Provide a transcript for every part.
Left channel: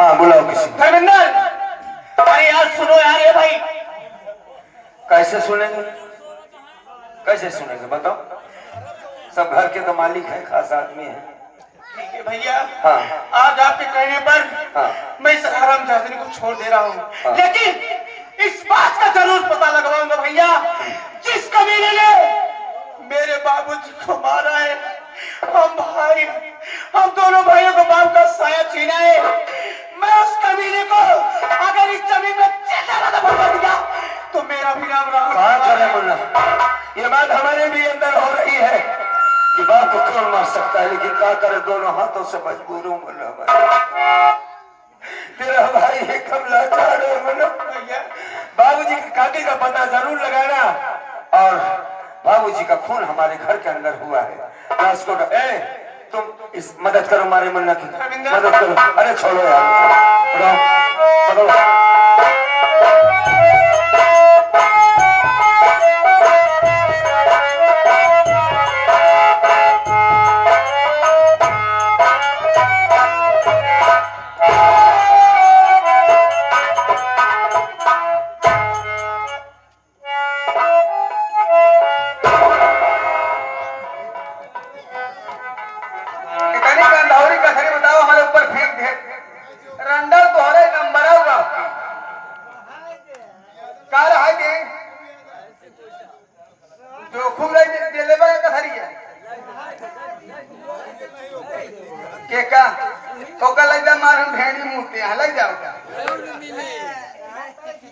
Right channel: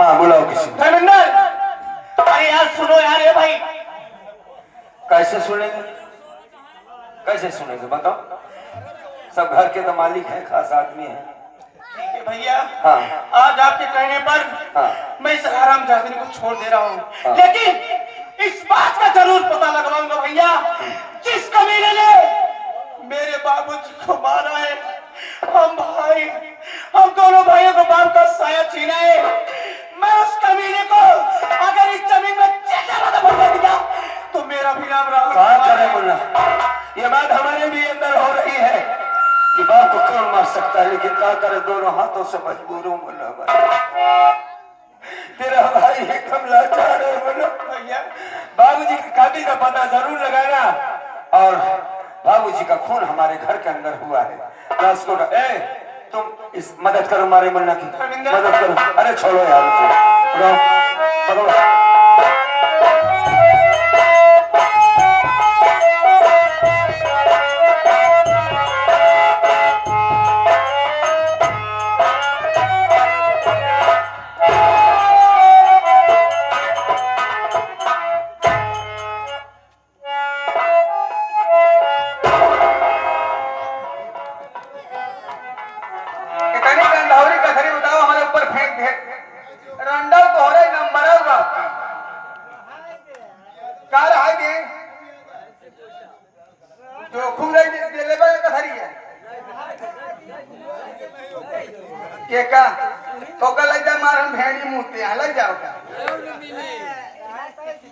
हाँ बुलाओ किसी को। धर्मेंद्र, अरे यार सुनो यार, ये भाई कैसे सुनेंगे, कैसे सुनेंगे बताओ। सब घर के तो मालिक हैं, खास आदमी है। ठीक है भैया, हाँ आज आपके कहने पर हाँ मैं इस आराम जादनी को छोड़ दे रहा हूँ, हाँ। लेकिन इस बात का जरूर पता लगवाऊंगा भैया, जिस कबीले ने मेरे बाबूजी को मारा है, हम दोनों भाइयों को बाप का साया छीना है, मैं उस कबीले को अगर इस जमीन में बता दिया तो मेरा भी नाम राहुल। कहा करें मुन्ना, ये बात हमारे भी अंदर हो रही है कि बाप को कौन मार सकता है, लेकिन क्या करे, दोनों हाथों से मजबूर हूँ मुन्ना। तेरा भाई एकदम लाचार है मुन्ना। बाबूजी की काटी का पता जरूर लगाना, और बाबूजी का खून हमारे घर के अंदर हुआ है ना, उसको तुम इस मदद करो हमारे मुन्ना की मदद करो। अरे छोड़ो यार उसे, पकड़ो।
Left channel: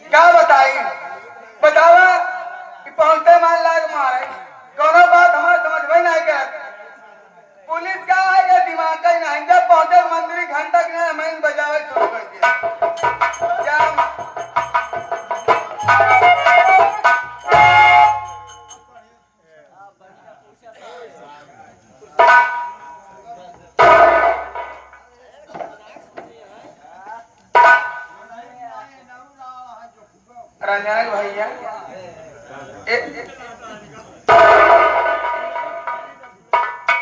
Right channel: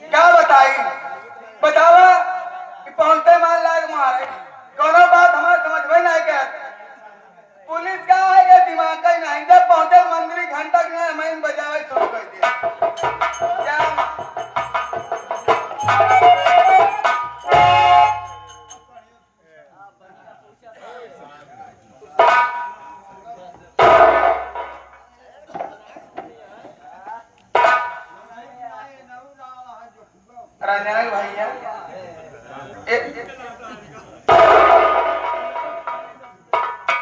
क्या बताई बतावा कि पहुंचते मान लायक मारे कोनो बात हमारे समझ में नहीं गया। पुलिस का आएगा दिमाग का ही नहीं, जब पहुंचे मंदिर घंटा हमें बजावे शुरू कर दिया। क्या रंजन भैया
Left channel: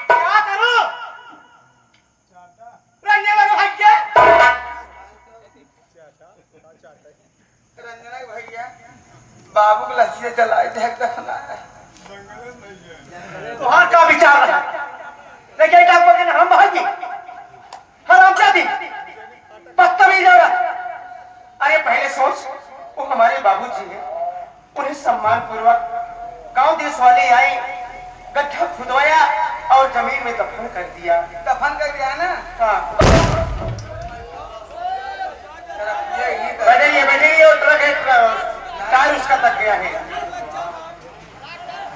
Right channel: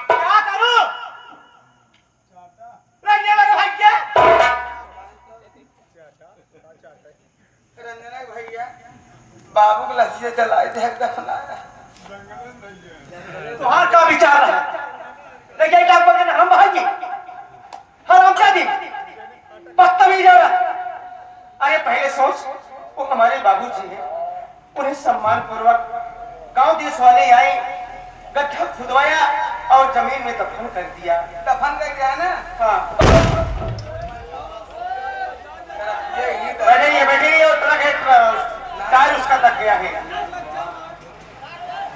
क्या करो रंजन भैया, रंजन भैया बाबू के लस्सी जलाए थे तुम्हार का विचार है, लेकिन हम भाई हराम क्या दी बदतमीज हो रहा। अरे पहले सोच, वो हमारे बाबूजी हैं, उन्हें सम्मान पूर्वक गांव देश वाले आए, गड्ढा खुदवाया और जमीन में दफन कर दिया। दफन कर दिया ना? हाँ। बैठे और ट्रक टायर उसका दब गया है।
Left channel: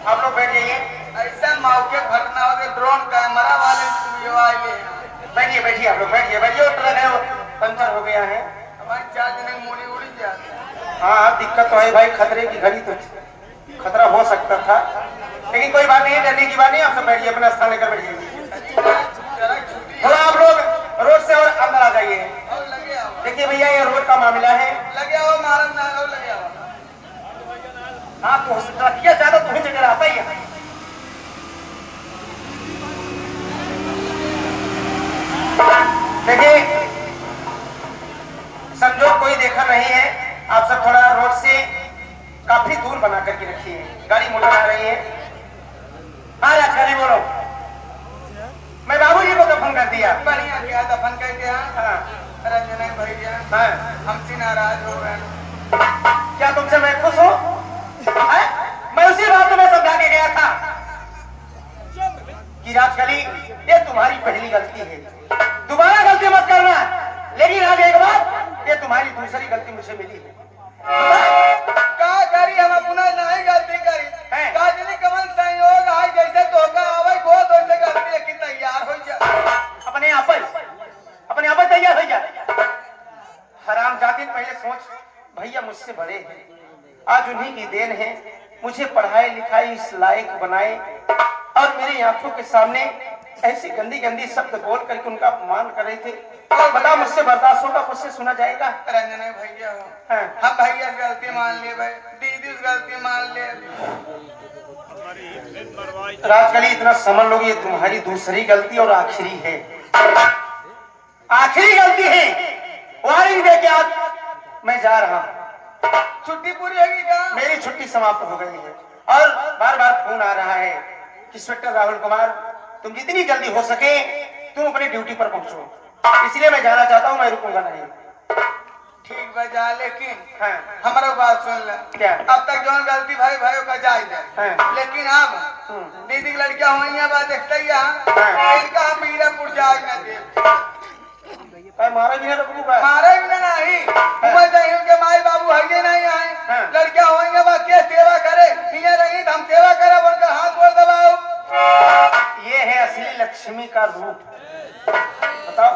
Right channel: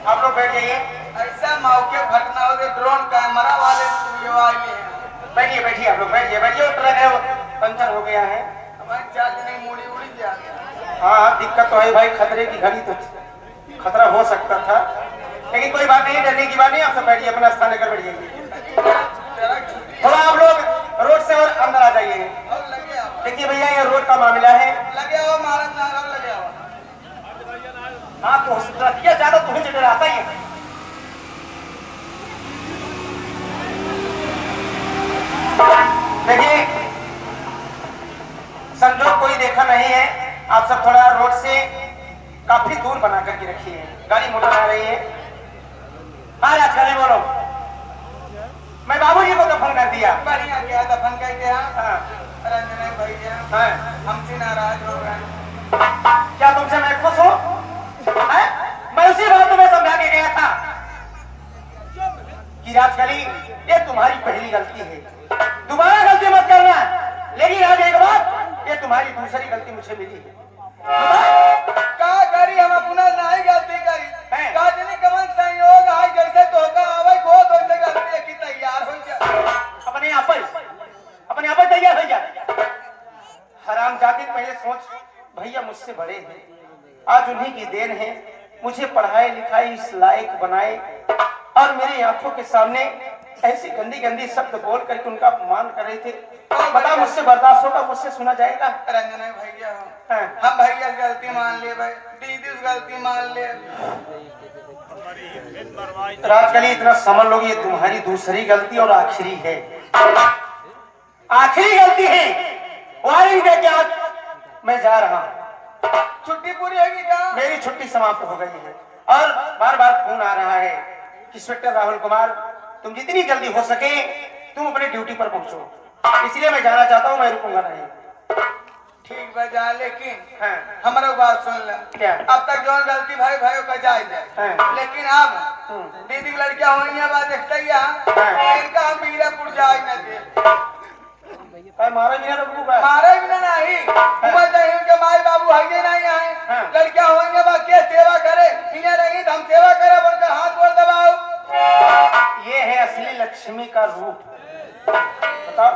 आप लोग बैठ जाइए। ऐसा मौके घटना हो गई, ड्रोन कैमरा वाले बैठिए बैठिए, आप लोग बैठिए बैठिए, और ट्रक है पंचर हो गया है। हमारी चार जने मूड़ी उड़ी गया। हाँ दिक्कत तो है भाई, खतरे की घड़ी तो खतरा हो सकता था, लेकिन कोई बात नहीं है, डरने की बात नहीं। आप सब बैठिए, अपना स्थान लेकर बैठिए। तो आप लोग रोड से और अंदर आ जाइए। देखिए भैया, ये रोड का मामला है। लगे आओ महाराज, लगे आओ। हाँ तो क्या ज्यादा तुम्हें जगह आता ही है। देखिए संजोग कोई देखा नहीं है, आप सब थोड़ा रोड से काफी दूर बना करके रखिए, गाड़ी मोटर आ रही है। हाँ राजगली बोलो। मैं बाबूजी को दफन कर दिया। बढ़िया क्या दफन कर दिया? हाँ। रंजना भैया हमसे नाराज हो गए। क्या तुमसे मैं खुश हूँ? मैं उसी रात में समझा के गया था कि राजगली ये तुम्हारी पहली गलती है, दोबारा गलती मत करना। लेकिन आज एक बात, ये तुम्हारी दूसरी गलती मुझे मिली है। का करी हम अपना नहीं गलती करी, काजली कमल संयोग है, जैसे धोखा आवे को वैसे गलती की तैयार हो जा। अपने आप तैयार हो जा। हराम जाति, पहले सोच, भैया मुझसे बड़े हैं, आज उन्हीं की देन है, मुझे पढ़ाए लिखाई इस लायक बनाए, और मेरी आंखों के सामने ऐसी गंदी गंदी शब्द बोल करके उनका अपमान कर रहे थे। तो बता, मुझसे बर्दाश्त होगा? मुझसे सुना जाएगा? रंजना भैया हम भैया गलती मान लिए, भाई दीदी गलती मान ले। राजकली इतना समझ लो, ये तुम्हारी दूसरी गलती और आखिरी है, आखिरी गलती है। दवाई दे के आज मैं जा रहा हूँ। छुट्टी पूरी होगी क्या? मेरी छुट्टी समाप्त हो गई है और बार बार फोन आ रहा है कि इंस्पेक्टर राहुल कुमार तुम जितनी जल्दी हो सके तुम अपनी ड्यूटी पर पहुंचो, इसलिए मैं जाना चाहता हूँ, मैं रुकूंगा नहीं। ठीक बजा, लेकिन हाँ। हमारा बात सुन ले। क्या? अब तक जो गलती भाई भाई का जाए दे, हाँ। लेकिन अब दीदी लड़कियां हुई है बात देखते ही इनका हम मीरापुर जाए न दे। मारा भी रुकूंगा, मारे भी ना नहीं मैं जाए के माई बाबू हगे नहीं आए। हाँ। लड़कियां हुई है बात के सेवा करे मिले नहीं हम सेवा करे बनकर हाथ जोड़ दबाओ। ये है असली लक्ष्मी का रूप। बताओ,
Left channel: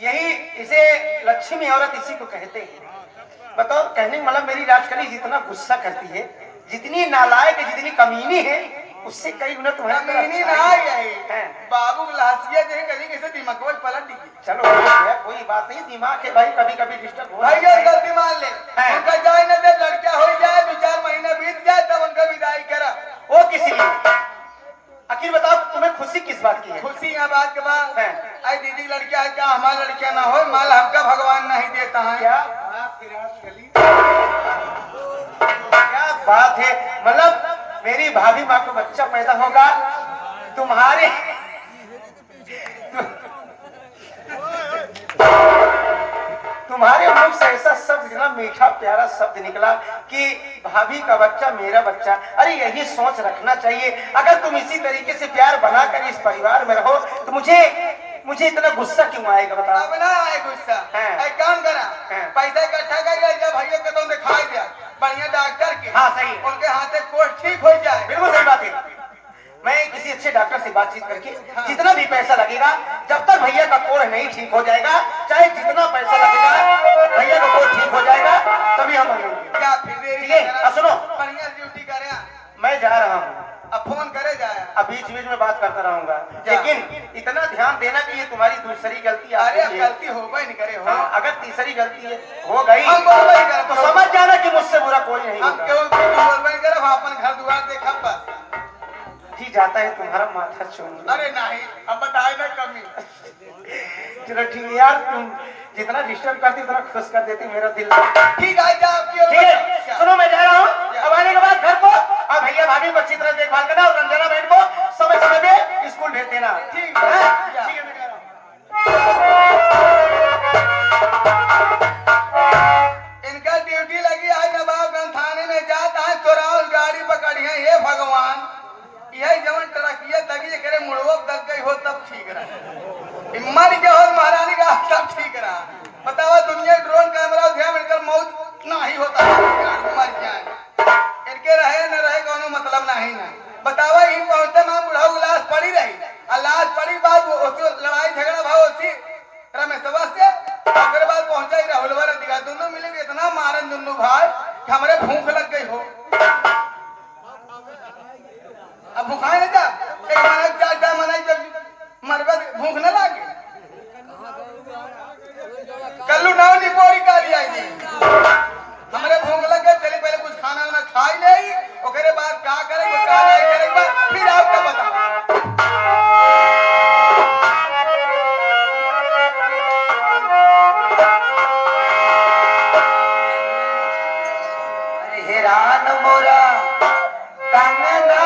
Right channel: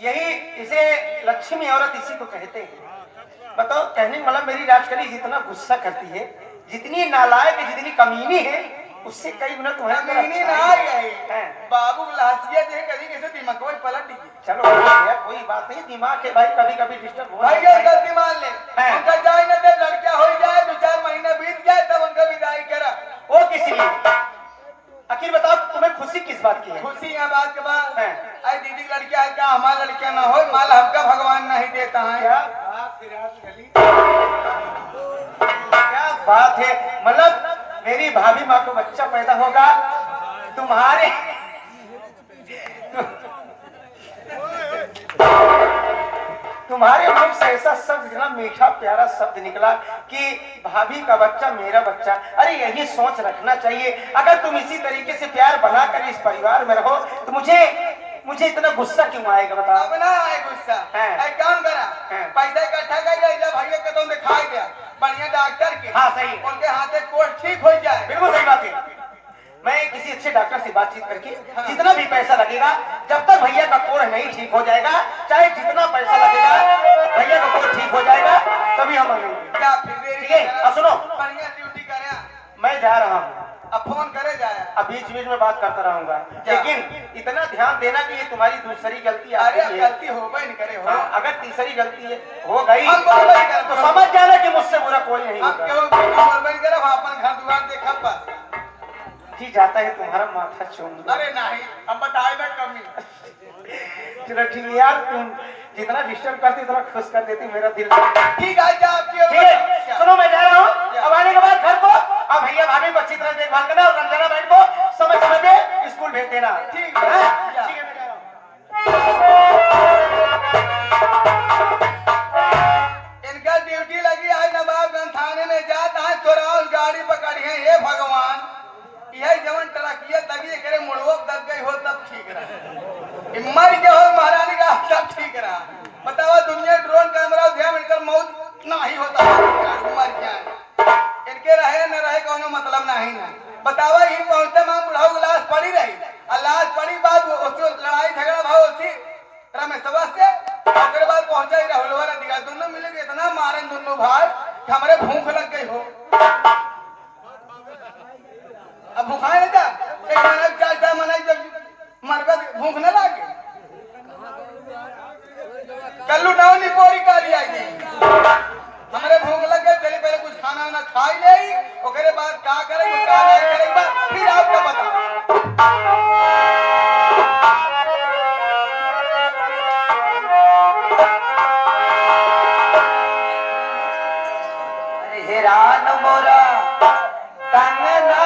यही इसे लक्ष्मी औरत इसी को कहते हैं। बताओ, कहने का मतलब मेरी राजकली जितना गुस्सा करती है, जितनी नालायक, जितनी कमीनी है, उससे कई गुना तुम्हारा कमीनी ना है बाबू लासिया जो कभी किसी दिमाग में पलट दी। चलो भैया, कोई बात नहीं, दिमाग है भाई, कभी कभी डिस्टर्ब हो भाई ये गलती मान ले, हाँ। उनका जाए न दे, लड़कियां हो जाए 2-4 महीने बीत जाए तब उनका विदाई करा। वो किस लिए? आखिर बताओ, तुम्हें खुशी किस बात की है? खुशी है बात के बाद हाँ। आई दीदी लड़कियां है क्या हमारा लड़कियां ना हो, माल हमका भगवान नहीं देता है। क्या बात है राजकली, क्या बात है। मतलब मेरी भाभी माँ को बच्चा पैदा होगा, तुम्हारे तुम्हारे मुंह से ऐसा शब्द ना, मीठा प्यारा शब्द निकला कि भाभी का बच्चा मेरा बच्चा। अरे यही सोच रखना चाहिए। अगर तुम इसी तरीके से प्यार बनाकर इस परिवार में रहो तो मुझे इतना गुस्सा क्यों आएगा बताओ? अब ना आए गुस्सा, हाँ। एक काम करा, हाँ। पैसा इकट्ठा कर जब भैया का तुम दिखाई दिया बढ़िया डॉक्टर के, हाँ, सही है। उनके हाथे कोर्स ठीक हो जाए। बिल्कुल सही बात है। मैं किसी अच्छे डॉक्टर से बातचीत करके जितना भी पैसा लगेगा, जब तक भैया का कोढ़ नहीं ठीक हो जाएगा, चाहे जितना पैसा लगेगा, भैया का कोढ़ ठीक हो जाएगा तभी हम मांगेंगे। क्या फिर देरी ठीक है, करा? अब सुनो, बढ़िया ड्यूटी करे, मैं जा रहा हूँ, अब फोन करे जाए। अब बीच बीच में बात करता रहूंगा, लेकिन इतना ध्यान देना कि ये तुम्हारी दूसरी गलती आ अरे अब गई है। गलती होगा ही नहीं करे हो। हाँ, अगर तीसरी गलती है हो गई हम बोलबे ही करें, तो समझ जाना कि मुझसे बुरा कोई नहीं हम होगा। क्यों बोलबे करे, हम अपन घर द्वार देखा बस। जी जाता है तुम्हारा माथा छोड़। अरे नहीं, अब बताए ना कमी। चलो ठीक है यार, तुम जितना डिस्टर्ब करती उतना खुश कर देती मेरा दिल। ठीक है जा आपकी ठीक है, सुनो मैं जा रहा हूँ। अब आने के बाद घर को अब भैया भाभी को अच्छी तरह देखभाल करना और रंजना बहन को समय समय पे स्कूल भेज देना। ठीक है, ठीक है, मैं जा रहा हूँ। इनका ड्यूटी लगी आज नवाबगंज थाने में जाता है, चोराव गाड़ी पकड़ी है। ये भगवान, यही जवन टरकिया दगी करे मुड़वो दब गई हो तब ठीक रहा, मर गया हो महारानी का तब ठीक रहा। बताओ दुनिया ड्रोन कैमरा ध्यान मिलकर मौत नहीं होता है, मर जाए इनके रहे न रहे कोनो मतलब नहीं। बताओ ही पहुंचते मैं बुढ़ाऊ लाश पड़ी रही, लाश पड़ी बाद लड़ाई झगड़ा भाव उसी रमेशवा से, फिर बाद पहुंचा ही राहुल वाला दिखा, दोनों मिले इतना मारन दोनों भाई कि हमारे भूख लग गई हो। अब भूखाए ना जा, एक मना चार मनाई जब मरबा भूख न लागे। कल्लू नाव निपोरी काली आई थी, हमारे भूख लगे, चलिए पहले कुछ खाना वाना खाई ले, ओकरे बाद क्या करेंगे क्या नहीं करेंगे फिर आपको बताओ। हेरान मोरा कंगना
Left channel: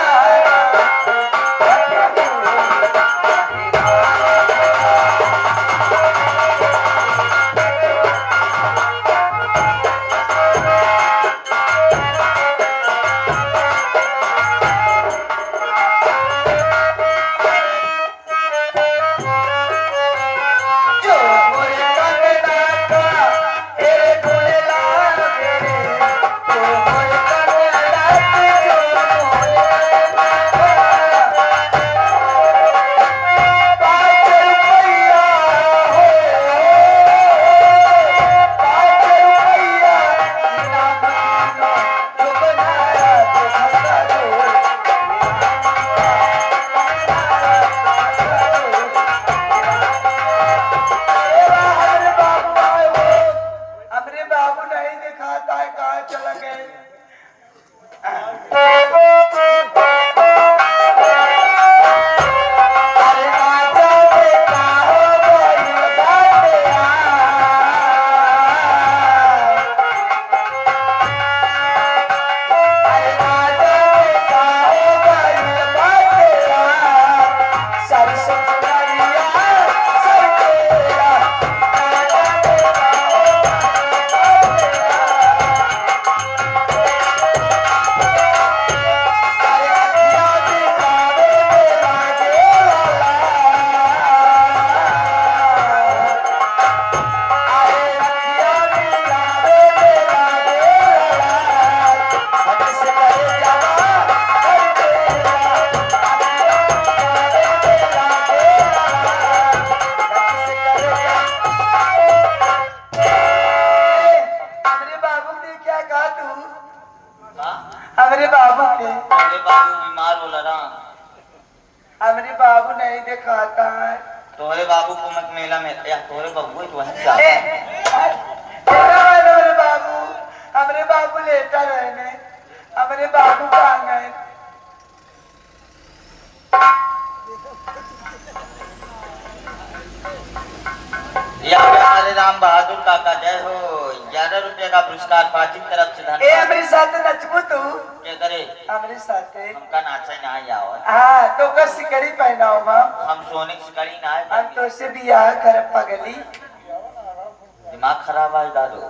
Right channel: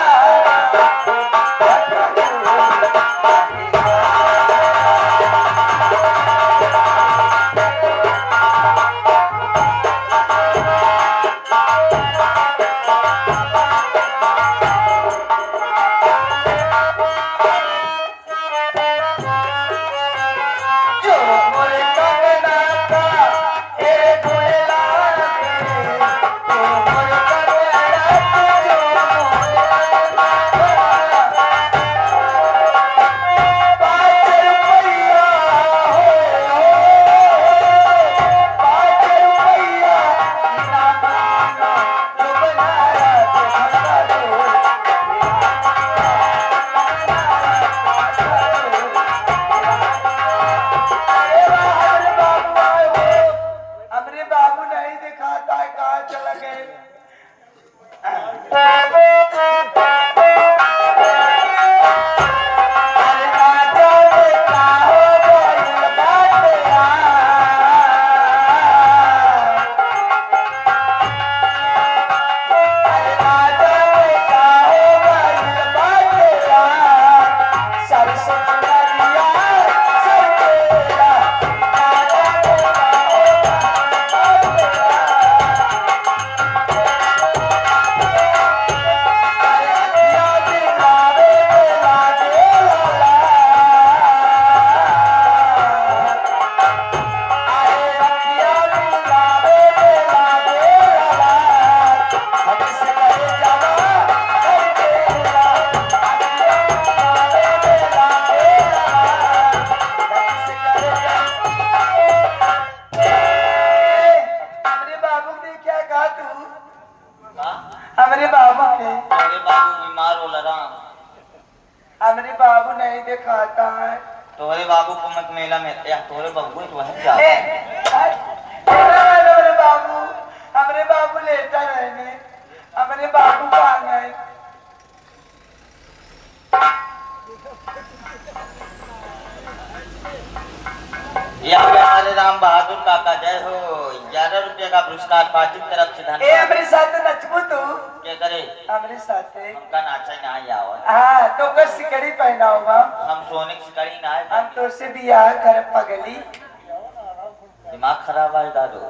हमारे बाबू के अरे बाबू बीमार हो रहा। हमारे बाबू नहीं दिखाता है। तोरे बाबू को मत मेला में या तोरे बाबू तो वहीं जा। हमारे बाबू लेटा रहने। हमारे बाबू कहाँ गए? या हमारे राम बहादुर काका जय हो। 11 रुपये का पुरस्कार पार्टी की तरफ से ए धन्यवाद। हमारे साथ नचबू तू? क्या करे? हमारे साथ उनका नाचा यहाँ आओ। हाँ तो कस सिकड़ी पहना होगा। हम सोने की शिकारी ना है। हम तो से भी यहाँ कर पगली। दिमाग खराब है दादू।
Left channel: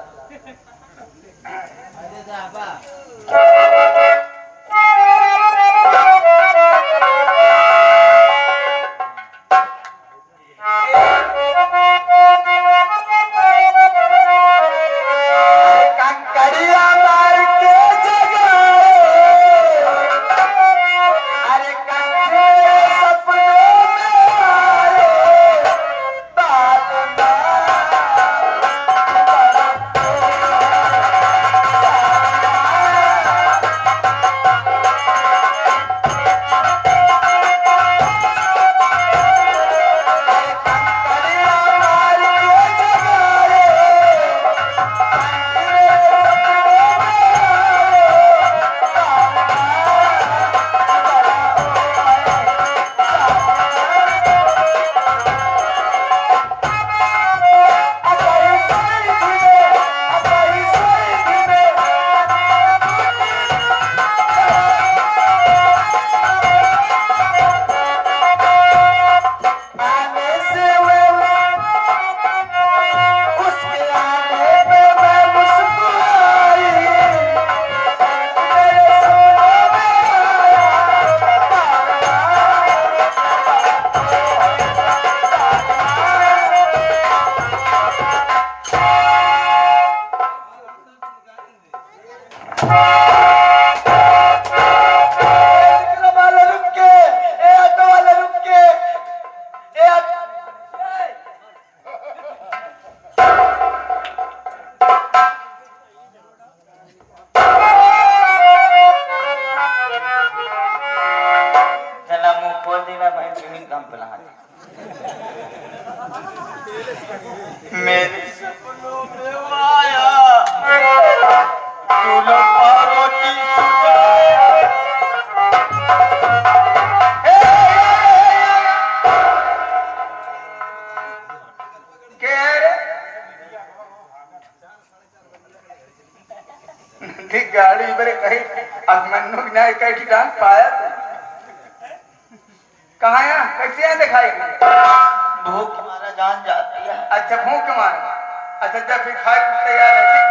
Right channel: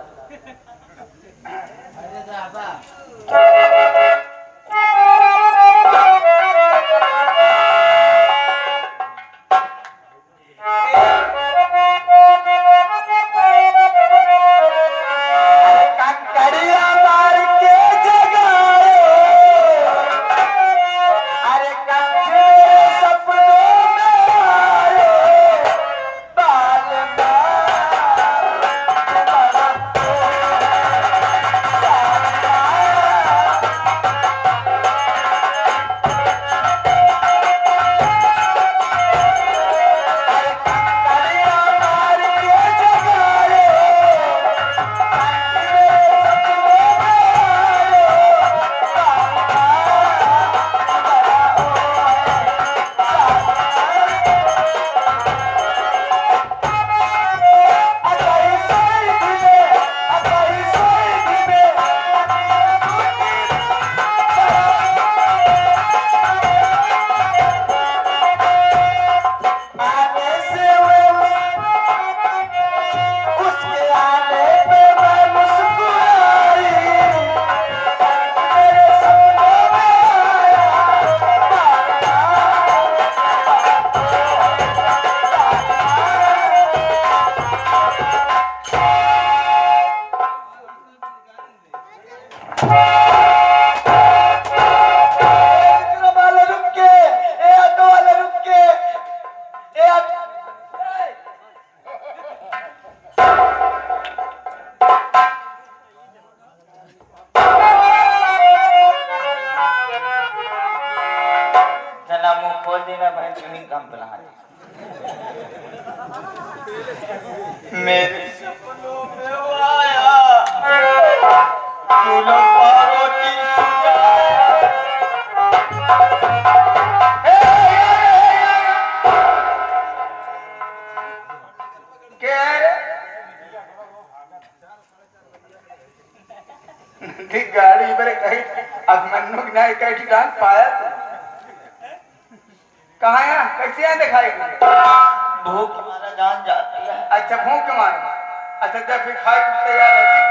मेरे सपनों में आया दूल्हा पार्वती गाड़ी पर कहीं अब मन्नू नहीं कहीं ठिकान पाया तू कहाँ यहाँ कैसे यहाँ दिखाई भूख हमारा जान जाती है। अच्छा भूख मार अच्छा जब फिर खाए कुछ तैयार है ठीक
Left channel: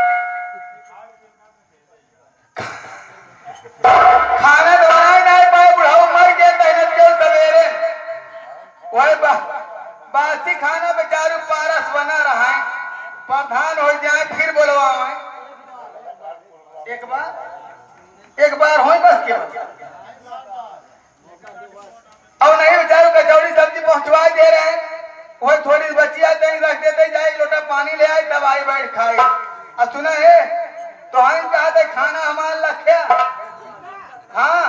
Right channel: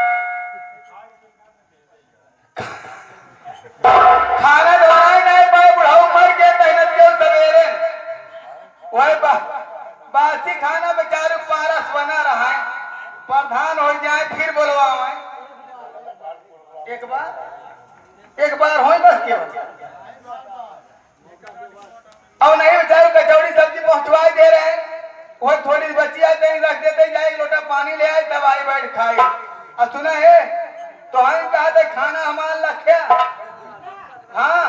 खाना तो बनाए नहीं पाए बुढ़ाओ मर गए मेहनत के सवेरे वही बासी खाना बेचारू पारस बना रहा है प्रधान हो जाए फिर बोलवा मैं एक बार हो बस के और नहीं बेचारू कचौड़ी सब्जी पहुंचवा दे रहे हैं वही थोड़ी बची आते ही रख देते जाए एक लोटा पानी ले आए तब आई बैठ खाए और सुना है तो हम कहा था खाना हमारा लख्या हाँ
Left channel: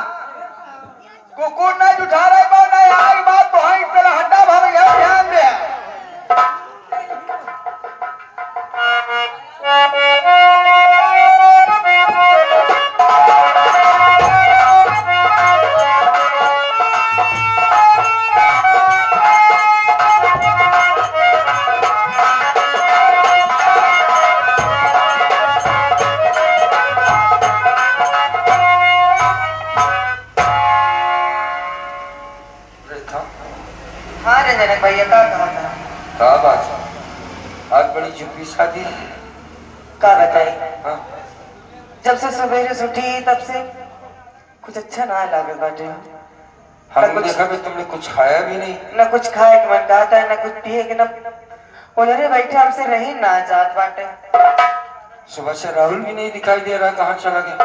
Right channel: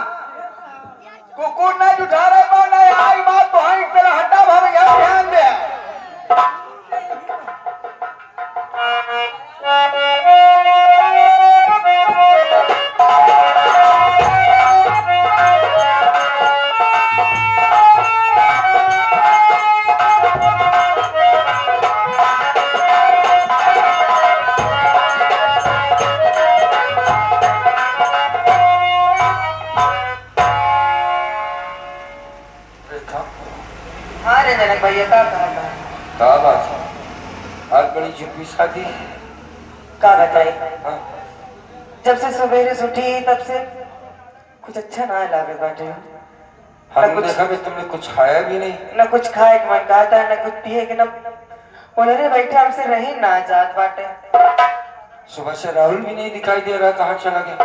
कुकुर ना उठा रहे पाओ ना आई बात तो हम तेरा हड्डा भाभी ध्यान दे जनक भैया का कहा था बात आज बड़ी झुप्पी शादी का बताई हाँ? जब से सवेरे से उठी तब से कुछ अच्छा ना लागत बाटे हमने देखा भी तुमने कुछ खाया भी नहीं न कुछ खाए के मन कहता है न कुछ पिए के न उन्हें बैठे हमसे रही ना जात बाटे सुबह से राहुल भी नहीं दिखाई दे रहा कहाँ चला गया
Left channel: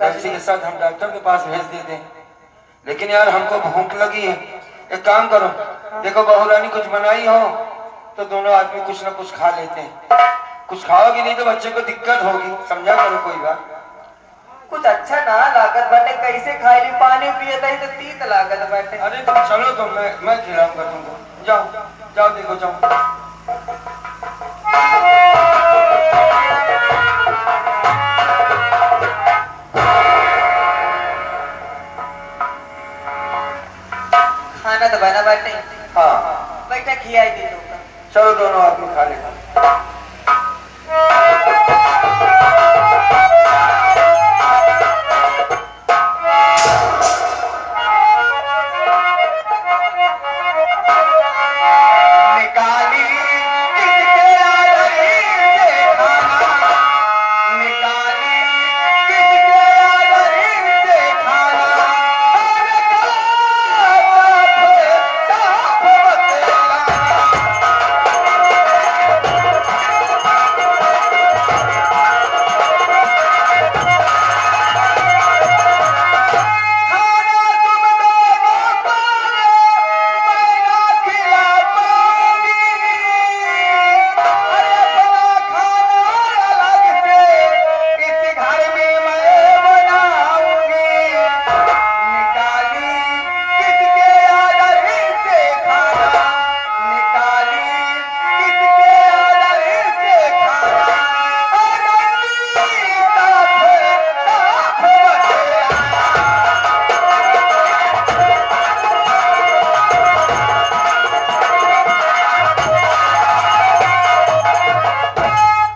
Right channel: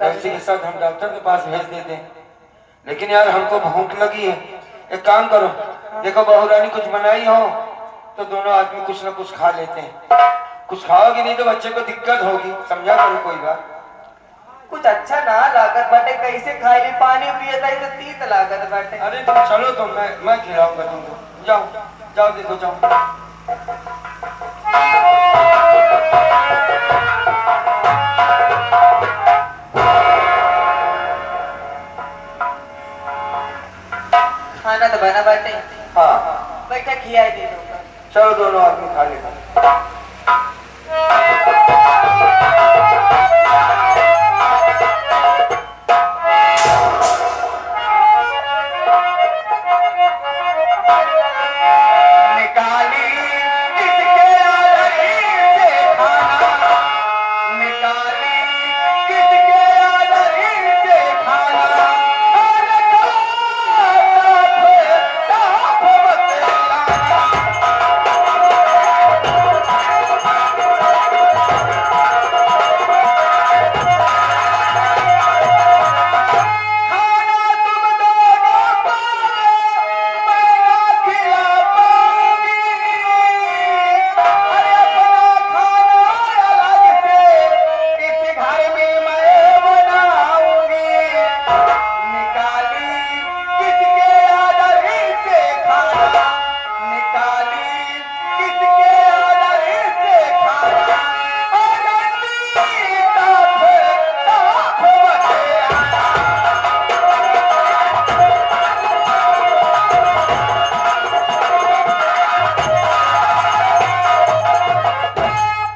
कैसी के साथ हम डॉक्टर के पास भेज देते लेकिन यार हमको भूख लगी है एक काम करो देखो बहुरानी कुछ बनाई हो तो दोनों आदमी कुछ ना कुछ खा लेते हैं कुछ खाओगी नहीं तो बच्चे को दिक्कत होगी समझा करो कोई बात कुछ अच्छा ना लागत बाटे, कैसे खाई ली, पानी पिए तही तो तीत लागत बाटे। अरे तुम चलो तो मैं खिलाऊंगा तुमको। जाओ जाओ, देखो जाओ। खाना तो बना बाटे, हाँ बैठा खियाई दी तुमको। चलो दोनों आदमी खा लेगा। निकाली किसके आदरी से खाना, निकाली किसके आदरी से खाना, अरे साफ मत लाना। खाना तुम दोनों पाओगे, मैं ना खिला पाऊंगी। अरे अपना खाना अलग से इस घर में मैं बनाऊंगी। निकाली किसके आदरी से खाना, निकाली किसके आदरी से खाना, अरे साफ मत लाना।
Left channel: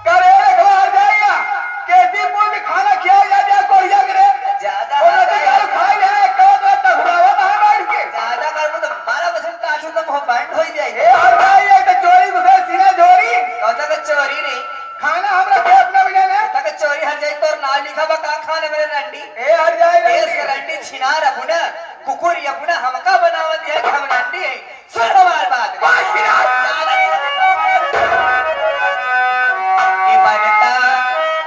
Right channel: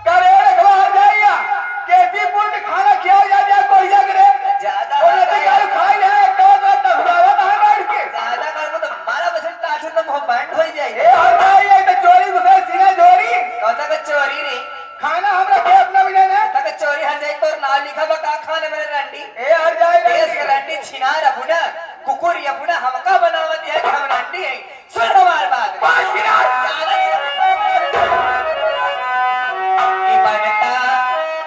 करे रखवा जाइया कैसी पुल के खाना खिया जा कोई जगरे ज्यादा और नदी का खाई जाए कब तक हुआ था बैठ के ज्यादा करबो तो 12% काटू तो मुंह बैंड हो जाई। ए और जाइए तो चोरी घुसे सीना चोरी कौन का चोरी रे, खाना हमरा के अपना बिना ने तक चोरी हर जाई तो ना लिखा बा का खाने मेरे रंडी। ए हर जाए देश के रंडी छिनार अपना कुकुर अपना हमका बनावत है कि हम रंडी है। सुन हमार बात कि बनता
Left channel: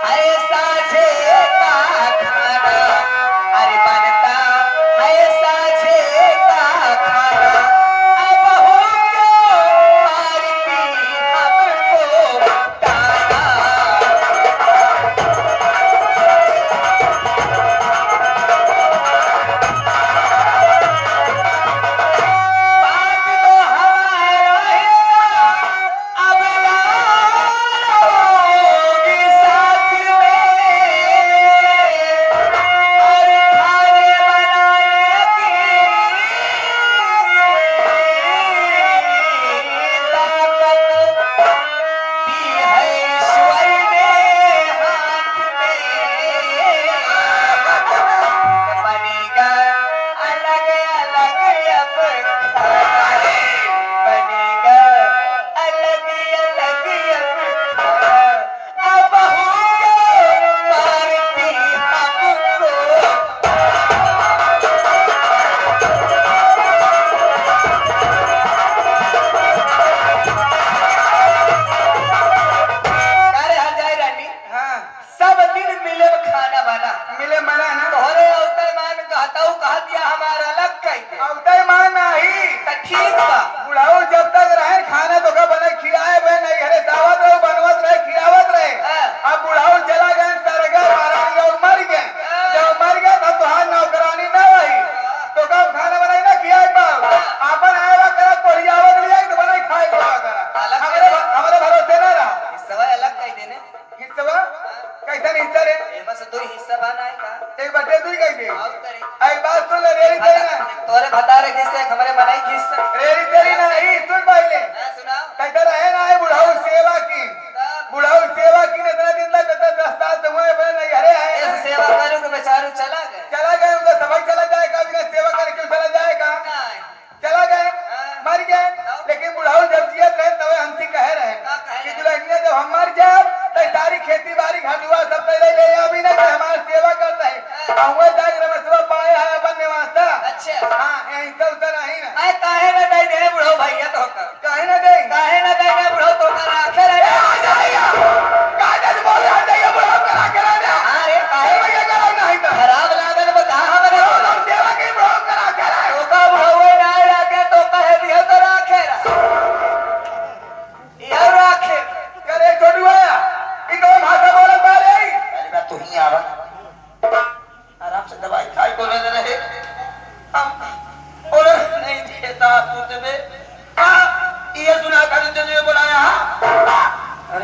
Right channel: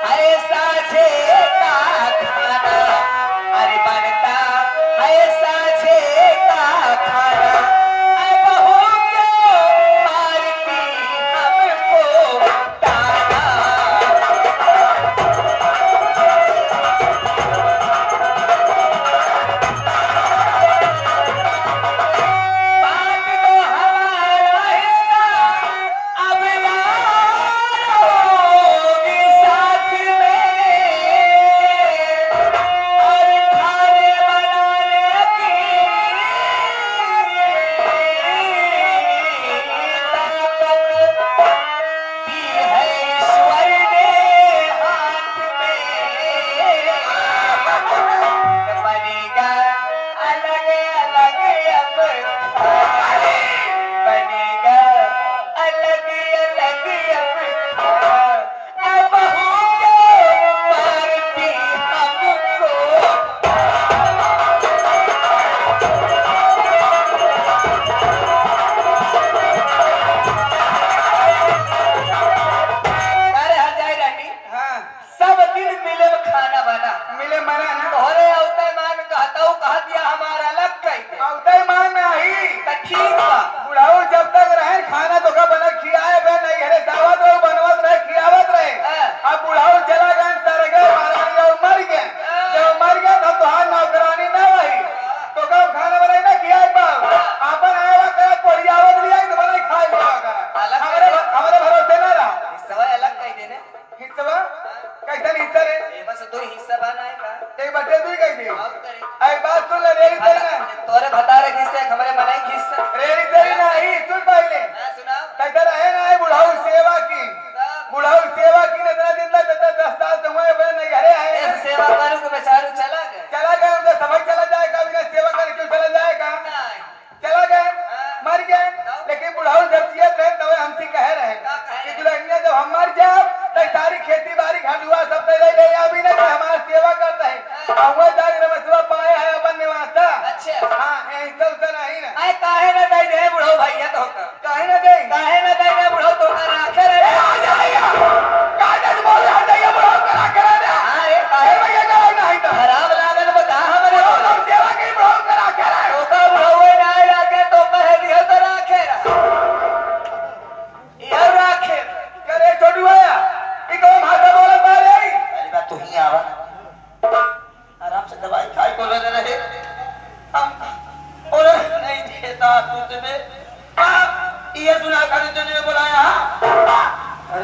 ऐसा छे का खाना, अरे बनता ऐसा छे का खाना, अब हो क्यों मारती हमको ताना। बात तो हमारा हिस्सा अब यारोगी साथ में, और खाने बनाने की ताकत दी है ईश्वर ने हाथ में। बनेगा अलग अलग अब खाना, बनेगा अलग अलग अब खाना, अब हो क्यों मारती हमको। अरे हर जाए रंडी, हां सब दिन मिले खाना बना मिले मना ना तोहरे अवते मान कहताऊ कह दिया हमारा अलग कह दे औतई मान नहीं त ठीक बा। बुढ़ाऊ जब तक रहे खाना तो का बने खियाए बे नहीं हरे दावत रहे बनवत रहे खियावत रहे। अब बुढ़ाऊ चला गए सरगे महारानी का मर गए, जब मर गए तब तो हाथ नौकरानी न रही तो कब खाना बनाई ना खियाए पाओ आपन आया करा कोड़ियावत लिया तो बनाई खाई लिया करा हमारे भरोसे न रहा। हिस्सा अलग कह देने, हिस्सा कैसा हिस्सा रे ये बस दो हिस्सा बनाए का एक बटे दुई कह दे और करी एक बात सुन ले रेरी तेरी ना तोरे बता रहे किससे हमारे बनाई किससे। रेरी तेरी ना ही सुन पहले हां सुनाओ। कहता रहे ना आई बुढ़ाऊ सेवा की बुढ़ाऊ सेवा की न इतना दिन तक तक 10 साल से हुए बे नहीं हरे ऐसे है सेवा करूं कि बेचारू चला गए। चला गए उनका समझ चला जाएगा बिना सेवा करे क्यों चला जाएगा नहीं चला गए मर गए लेकिन बुढ़ाऊ जब जियत रहे तब हमसे कह रहे कि दुल्हनिया जब हम मर जाओ तो सारी खेती बाड़ी घाटुआ सब पे ले ले अभी नहीं कि हमारी सेवा कर रहे हुए जाए रमसवा पाए है अपन निवासा। अच्छा हां यही तो नहीं ना आए काहे ना दे दे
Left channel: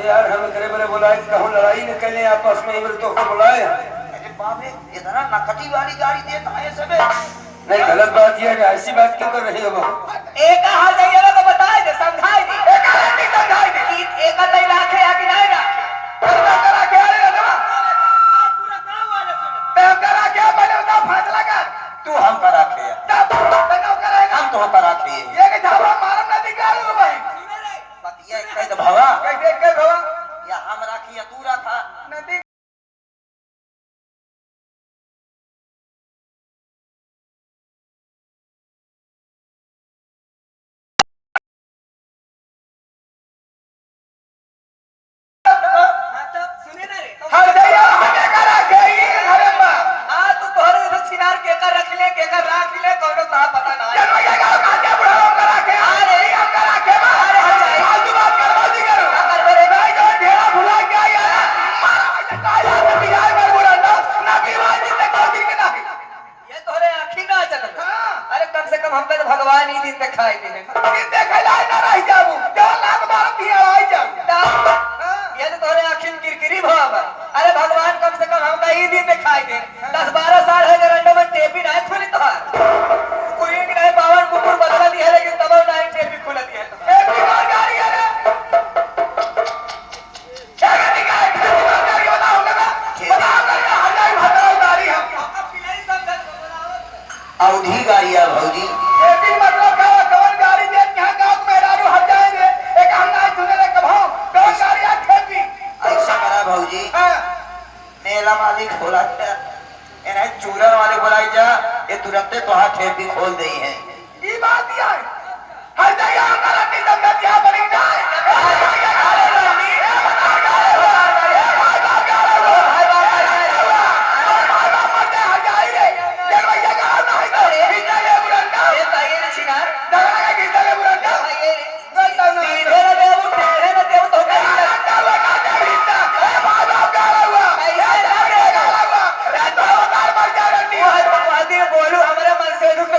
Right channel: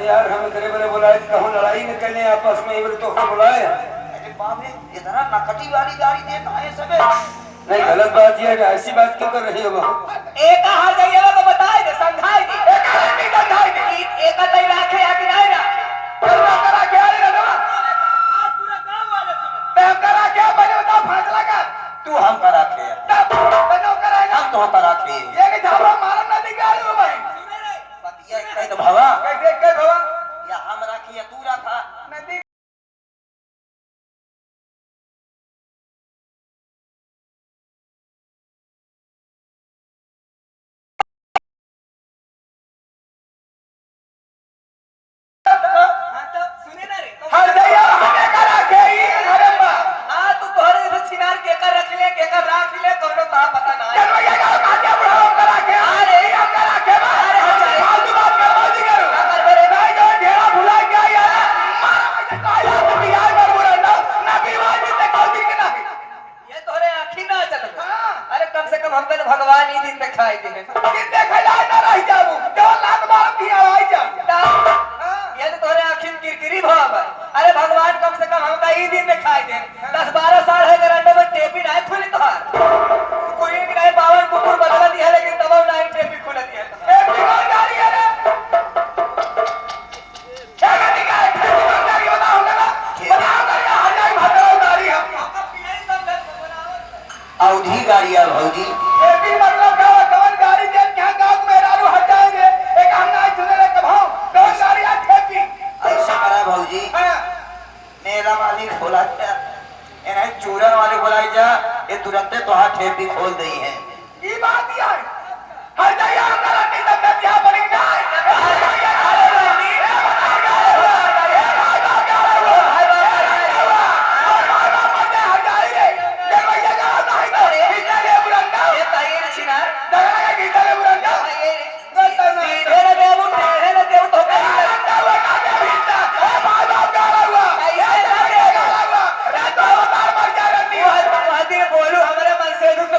अरे यार हम करे बने बुलाए कहूँ लड़ाई न करें आपस में इधर तो हम बुलाए अरे बाप रे इतना नकदी वाली गाड़ी देता है सबे नहीं गलत बात ये है ऐसी बात क्यों कर रही हो बहू एक कहा जाइए तो बताए दे समझाए दे एक नहीं समझाए दे एक नहीं रखे या कि नहीं रखे करा करा के आए ना पूरा गांव वाले सुने ते हम करा के बने तो फैसला कर तू हम का रखे तब तो करेगा हम तो का रखे ये कि झावरा मारम ना निकालो भाई पतिया कह दो भवा कैसे कर भवा या हम राखी या तू रखा नदी सुने ना रे हर जगह हमें करा के ही अरे बा तू तोहरे से छिनार के कर रख ले के कर राख ले कोनो ता पता ना है ये का काटे बड़ा करा के अरे ये करा के अरे हट जाए फालतू बात कर बाजी करो कर बरे भाई का ढेरा भुला के आया मारा मुझे काया के बिगाड़ कर बोला ना बीवानी से कोई के नहीं ये तोहरे आँखी ना चल अरे कम से कम हमके तो भगवान ही दिन दिखाई दे दिन देखला ना रह जाबू 2 लाख बाप भी आई जा ये तो तोरे आखिर किरकिरी भाव है अरे भगवान कम से कम हमका ही दिन दिखाई दे 10-12 साल है गरंडे में टेपी नहीं खुली तो कोई की नहीं बावन कुकुर बदला दिया लेकिन तब नहीं टेपी खुल दिया टेपी कौन गाड़ी है क्या निकाल टेपी बताऊंगा ना बताऊंगा कहां जाए भगवान गाड़ी हमको अवधि गाड़ी है भौजी टेपी मतलब क्या कौन गाड़ी दे क्या गांव मेरा हट जाएंगे एक हम नहीं सुने कभां दो गाड़ी है टेपी ऐसा करा भौजी मेरा मालिक खोला क्या इन्हें चूरन वाले बुलाई जा ये तुरंत तो हाथ ठेपी खोल दी है ये बात ही है हर जगह हमारा निज़ाम का क्या बनी जाए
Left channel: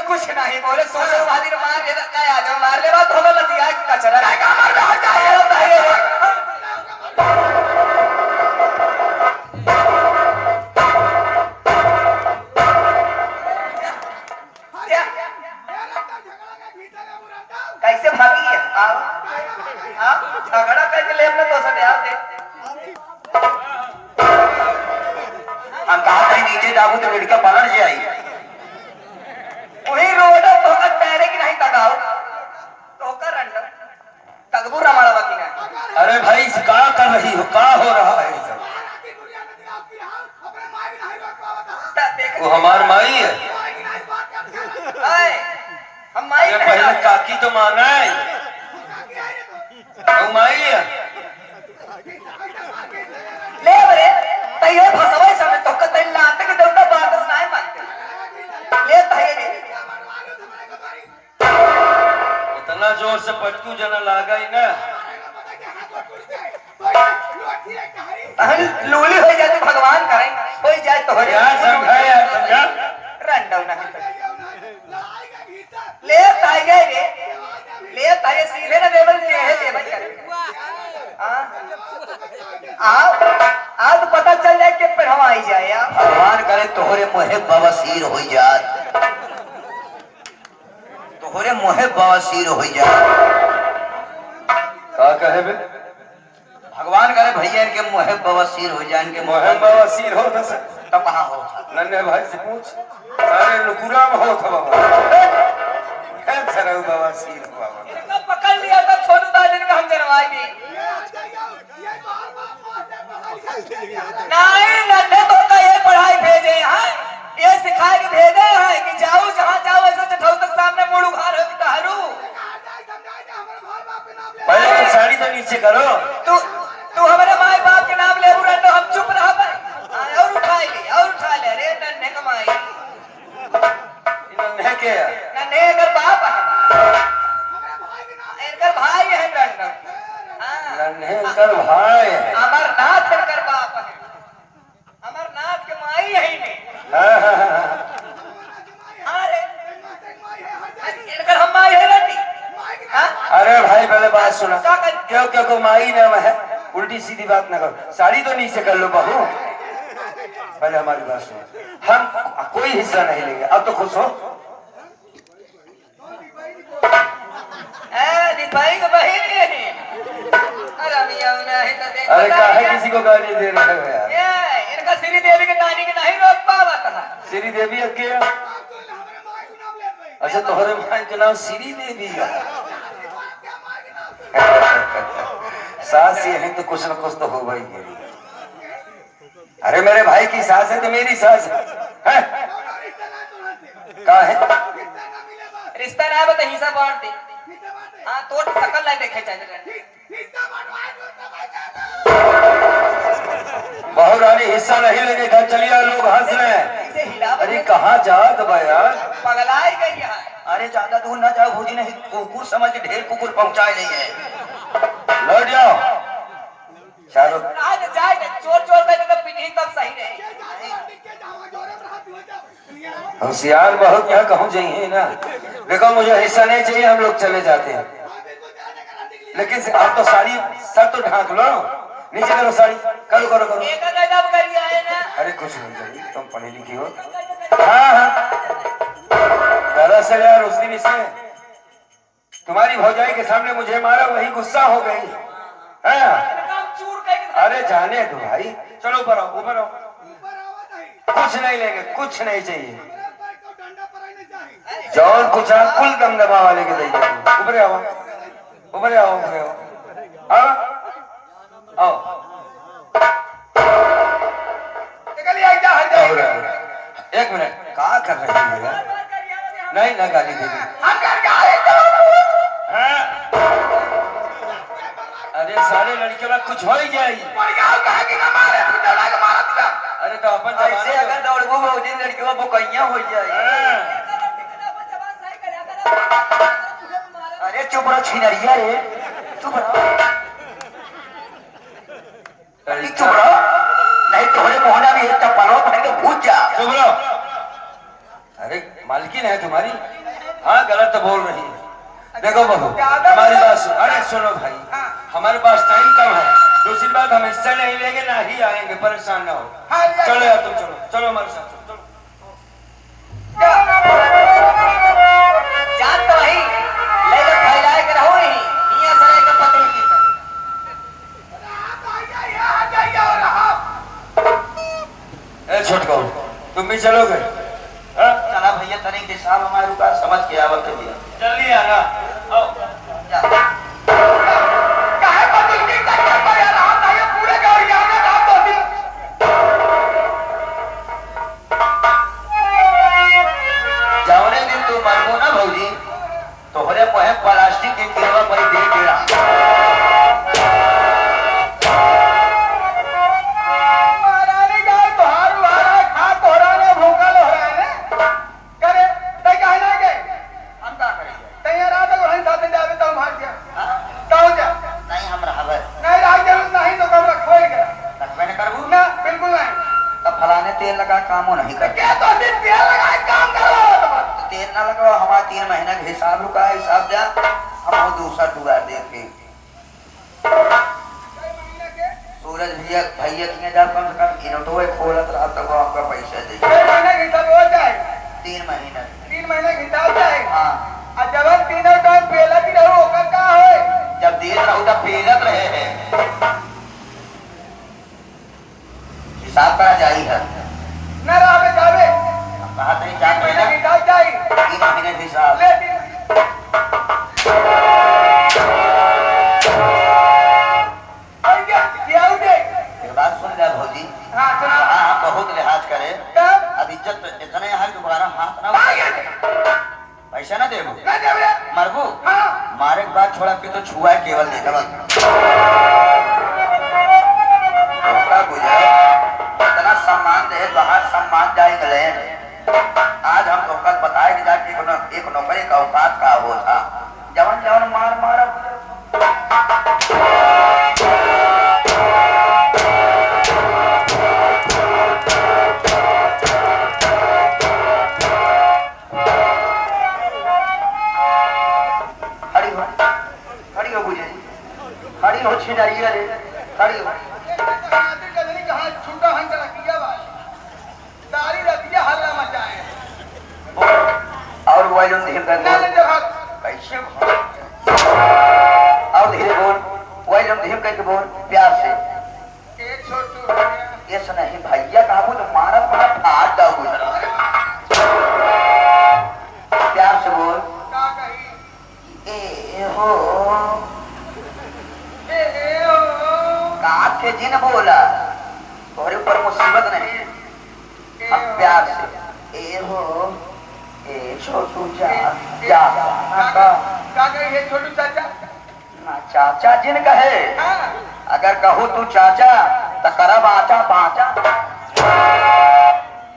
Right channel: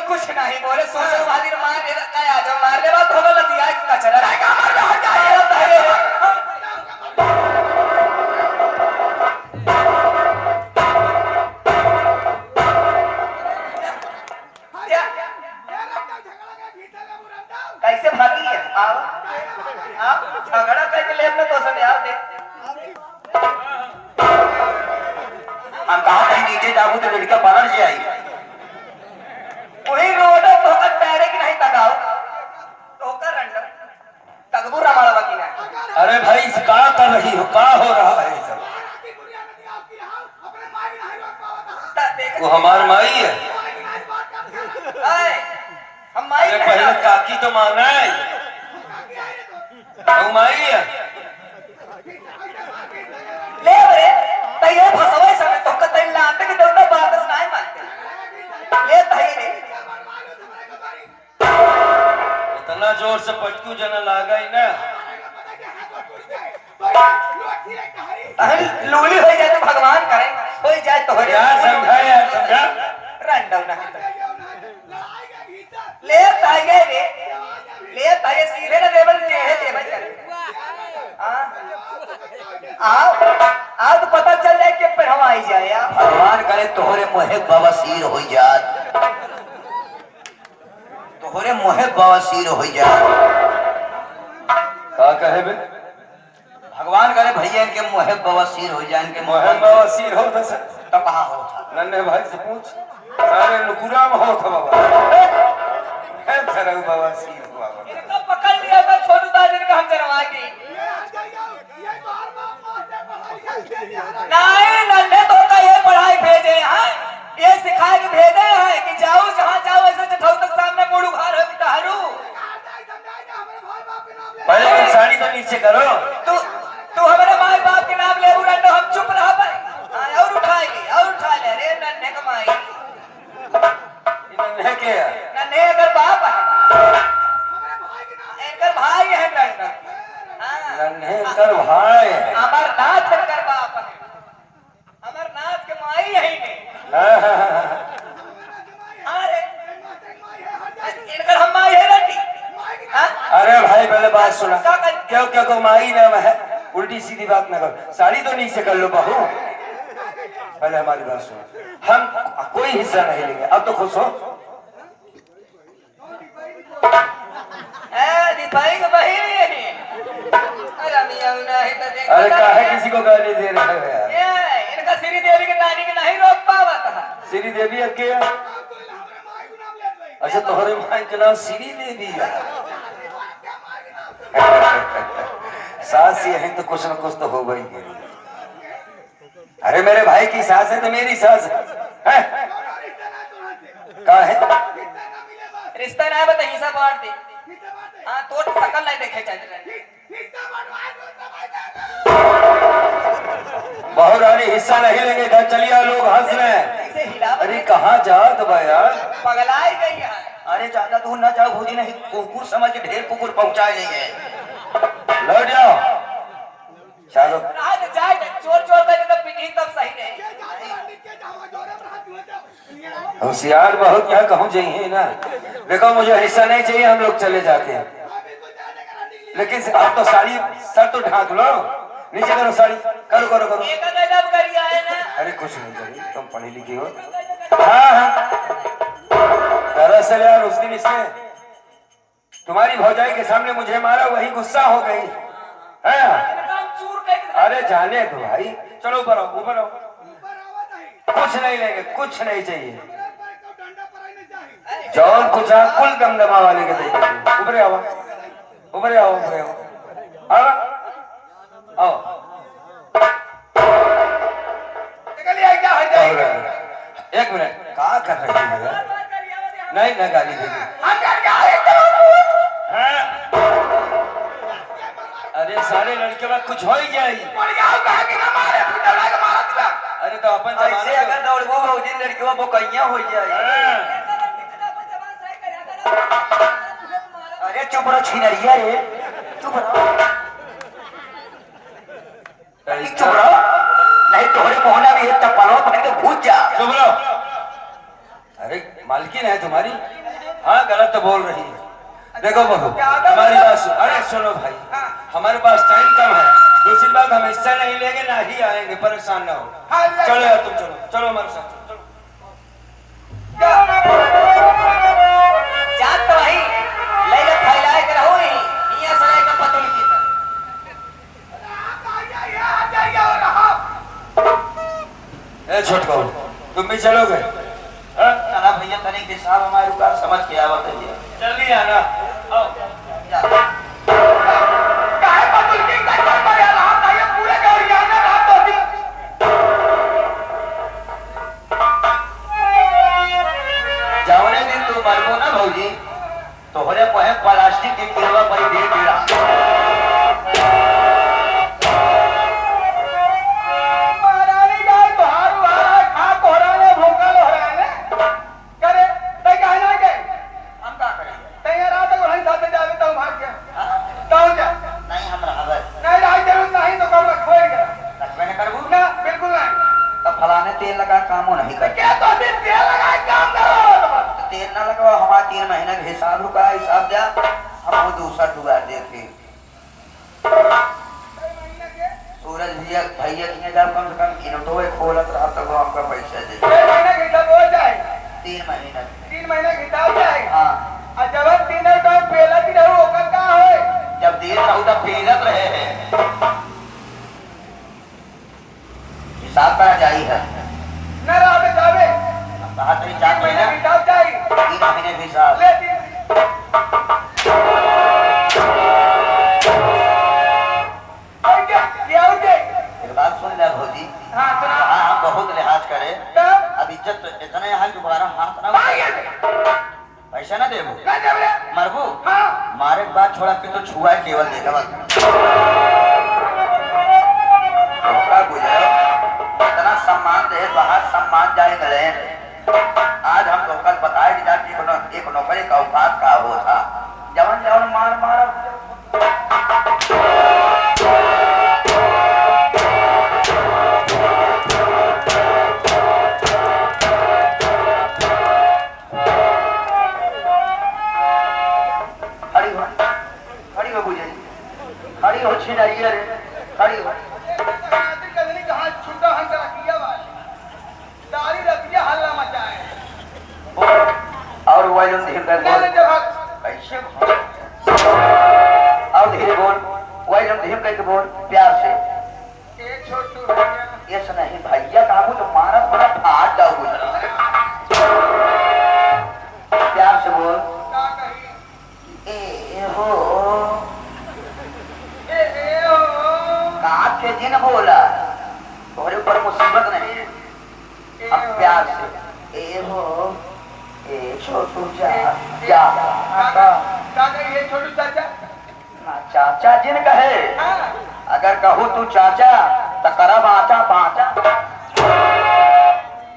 कुछ नहीं बोले सोचो वादी मार ले काय आ जाओ मार ले बात होगा नहीं आए कचरा रहेगा मार ले हट जाए कैसे भागी है आओ झगड़ा करके लेब में तो सब यार दे हम कहा कहीं नीचे जाबू तो लड़का बाहर से आई वही रोड तो का पैरे की नहीं तगाओ तो का रंडम तगबू रमाड़ा की ना अरे भाई क्या कर रही हो क्या हो रहा है सब वो हमार माई है हम माई अरे पहले काकी तो माना है वो माई है ले बरे तैयो फसवे समय तो का तैन लाते के देवता बात नहीं मानते ले तैयो रे इतना जोर से पटकू जना लागा ही ना लूली हो जाए तो भगवान करे हो जाए तो हो यार समझा यार समझा रंडव नहीं ले तागे रे ले तागे सीधे ना देवल ले है देवल आज पता चल जाए कि पढ़वाई जाए आप भगवान करे तोहरे मोहे बवासीर हो जात तोहरे मोहे बवासीर हो जात क्या कहे बे भगवान करे भैया इनके मोहे बवासीर हो जाए इनके मोहे मोहन बाबा हो न सक तो कहाँ हो नन्हे भाई से पूछ सारे नुकुरा में हो था बाबा कैंसर है बाबा हुआ इनका पकड़ लिया था छोटू दादा ने हम जनवाएंगे नहीं नन्हे तो का ये पढ़ाई भेजे हैं ये सिखा के भेजे हैं कि जाओ जहाँ जाओ ऐसे जठाऊ तक सामने मुड़ उघार हो तारू पहले तो साड़ी तो नीचे करो तू हमारे माँ बाप के नाम ले बुरा तो हम चुप रह पाए और उठाएंगे और उठा ले अरे नन्हे कमाई नन्हे के नन्हे अगर बाप है इनका भाई है नन्हा नन्हे का भाई है अमरनाथ कर बाप है अमरनाथ के माई यही ने अरे इनका हम माई है रटी अरे भाई पहले बात सुना क्यों क्यों को माई नाम है उल्टी सीधी बात ना करो, साड़ी तो नीचे कर लो बहू। पहले हमारी बात सुनो, हम कोई हिस्सा नहीं लेंगे, अब तो खुश हो। दीपाई को बही अरे काहे किसी को गाली दे रहे हो यार? इनका श्री देवी के नानी के नहीं रोक पावा था। श्री देवी के अच्छा तोहरे मां के नाम श्री देवी है। सास यही तो कुछ न कुछ तो हो गई है। अरे मेरे भाई की सास है तो मेरी सास है, का है रिश्ता ना बता हिस्सा बांट दे। हाँ तो शकल नहीं देखे चाहिए। बहु रानी हिस्सा नहीं लेंगे, इधर चलिए, लोग हंस रहे हैं। अरे कहाँ जात बा यार, पगलाई गई है। अरे ज्यादा दूर ना जाओ भौजी, नहीं कुकुर समझ के ढेर कुकुर पहुंचाए नहीं है। लौट जाओ चारों। आज जाए चोर चोर करके तो पिटी तब सही नहीं। होशियार बहुत क्या कहूँ चाहिए ना। देखो मुझे हिस्सा नहीं चाहिए, हम लोग चले जाते हैं। लेकिन आप तो साड़ी सर तो ढांक लो, नीचे करो साड़ी, करो करो करो। एक गजब करी आए ना। अरे कुछ नहीं करी, तुम पढ़ी लिखी हो। हाँ हाँ दरअसल यार उस दिन इसने तुम्हारी भौजाई के सामने मुझे मारा, वही गुस्सा हो गई। अरे जाने दो भाई, चलो ऊपर आओ, ऊपर आओ। कुछ नहीं लेंगे, कुछ नहीं चाहिए। जौन कुछ आप कुल दमदमा वाले के देंगे। ऊपर आओ, ऊपर आओ, ऊपर आओ, आओ। एक मिनट, क्या कर रहे हैं? नहीं ना गाली देगी। अरे सारे लड़कियों का कुछ हो ही जाएगी। अरे तो अपन ऐसे अगर दौड़बो भौजी लड़कियों को कहिया हो जाए। अरे चुप रहो छिनरिया रे, चुप रहो, चुप रहो, नहीं तोहरे मोहना भी है टप्पलों भर के भूत जा। चुप रहो। अरे मालकिन है तुम्हारी, हाँ गलत तो बोल रही है। देखो बहू हमारी बात सुनो। अरे सुनो भाई, हमारे पास टाइम कम है, दूसरी बात हम हिस्सा नहीं लेंगे, ना ही आएंगे, परेशान ना हो। चलो यार तुम चलो, चलो हमारे साथ चलो। जान तो भाई ले ले फैलाए कर हो ही ये सारे का पतोड़ की ए छोटका तुम भी चलोगे? चला भैया तनिक दिशा हमारी बात समझ के आवा भैया। चलिए आना, आओ। जावने दिन तू मरबो ना भौजी, तोहरे पहे प्लास्टिक की केवा पर दे गिरा। महारानी गाय तोहार वाला खा तोहरा भूखल हो रहा है करे तै कहना के हम का करें तैयार रात को नहीं साथे जावे तो भाग गया। कहो जा नहीं हम रहबे नहीं रह जरूर नहीं तो कब छोड़ के रखबे न करबू ना, बिल्कुल नहीं। तो फलाने तेल लगा काम नहीं कर क्या तो दिन तेल लगा काम करो, तेल ना लगाओ। हमारा 3 महीना का हिसाब रुका है, हिसाब जा हम वो दूसरा टुरा देखे। सूरज भैया भैया के जब कम से कम इनोटो में खोलत रहा तब वो हमका पैसा दे। 3 महीने का हिसाब हो जाए, 3 महीना 3 महीने का हिसाब जाए। हां और जब 3 का पहला की रहू ओकर का होए, जब देर रहू तब पेरत रहे हैं हिसाब करा जाई है न रहबे जावे। हम कहा थे 4 महीने हिसाब जाई, 3 महीने के हिसाब ले 3 बात सुन ले भौजी। हाँ आप बहुत लिहाज करे, अब इज्जत इतने है दोबारा हाथ ना पैसा ना देबो मरबू। मारे के बाद छोड़ा के तो छुआ केवल दे देबा गुजरे इतना सम्मान दे बाहर सम्मान जाए गए। आज हम लोग कल बताए कि जाके एक नौकरी का औकात का वो था, जवन जवन मार मार खड़ी हो बुझे, खड़ी हो छिनरिया रे। खड़ी हो। कहाँ छुटा हंटा रखिया तारी रखिया हल्ला मचाए और वॉल्यूम धीरे कर बोल। कैसे और धीरे बोल, वॉल्यूम धीरे करके बोल, प्यार से। ये नहीं भैया काबू तो मारा थोड़ा फाड़ दोगे। प्यार से बोल। ए हो काट के दिन बोला, थोड़े ऊपर मुसीबत नहीं। हम प्यार से ए हो ए छोटू जा छोटू चाचा चाचा जिन कहे, अगर कहूँ तू चाचा तो करब आचा पाचा।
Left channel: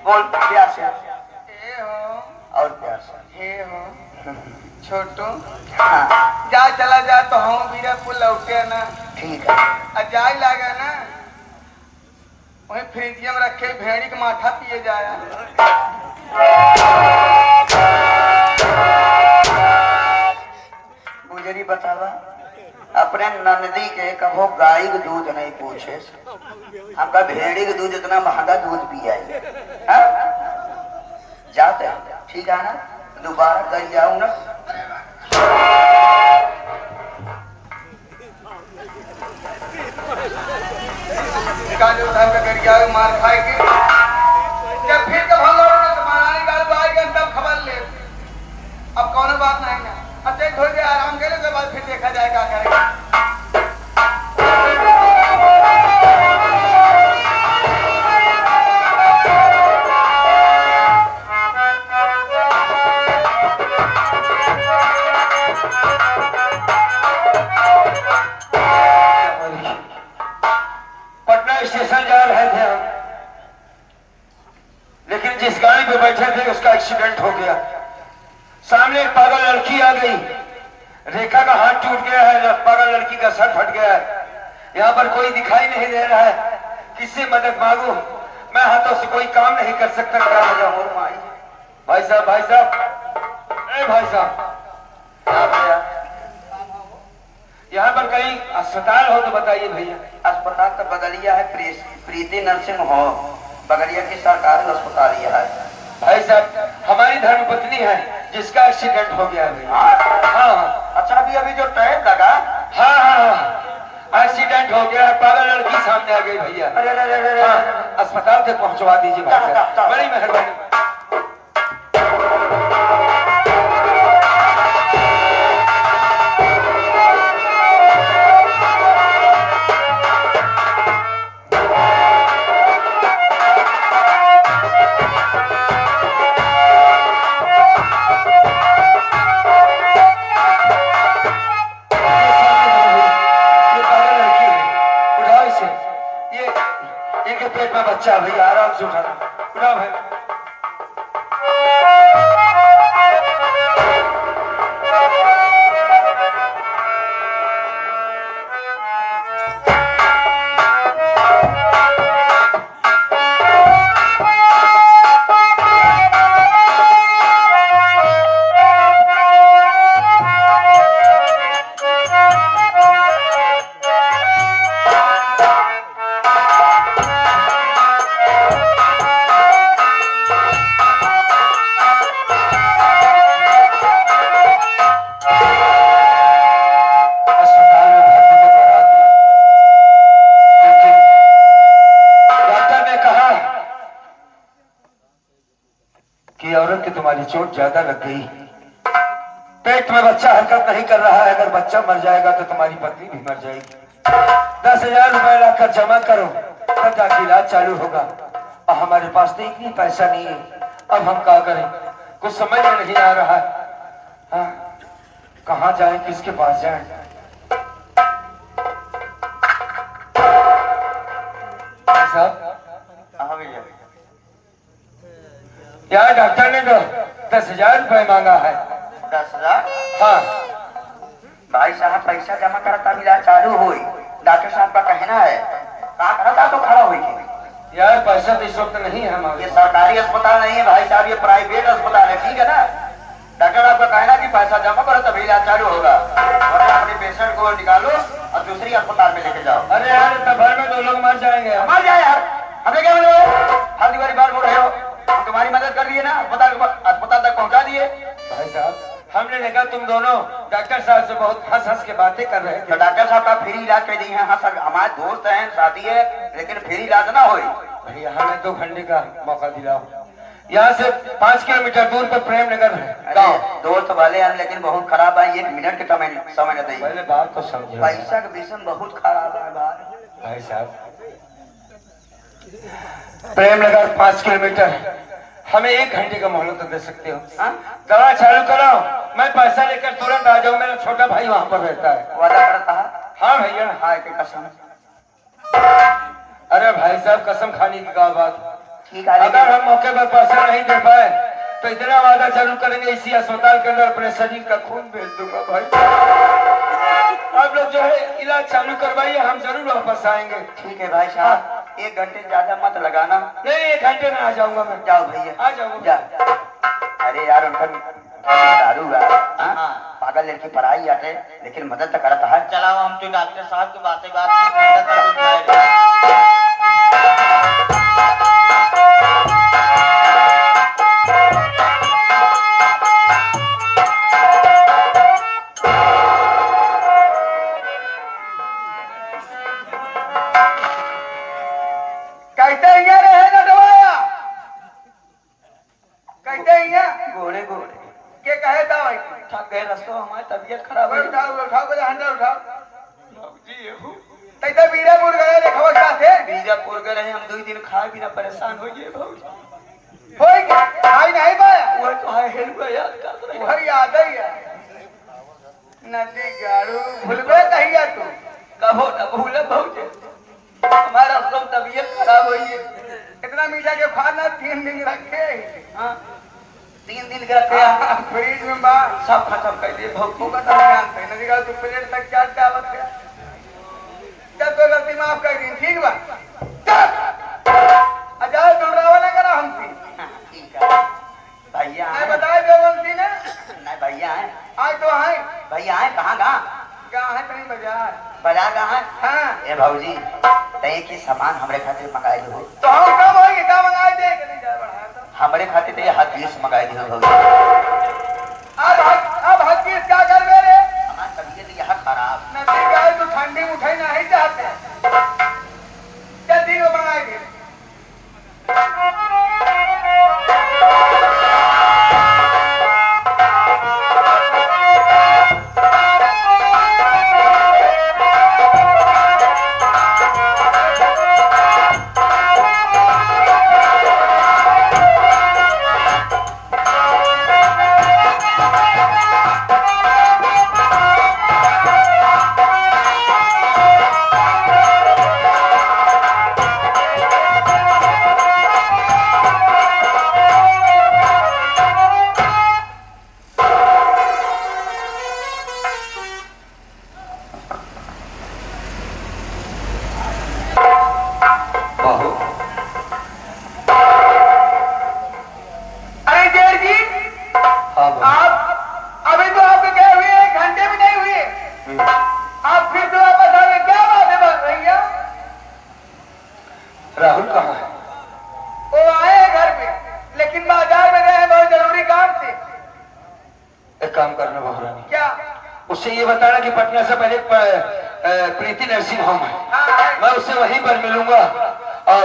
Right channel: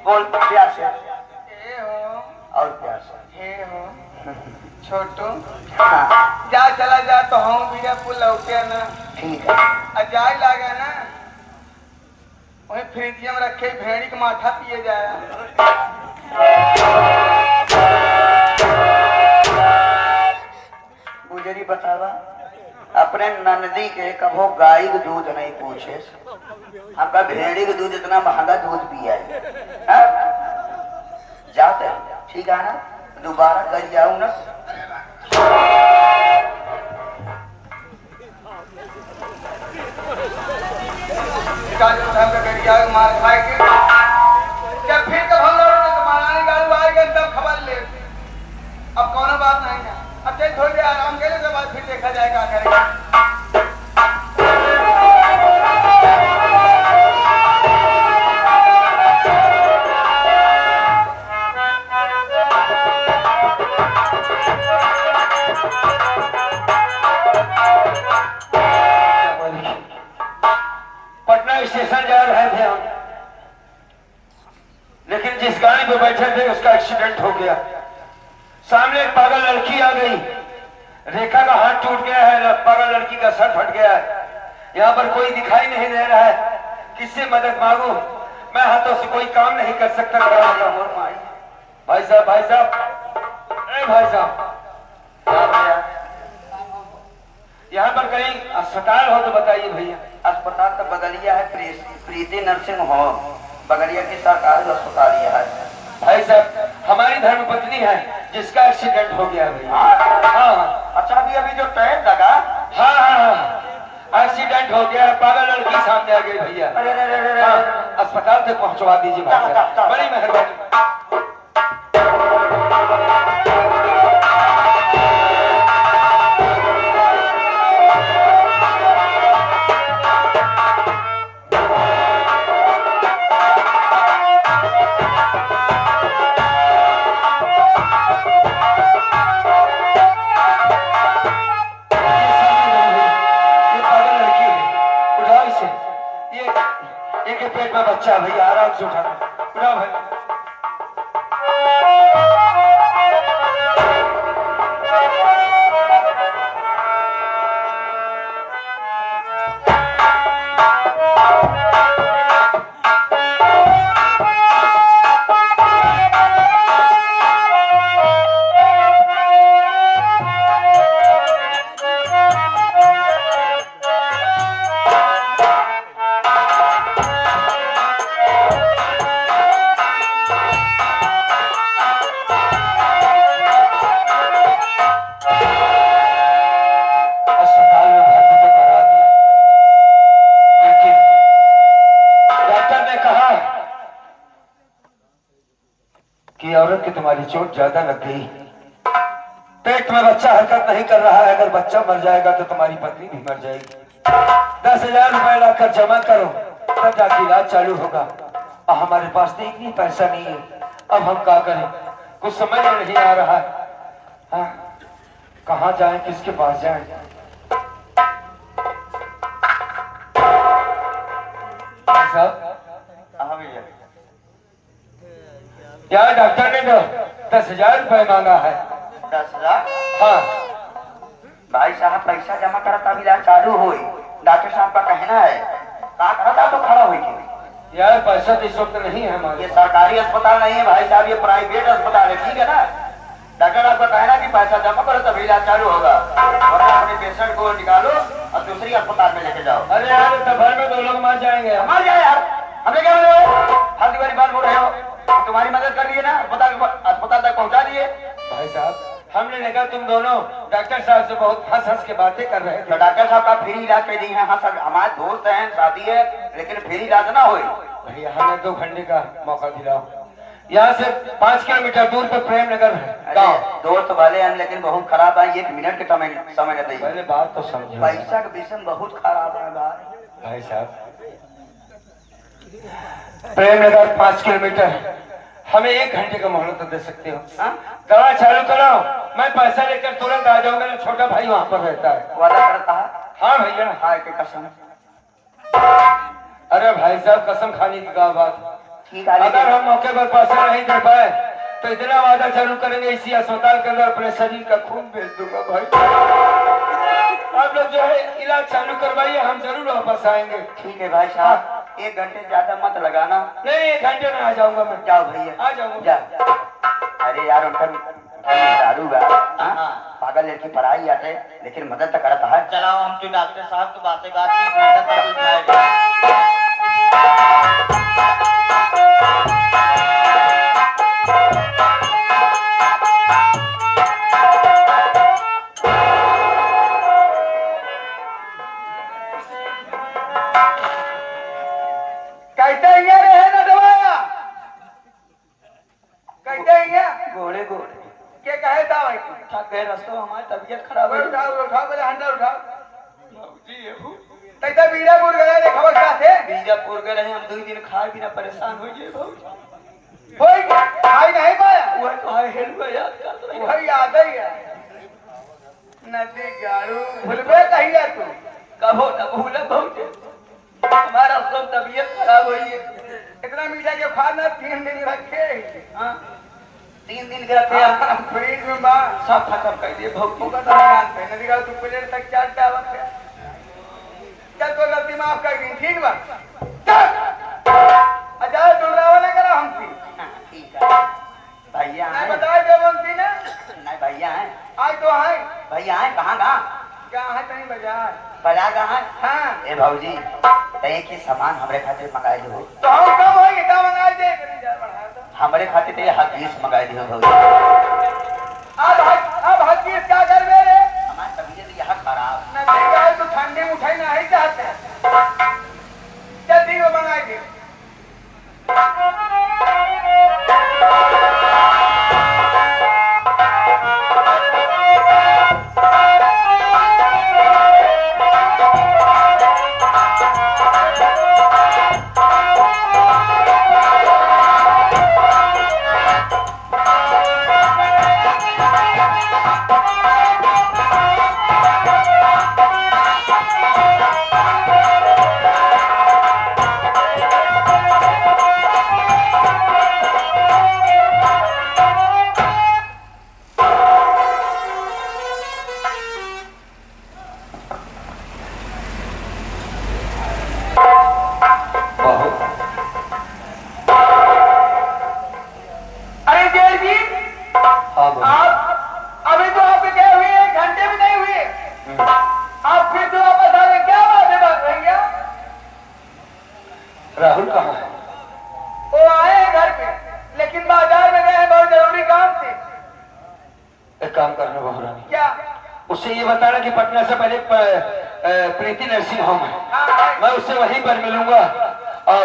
बोल प्यार से और प्यार से। छोटू हाँ जा चला जा तो हम बीरा पुल लौटे ना ठीक है। जाए लागा ना वही फ्रिजिया में रखे भेड़ी के माथा पिए जाए। गुजरी बतावा अपने नंदी के कभो गाय के दूध नहीं पूछे, हमका भेड़ी के दूध इतना महंगा दूध पिया है। जाते हैं ठीक है ना, दोबारा कर जाऊं ना। मार खाए के जब फिर कब हम लोग बनाने गाड़ू आएगा तब खबर ले। अब कौन बात नहीं है, अच्छा थोड़ी देर आराम करने के बाद फिर देखा जाएगा करेगा। पटना स्टेशन जा रहे थे हम, लेकिन जिस गाड़ी पे बैठे थे उसका एक्सीडेंट हो गया। सामने एक पागल लड़की आ गई, रेखा का हाथ टूट गया है, पागल लड़की का सर फट गया है। यहाँ पर कोई दिखाई नहीं दे रहा है, किससे मदद मांगू? मैं हाथों से कोई काम नहीं कर सकता। भाई साहब, भाई साहब, भाई साहब, यहाँ पर कहीं अस्पताल हो तो बताइए भैया। अस्पताल तो बगलिया है, प्रीति नर्सिंग होम बगलिया की सरकारी अस्पताल यह है। भाई साहब हमारी धर्मपत्नी है जिसका एक्सीडेंट हो गया है। हाँ हाँ अच्छा अभी जो टायर लगा। हाँ हाँ हाँ एक्सीडेंट हो गया है, पागल लड़की सामने आ गई भैया। हाँ, अस्पताल तक पहुंचवा दीजिए भाई साहब, बड़ी मेहरबानी। पेट में बच्चा भैया, आराम से उठाना, उठा भाई। कि औरत की तुम्हारी चोट ज्यादा लग गई, पेट में बच्चा हरकत नहीं कर रहा है, अगर बच्चा मर जाएगा तो तुम्हारी पत्नी भी मर जाएगी। 10,000 रुपए लाकर जमा करो तब जाके इलाज चालू होगा। और हमारे पास तो इतनी पैसा नहीं है, अब हम क्या करें, कुछ समझ में नहीं आ रहा है। कहाँ जाएं, किसके पास जाएं? यार डॉक्टर ने तो 10,000 रुपए मांगा है। 10,000? हाँ भाई साहब पैसा जमा करा तब इलाज चालू हुई। डॉक्टर साहब का कहना है कहा खड़ा तो खड़ा हुई थी। यार पैसा तो इस वक्त नहीं है हमारे। ये सरकारी अस्पताल नहीं है भाई साहब, ये प्राइवेट अस्पताल है, ठीक है ना। डॉक्टर आपका कहना कि पैसा जमा करो तभी इलाज चालू होगा, वरना अपने पेशेंट को निकालो और दूसरी अस्पताल में लेके जाओ। अरे यार तो घर में 2 लोग मर जाएंगे यार। मर जाए यार, हमें क्या मतलब है? फालतू वाली बात बोल रहे हो। हम तुम्हारी मदद कर दिए ना, अस्पताल तक पहुंचा दिए। भाई साहब हमने देखा तुम दोनों डॉक्टर साहब से बहुत हंस हंस के बातें कर रहे तो थे। डॉक्टर साहब का फ्री इलाज कर दी है। हाँ सर, हमारे दोस्त हैं, शादी है, लेकिन फ्री इलाज ना हो। भैया हमें 2 घंटे का मौका दिलाओ। यहाँ से 5 किलोमीटर दूर पे प्रेम नगर है गाँव। दोस्त वाले हम, लेकिन बहुत खराब है। 1 मिनट के समय न देंगे। पहले बात तो समझो। पैसा का विषय बहुत खराब है बात। भाई साहब प्रेम नगर 5 किलोमीटर, हमें 1 घंटे का मोहलत तो दे सकते हो। हाँ? दवा चालू करो, मैं पैसा लेकर तुरंत आ जाऊँ। मेरा छोटा भाई वहाँ पर रहता है। वादा करता है। हाँ भैया। हाय के कसम। अरे भाई साहब कसम खाने की क्या बात। ठीक है, अगर हम मौके पर पैसा नहीं दे पाए तो इतना वादा जरूर करेंगे, इसी अस्पताल के अंदर अपने शरीर का खून बेच दूंगा। भाई आप लोग जो है इलाज चालू करवाइए, हम जरूर वापस आएंगे। ठीक है भाई साहब, 1 घंटे ज्यादा मत लगाना। नहीं 1 घंटे में आ जाऊंगा मैं। जाओ भैया, आ जाऊंगा। जा। अरे यार उनका दारू है, पागल लड़की पढ़ाई आते, लेकिन मदद तो करता है। चलाओ, हम तो डॉक्टर साहब की बात कहते यहाँ रहे ना डोया, कहते यहाँ गोरे गोरे के कहे था भाई। थक गए रास्ते में, हमारी तबीयत खराब है। उठाओ उठाओ, पहले हंडा उठाओ। तैता बीरापुर गए रे खबर का थे। बीजापुर गए रहे हम, 2 दिन खाए बिना परेशान हो गए बहुत। होई क्या भाई नहीं पाया? वो तो हाय हेल्प याद कर रहे वही याद ही है। नदी गाड़ू भूलबे कहिया तू। कहो ना भूला बहुत। हमारा सब तबीयत खराब हुई है। इतना मीठा के खाना 3 दिन रखे। हाँ 3 दिन के थे, फ्रिज में बा सब खत्म कर दिए बहुत। वो का जानते हैं नदी गाड़ू तू प्लेट तक क्या क्या बात है। चल कोई गलती माफ कर दी, ठीक बा। अच्छा डुमरावा ने करा हमसे। ठीक है भैया मैं आए। बताए देवंती ने नहीं भैया आए, आज तो है भैया आए। कहाँ कहाँ क्या है कहीं बाजार। बाजार कहाँ? हाँ ए भाऊजी, तय के सामान हमरे खातिर मंगाए हो। तो हम कब होगी क्या मंगा दे तो। हमरे खातिर तो ये हकीस मंगाए दे भाऊजी। अब हर चीज क्या कर रहे हैं। हमारी तबीयत यहाँ खराब। नदी गाँव तो ठंडी में उठाई नहीं चाहते। जल्दी वो बनाएंगे। राहुल कहाँ है? वो आए हैं घर पे, लेकिन बाजार में गए हैं बहुत जरूरी काम से। एक काम करना बहुरानी, क्या? उससे ये बताना कि पटना से पहले प्रीति नर्सिंग होम है, हाँ मैं उससे वहीं पर मिलूंगा और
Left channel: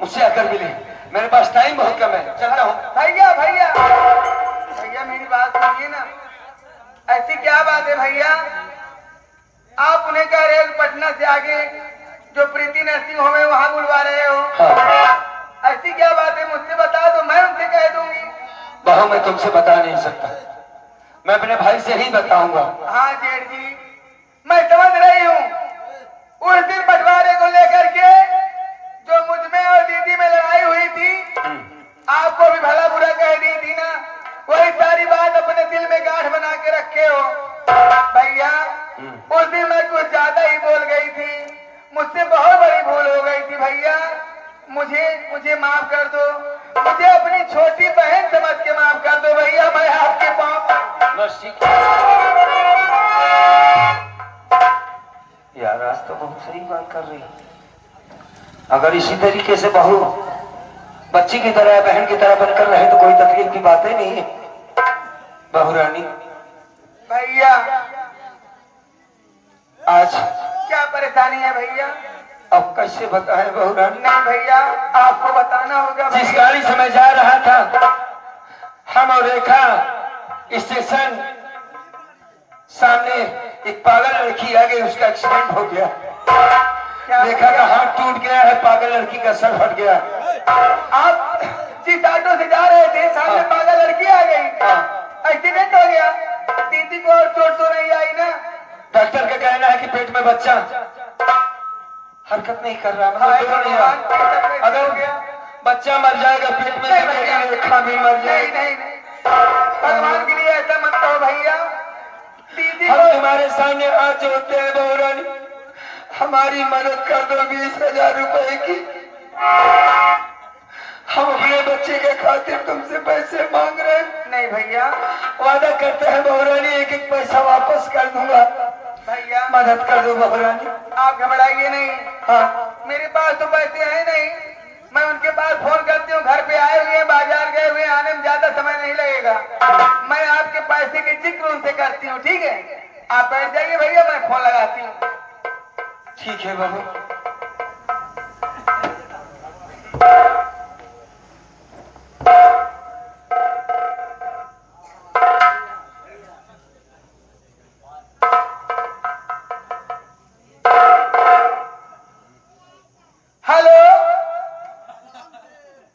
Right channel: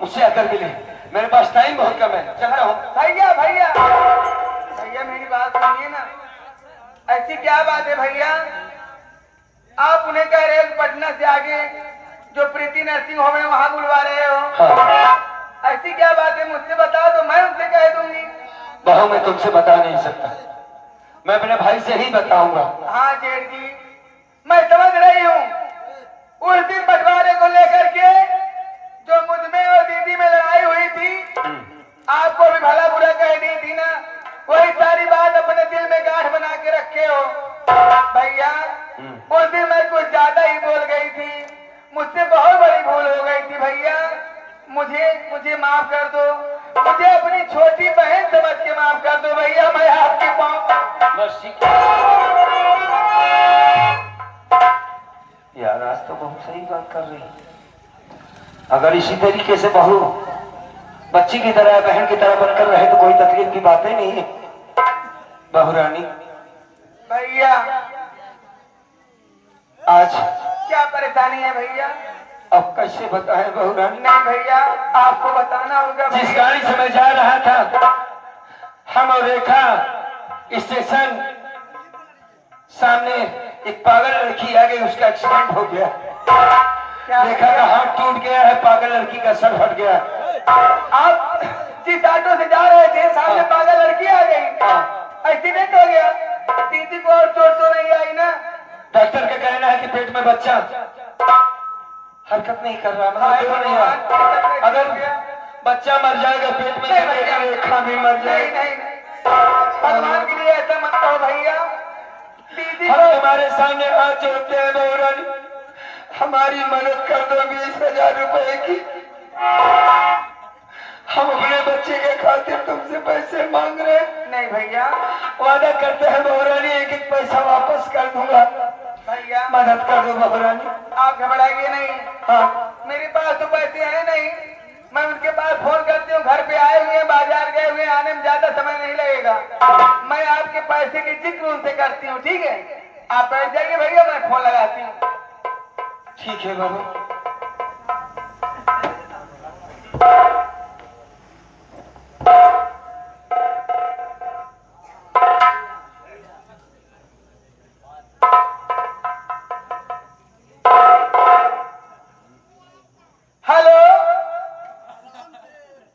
मुझसे आकर मिले। मेरे पास टाइम बहुत कम है, चलता हूँ। भैया भैया भैया मेरी बात सुनिए ना। ऐसी क्या बात है भैया, आप उन्हें कह रहे हो पटना से आगे जो प्रीति नर्सिंग होम है वहाँ बुलवा रहे हो। हाँ। ऐसी क्या बात है, मुझसे बताओ तो मैं उनसे कह दूंगी। बहू मैं तुमसे बता नहीं सकता, मैं अपने भाई से ही बताऊंगा। हाँ जेठ जी मैं समझ रही हूँ। उस दिन बंटवारे को लेकर के जो मुझ में और दीदी में लड़ाई हुई थी, आपको भी भला बुरा कह दी थी ना, वही सारी बात अपने दिल में गांठ बना के रखे हो। भैया उस दिन मैं कुछ ज्यादा ही बोल गई थी, मुझसे बहुत बड़ी भूल हो गई थी भैया। मुझे माफ कर दो, मुझे अपनी छोटी बहन समझ के माफ कर दो भैया। मैं आपके पाँव बस ठीक, यार आज तो बहुत सही बात कर रही है। अगर इसी तरीके से बहू बच्ची की तरह बहन की तरह बनकर रहे तो कोई तकलीफ की बात ही नहीं है। बहू रानी भैया आज क्या परेशानी है भैया? अब कैसे बताएं बहू रानी? नहीं भैया आपको बताना होगा। जिस गाड़ी से मैं जा रहा था हम और रेखा स्टेशन सामने एक पागल लड़की आ गई, उसका एक्सीडेंट हो गया। रेखा का हाथ टूट गया है, पागल लड़की का सर फट गया। आप जिस ऑटो से जा रहे थे सामने पागल लड़की आ गई, एक्सीडेंट हो गया। दीदी को और चोट तो नहीं आई ना? डॉक्टर का कहना है कि पेट में बच्चा हरकत नहीं कर रहा, मतलब नहीं है। अगर बच्चा मर जाएगा पेट में तो मेरी रेखा भी मर जाएगी। नहीं भगवान के लिए ऐसा मत करो भैया। दीदी हम तुम्हारे सामने हाथ जोड़ते हैं बहू रानी, हमारी मदद कर दो 20,000 रुपए की। हम अपने बच्चे के खातिर तुमसे पैसे मांग रहे हैं। नहीं भैया, वादा करते हैं बहू रानी एक एक पैसा वापस कर दूंगा। भैया मदद कर दो बहू रानी। आप घबराइए नहीं। हाँ मेरे पास तो पैसे हैं नहीं, मैं उनके पास फोन करती हूँ। घर पे आए हुए हैं, बाजार गए हुए, आने में ज्यादा समय नहीं लगेगा। मैं आपके पैसे के जिक्र उनसे करती हूँ, ठीक है? आप बैठ जाइए भैया, मैं फोन लगाती हूँ। ठीक है बहू। हेलो,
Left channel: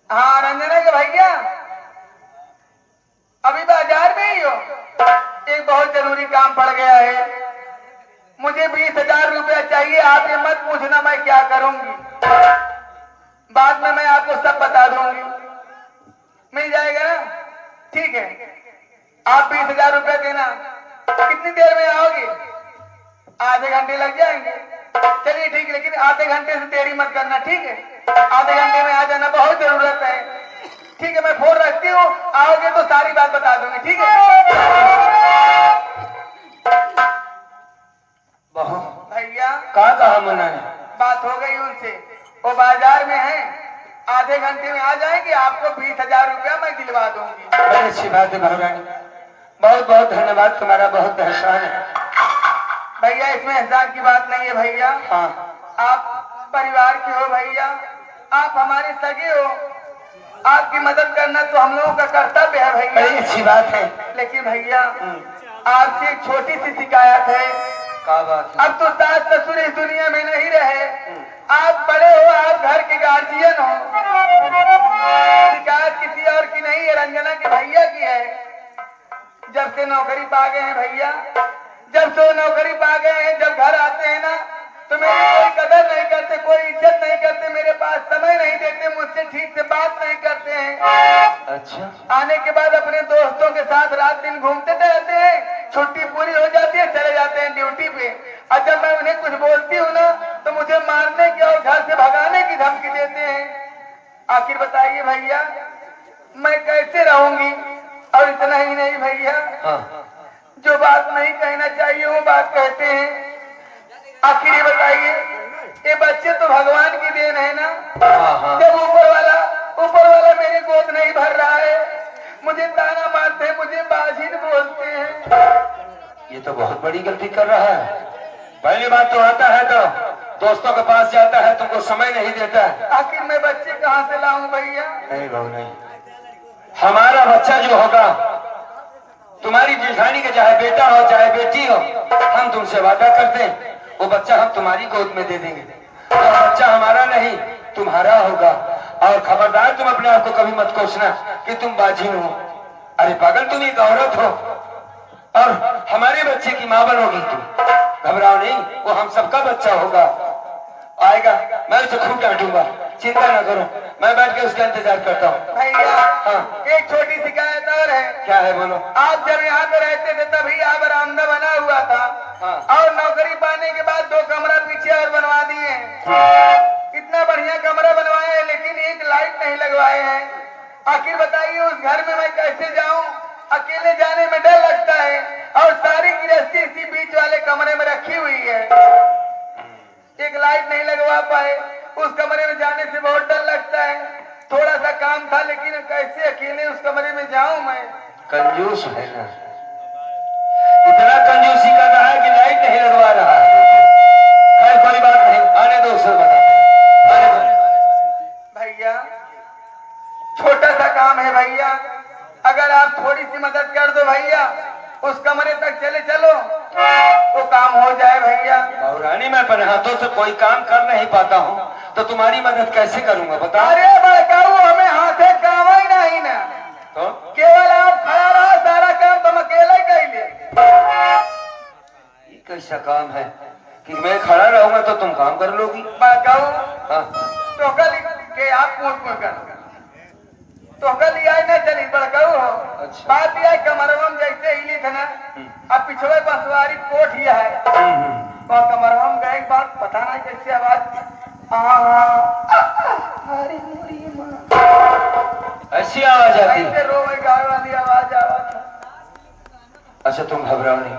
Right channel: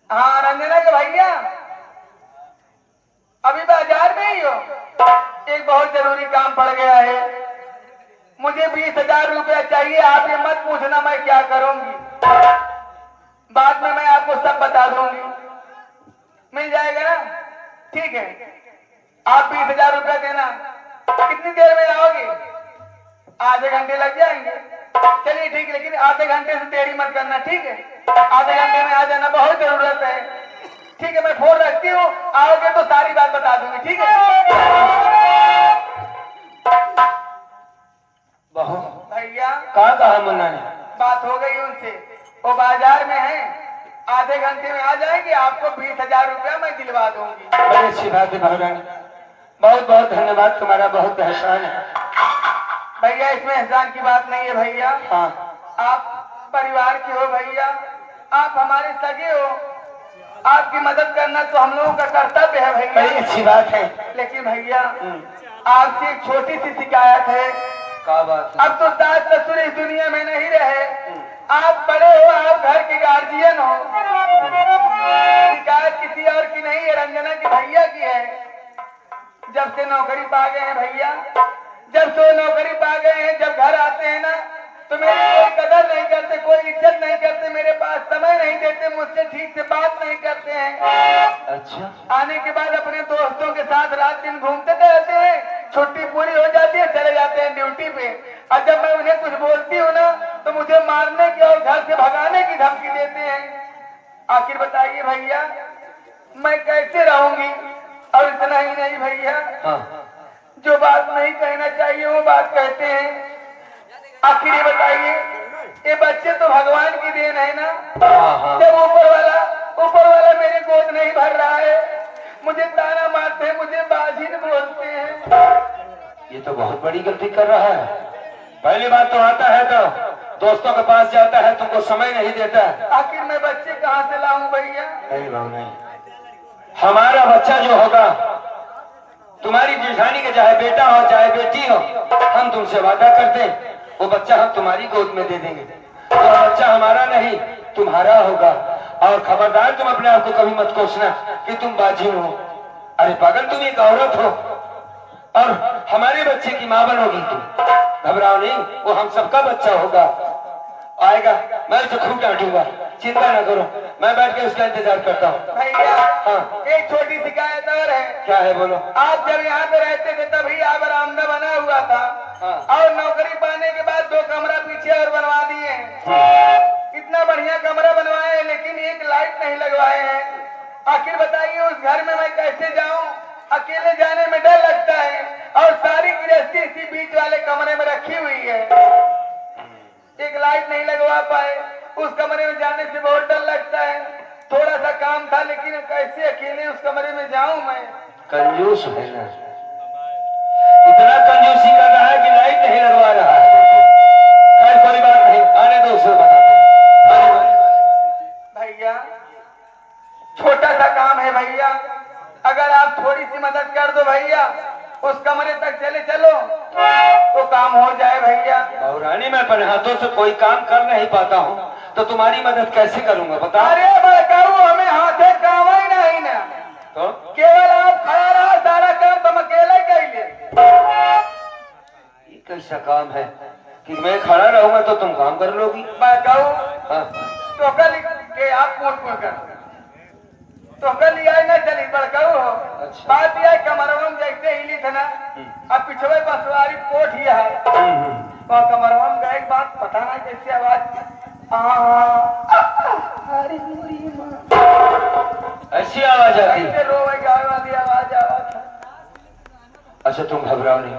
हाँ रंजना के भैया, अभी बाजार में ही हो? एक बहुत जरूरी काम पड़ गया है, मुझे 20,000 रुपया चाहिए। आप ये मत पूछना मैं क्या करूंगी, बाद में मैं आपको सब बता दूंगी। मिल जाएगा ना? ठीक है, आप 20,000 रुपया देना। कितनी देर में आओगे? आधे घंटे लग जाएंगे। चलिए ठीक है, लेकिन आधे घंटे से देरी मत करना, ठीक है? आधे घंटे में आ जाना, बहुत जरूरत है। ठीक है, मैं फोन रखती हूँ, आओगे तो सारी बात बता दूंगी, ठीक है? बहू भैया कहा मना ने? बात हो गई उनसे, वो बाजार में है, आधे घंटे में आ जाएंगे। आपको 20,000 रुपया मैं दिलवा दूंगी। बड़ी अच्छी बात है बहू रानी, बहुत बहुत धन्यवाद, तुम्हारा बहुत एहसान है। भैया इसमें एहसान की बात नहीं है भैया। हाँ आप परिवार के हो भैया, आप हमारे सगे हो, आपकी मदद करना तो हम लोगों का कर्तव्य है बड़ी भैया। अच्छी बात है। लेकिन भैया आपसे एक छोटी सी शिकायत है। क्या बात है? अब तो सास ससुर इस दुनिया में नहीं रहे, आप बड़े हो, आप घर के गार्जियन हो। शिकायत किसी और की नहीं है, रंजना के भैया की है। जब से नौकरी पा गए हैं भैया, जब से नौकरी पा गए हैं, जब घर आते हैं ना तो मेरी कोई कदर नहीं करते, कोई इज्जत नहीं करते, मेरे पास समय नहीं देते, मुझसे ठीक से बात नहीं करते हैं। अच्छा आने के बाद अपने दोस्तों के साथ रात दिन घूमते रहते हैं, छुट्टी पूरी हो जाती है चले जाते हैं ड्यूटी पे। और जब मैं उन्हें कुछ बोलती हूँ ना तो मुझे मारने की और घर से भगाने की धमकी देते हैं। आखिर बताइए भैया मैं कैसे रहूंगी? और इतना ही नहीं भैया, हाँ जो बात नहीं कहना चाहिए वो बात कहते हैं। आखिर ये बताइए, ये बच्चे तो भगवान की देन है ना? हाँ जब ऊपर वाला मेरी गोद नहीं भर रहा है, मुझे ताना मारते हैं, मुझे बाजिन बोलते हैं। ये तो बहुत बड़ी गलती कर रहा है। पहली बात तो आता है तो दोस्तों के पास जाता है, तुमको समय नहीं देता। आखिर मैं बच्चे कहाँ से लाऊं भैया? नहीं बहू नहीं, हमारा बच्चा जो होगा, तुम्हारी जिठानी का चाहे बेटा हो चाहे बेटी हो, हम तुमसे वादा करते हैं वो बच्चा हम तुम्हारी गोद में दे देंगे। तो बच्चा हमारा नहीं तुम्हारा होगा। और खबरदार तुम अपने आप को कभी मत कोसना कि तुम बाजिन हो। अरे पागल, तुम एक औरत हो और हमारे बच्चे की मां बनोगी तुम। घबराओ नहीं, वो हम सबका बच्चा होगा, आएगा। मैं उसे खूब डांटूंगा, चिंता न करो, मैं बैठ के उसका इंतजार करता हूँ। भैया हाँ एक छोटी शिकायत और है। क्या है बोलो? आप जब यहाँ पे रहते थे तभी यहाँ बरामदा बना हुआ था, हाँ। और नौकरी पाने के बाद 2 कमरा पीछे और बनवा दिए। इतना बढ़िया कमरा बनवाए हैं लेकिन एक लाइट नहीं लगवाए हैं। आखिर बताइए उस घर में मैं कैसे जाऊं? अकेले जाने में डर लगता है, और सारी गृहस्थी इसी बीच वाले कमरे में रखी हुई है। एक लाइट नहीं लगवा पाए। उस कमरे में जाने से बहुत डर लगता है। थोड़ा सा काम था लेकिन कैसे अकेले उस कमरे में जाऊं मैं। कंजूस है ना, इतना कंजूसी कर रहा है कि लाइट नहीं लगवा रहा है। खैर कोई बात नहीं, आने दो, उसे बताते हैं। आने दो। भैया छोटा सा काम है भैया, अगर आप थोड़ी सी मदद कर दो भैया, उस कमरे तक चले चलो तो काम हो जाए भैया। और रानी मैं अपने हाथों से कोई काम कर नहीं पाता हूँ तो तुम्हारी मदद कैसे करूंगा बता। अरे बड़काऊ हमें हाथे काम ही नहीं ना, तो केवल आप खड़ा रहा, सारा काम तुम अकेले कर ले। ये कैसा काम है कि मैं खड़ा रहूंगा तो तुम काम कर लोगी। बड़काऊ हाँ, तो कल के आप पूछ कर तो कल आई ना चली बड़काऊ हो। अच्छा। बात यह कमरवम जैसे हिली थे ना, अब पिछले बसवारी कोट ही है और कमरवम गए बात पता नहीं कैसे आवाज अरे मोरी माँ ऐसी आवाज आती है। कैसे रोवे गावे वाली आवाज आवाज। अच्छा तुम घबराओ नहीं,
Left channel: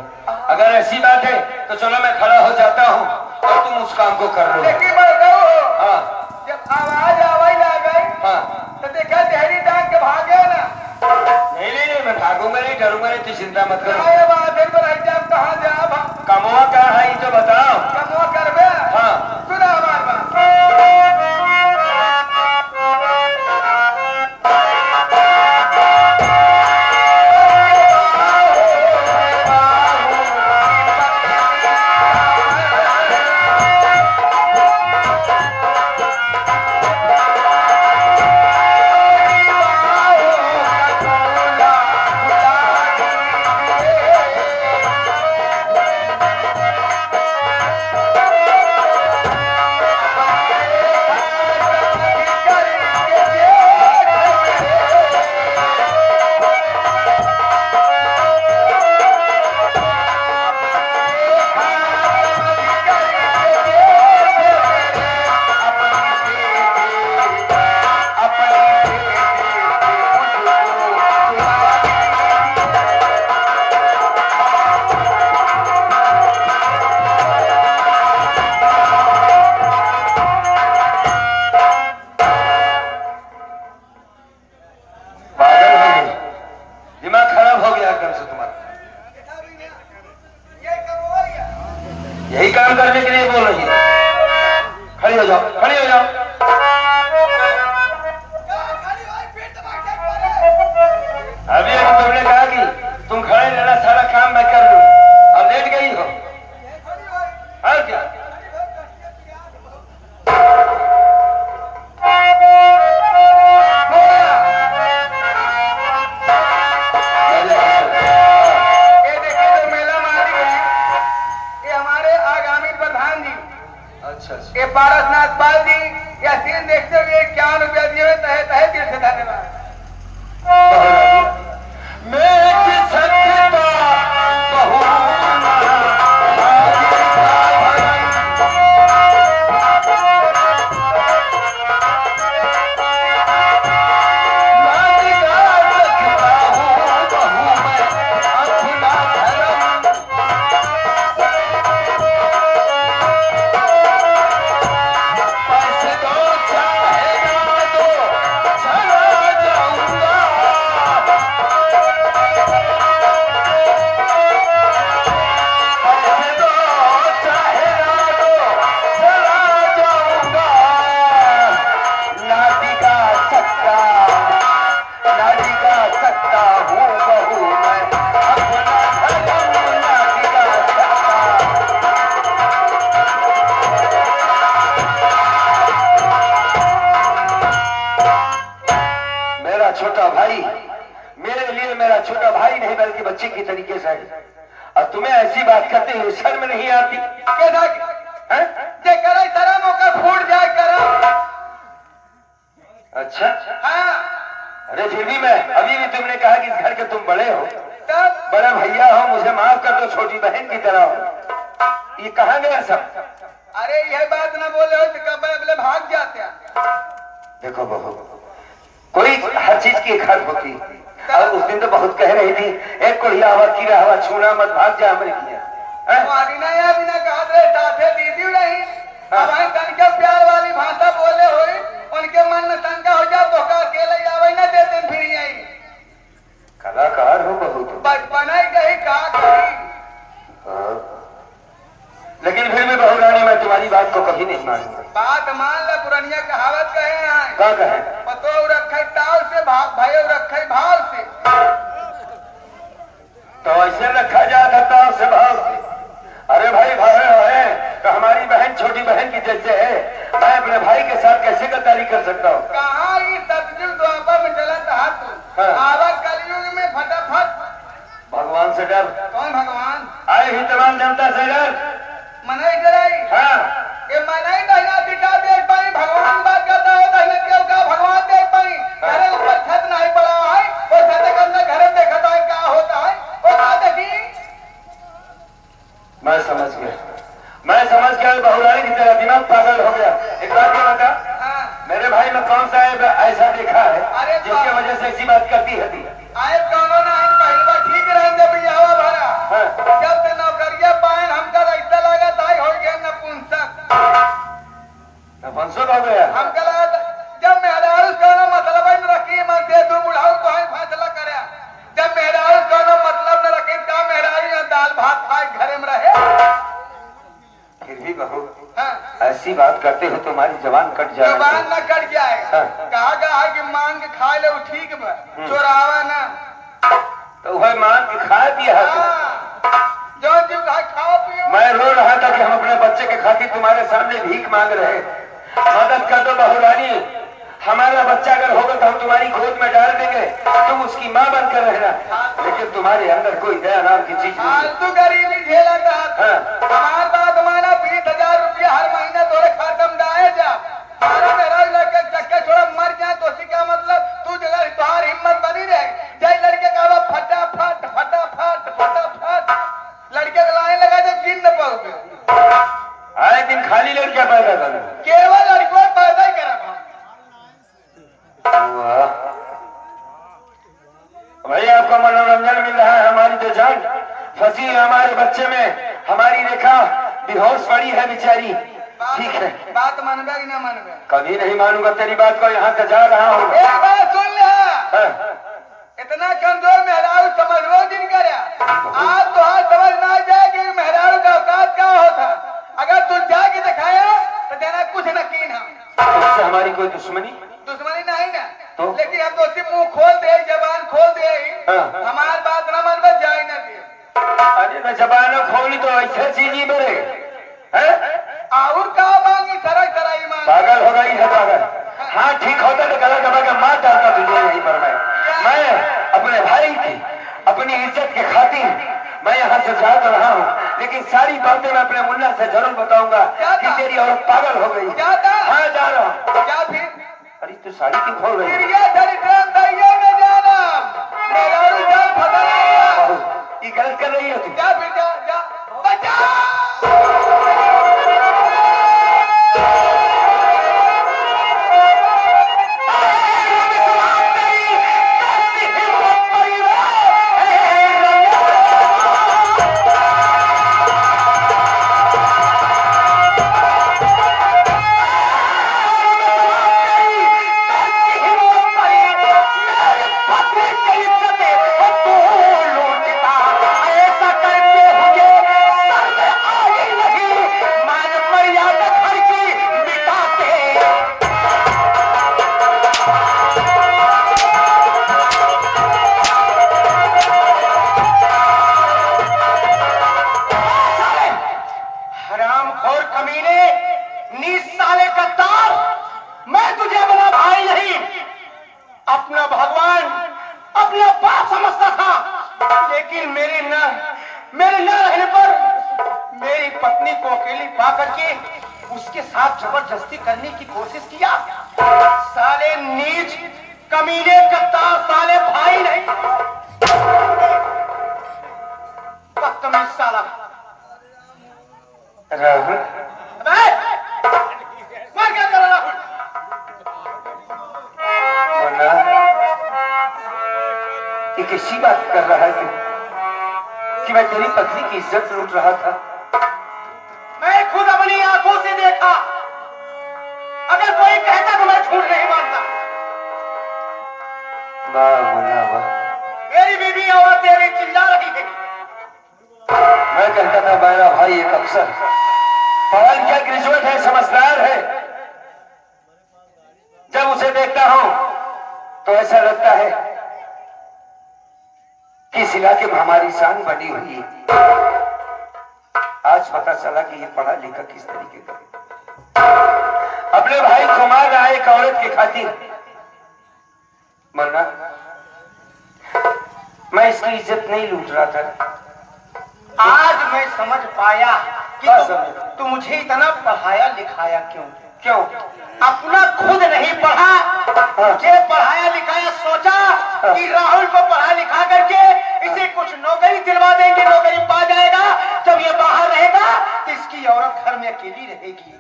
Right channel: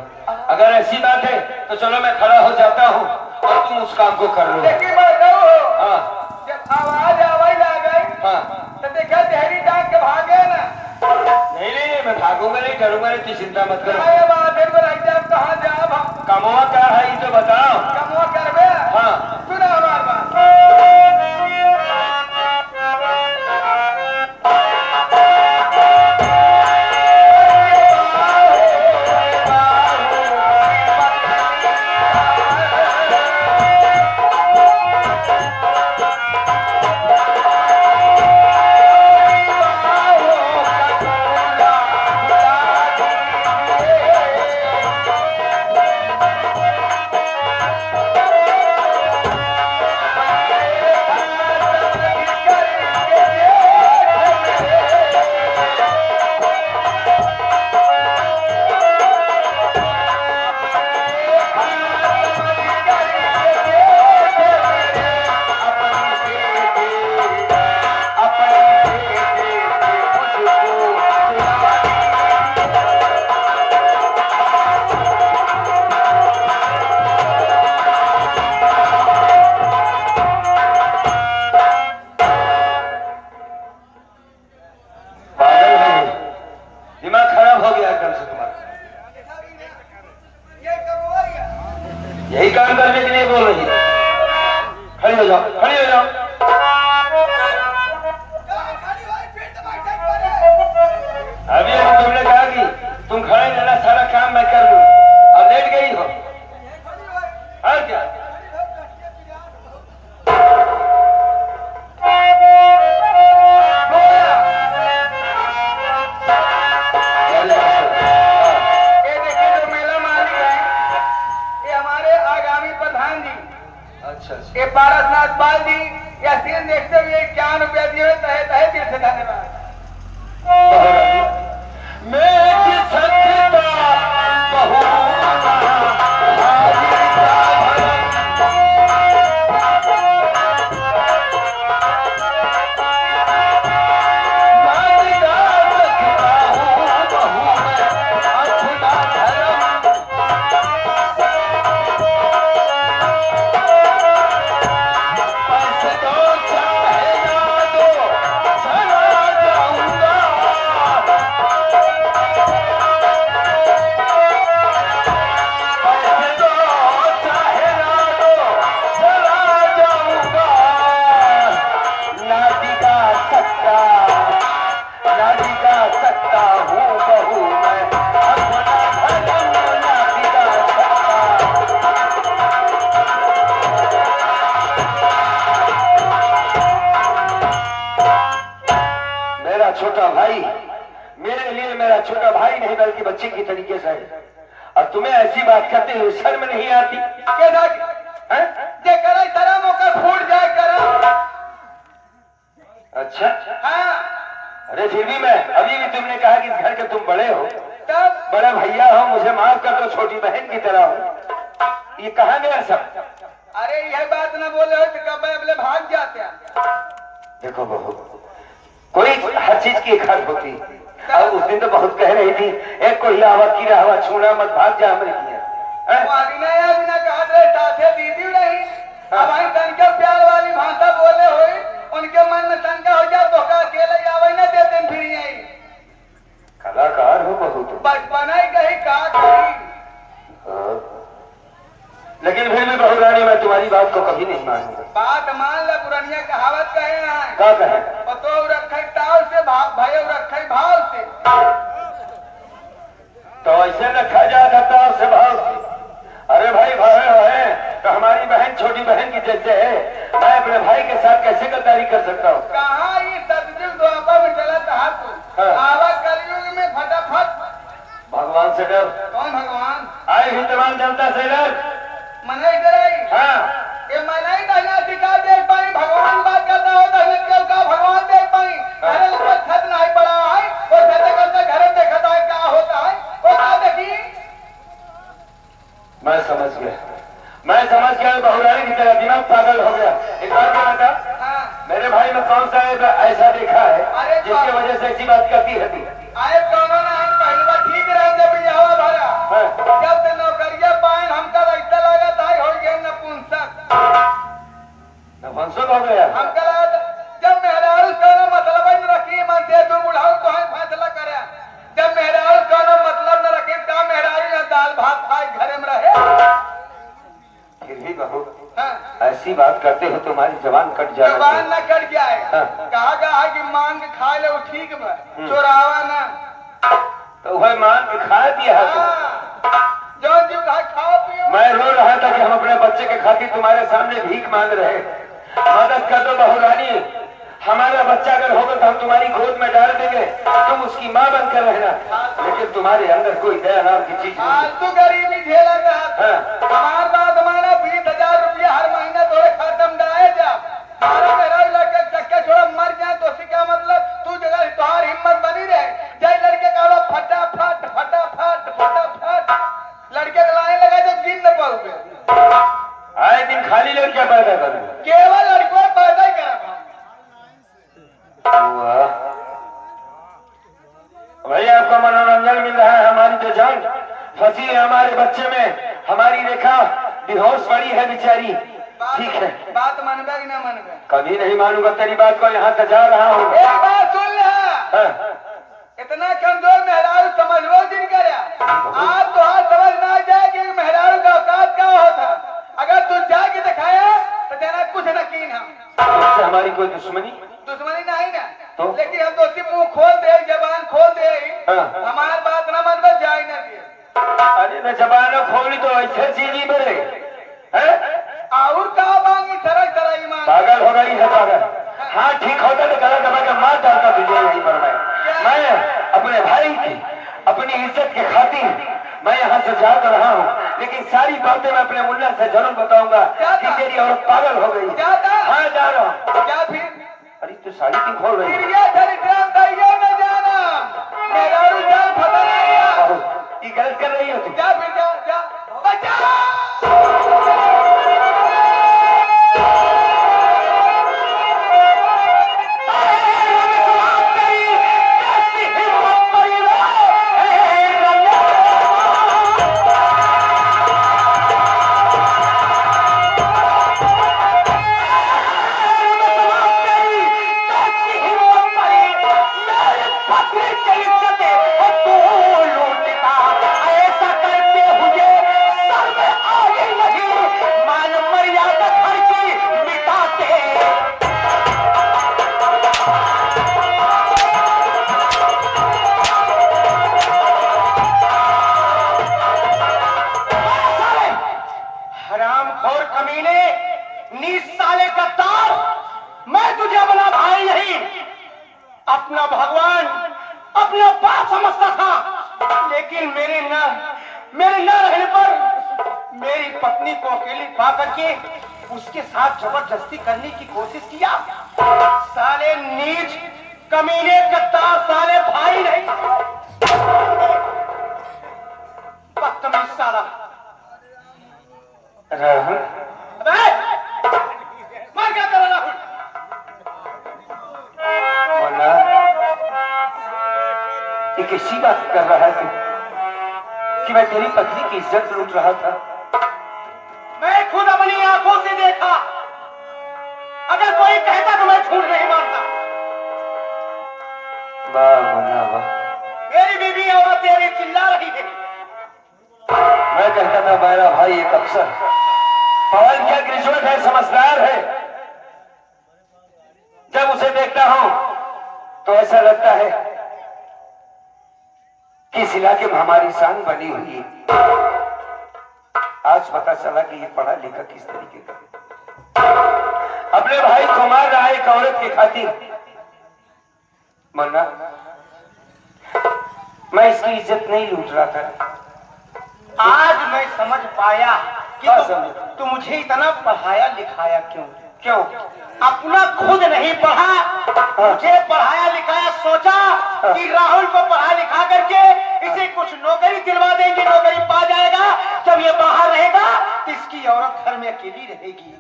अगर ऐसी बात है तो चलो मैं खड़ा हो जाता हूँ और तुम उस काम को कर लो। लेकिन बड़काऊ हो हाँ जब आवाज आवाज ना गई हाँ, तो देखा देहरी डांग के भागे ना। नहीं, मैं भागूंगा नहीं, डरूंगा नहीं, तू चिंता मत करो। क्या बात है बड़ाई आप कहाँ जाब हम कमवा क्या है ये तो बताओ। कमो करबे। हाँ सुना हमार बात। दिमाग खराब हो गया एकदम से तुम्हारा। यही काम करने के लिए बोल रही है। खड़ी हो जाओ, खड़ी हो जाओ। अभी अभी तुमने कहा कि तुम खड़े रहना, सारा काम मैं कर लूं, अब लेट गई हो और क्या। ये देखिए जो मेला मालिक है ये हमारे आगामी प्रधान जी अच्छा ये पारसनाथ पाल जी या सीन देखते हुए 51 रुपया दिए तहे तहे दिल से धन्यवाद। मैं सकता छोटा भाई मेरे लिए मेरा छोटा भाई नहीं बल्कि बच्चे की तरीके से है। और तुम्हें ऐसी बात करते हुए शर्म नहीं आती? तेरा मौका फूट जाए करो। अच्छा हाँ अरे फिर भी मैं अभी भी तुमने कहा कि इस घर के तुम बड़े हो, तब बड़ा भैया हो, मुझे माफ कर दो, छोटी बहन की तरह हो। ये कहाँ गया सब? अरे यह बात ना बोले हो तो कब अगले भाग जाते हैं। देखो बहू, कोई हर चीज की एक हद होती है। और उस दिन तो बहुत कह रही थी एक को हवा की हवा छूना मत, भाग जा अमृत किया। बिना कहा साथे दीदी नहीं अब हम तनके प्यार वाली भाषा बोले होई उनके मन में शंका हो जाए तो का अकेले आवे न देते फिर यही कलाकार हो बहुत। बचपन ही कही का करी। हाँ। लेकिन फिर भी बहू रानी मैं तुम्हारी बात को कभी नहीं मानूंगा। बात मान ले पुरनिया कहावत कहे हैं क्या कहे? पतो रखे टाव से भाई रखे भाव से। तो ऐसे रखा जाता था उससे भाव से। अरे भाई भाई है तो हमारी बहन छोटी बहन की जैसे है मैं अपने भाई के साथ कैसे गद्दारी कर सकता हूँ? कहाँ ये सतयुग द्वापर में चला था तू आवा कलयुग में फटाफट। भगवान से डर। कौन भगवान? आए ही तमाम जनता से डर। मनाई कराई। हाँ ये मनाई दहिना दिखा देख पाई भगवान बात करता हो दहिना क्यों का भगवान देख पाई अरे ऊपर छत नहीं पड़ा है वो छत करते घर में देखता है क्या होता है वो क्या देखी। मैं समझ गया बहू रानी की तरह दिमाग पागल हो गया। एक बात क्या बता हाँ मेरे भाई में कौन सा ऐसा देखा है जिसकी वजह से ऐसी बात करती है? आए कौन ना पहली बार ठीक रहे जब यहाँ भरा हाँ। जब से नौकरिया पाए हमका ऐसा लगा था हो गया नपुंसक नपुंसक हो गया। हमका लगा जब मेहरारू का मतलब न रखी मन से तू बुढ़ाऊ तो ही फैसला करे जब मेहरारू का मतलब न रखे का मेहरारू या दाल भात खाए घर में रहे। फिर भी बहू हाँ। ऐसी बात करते हो तुम्हारी जबान कट जाए। जबान न कट जाए। हाँ। कहा कि मांग के खा ले वो ठीक बा चोरावा ना तो वह मान के खा दिया। जो जो खाओ पियो। मैं रो रहा था कि हम अपने बच्चे के खातिर तुम्हारे सामने भीख मांग रहे। मदद कर दो बहू रानी। हमारा बच्चा अगर होगा तो हम तुम्हारी गोद में डाल देंगे तुम उसकी माँ बनकर रहना। लेकिन तुम्हारे अंदर कोई दया नाम की चीज नहीं। तू गरीबी झेला था। हाँ। हमारे बात माना 20,000 रुपया हर महीने तोरे खाते में डाले जा सारा मेरा लड़के चक्के छोड़ा मर जाए तो इसका मतलब तू जगह तुम्हारी हिम्मत बनी रहे जय लड़के का फटाफट फटाफट फटाफट लड़के को लाने लगा जब गिन न पाओगे आए दिन खाली लड़कियां पैदा करूँ केवल लड़कों पैदा ही करा भैया आपको मनोरंजन मिल रहा है। हमारी तो जान फंसी है हमारे बच्चे में। हमारी रेखा बेहोश पड़ी है बेचारी। ठीक है बात मानवे कि ना मानवे? कभी नहीं मानूंगा तेरी बात को। यहाँ से जा रहा हूँ। एक बात सुन ले हाँ। इतना कमजोर मेहरारू समझ लो जिन कर आप तो हाथ समझ ना जाए कि मेहरारू का औकात क्या होता। अगर तू जाके दिखाया तो तेरा कुछ न कीन हम इससे हमारी कोई दुश्मनी नहीं ना तो? लेकिन हम तो सिर्फ मुंह खोल दे जबान खोल दे हाँ। हमार बात न मन बस जाए न दे। अरे न जबान खोली तो ऐसे चीज ही बड़े और का मांगी तरह तरह ही मांगी। पागल हो गई है पागल। हाँ ठीक होता तो गला दबा के मार डालता तुझे यहीं पर। मैं अपने भाई की अपनी इज्जत के खातिर मैं यहाँ से जा तो रहा हूँ लेकिन सारी बातें मैं अपने मुन्ना से जरूर बताऊंगा कि तेरी औरत पागल हो गई। हाँ जा रहा हूँ। क्या फिर? अरे तू साड़ी क्यों खोल रही है? ये गलत कर रही हो तुम। जा फिर जा जा बचा। अपना भगवान अपने बाप समझता था लेकिन मेरे न रहने पर मेरी पत्नी को अकेली पा करके उसके साथ जबरदस्ती करने की कोशिश किया। साले नीच कमीने कत्तार साले भाई नहीं बदतमीज साला। राहुल मैं क्या कर रहा हूँ? मुन्ना ये किसी बात कर रहा है कि मैं तेरी पत्नी की इज्जत लूट रहा था। मैं खुद अपनी आंखों से देखा। अगर कोई कहता तो मैं झूठ नहीं मानता। वाह मुन्ना वाह, मेरी बीवी औरत तेरी चिल्ला रही है। मैं कहता था मेरा भाई एक अफसर, पढ़ा लिखा ग्रेजुएट है, समझदार है। जब उसे देखता हूं तो ऐसा लगता है कि इस इलाके में हमारी शान बनी हुई है। आज पता चला कि ये पढ़ा लिखा किस तरीके का है। अपने भाई को मार रहा है एक औरत की खातिर। मन्ना, मैं इसकी इज्जत नहीं लूट रहा था। आज मैं समझ पाया कि हाँ, समझ। तू मुझे इतना पढ़ाया लिखाया क्यों? क्यों? अपना खुद नहीं पढ़ा, मुझे पढ़ाया लिखाया। सोचा कि राहुल को पढ़ा लिखा करके इसे कुछ नौकरी दिलवा देंगे, नौकरी पा जाएगा। जब ये बाहर रहेगा तो इसकी औरत घर में अकेली रहेगी।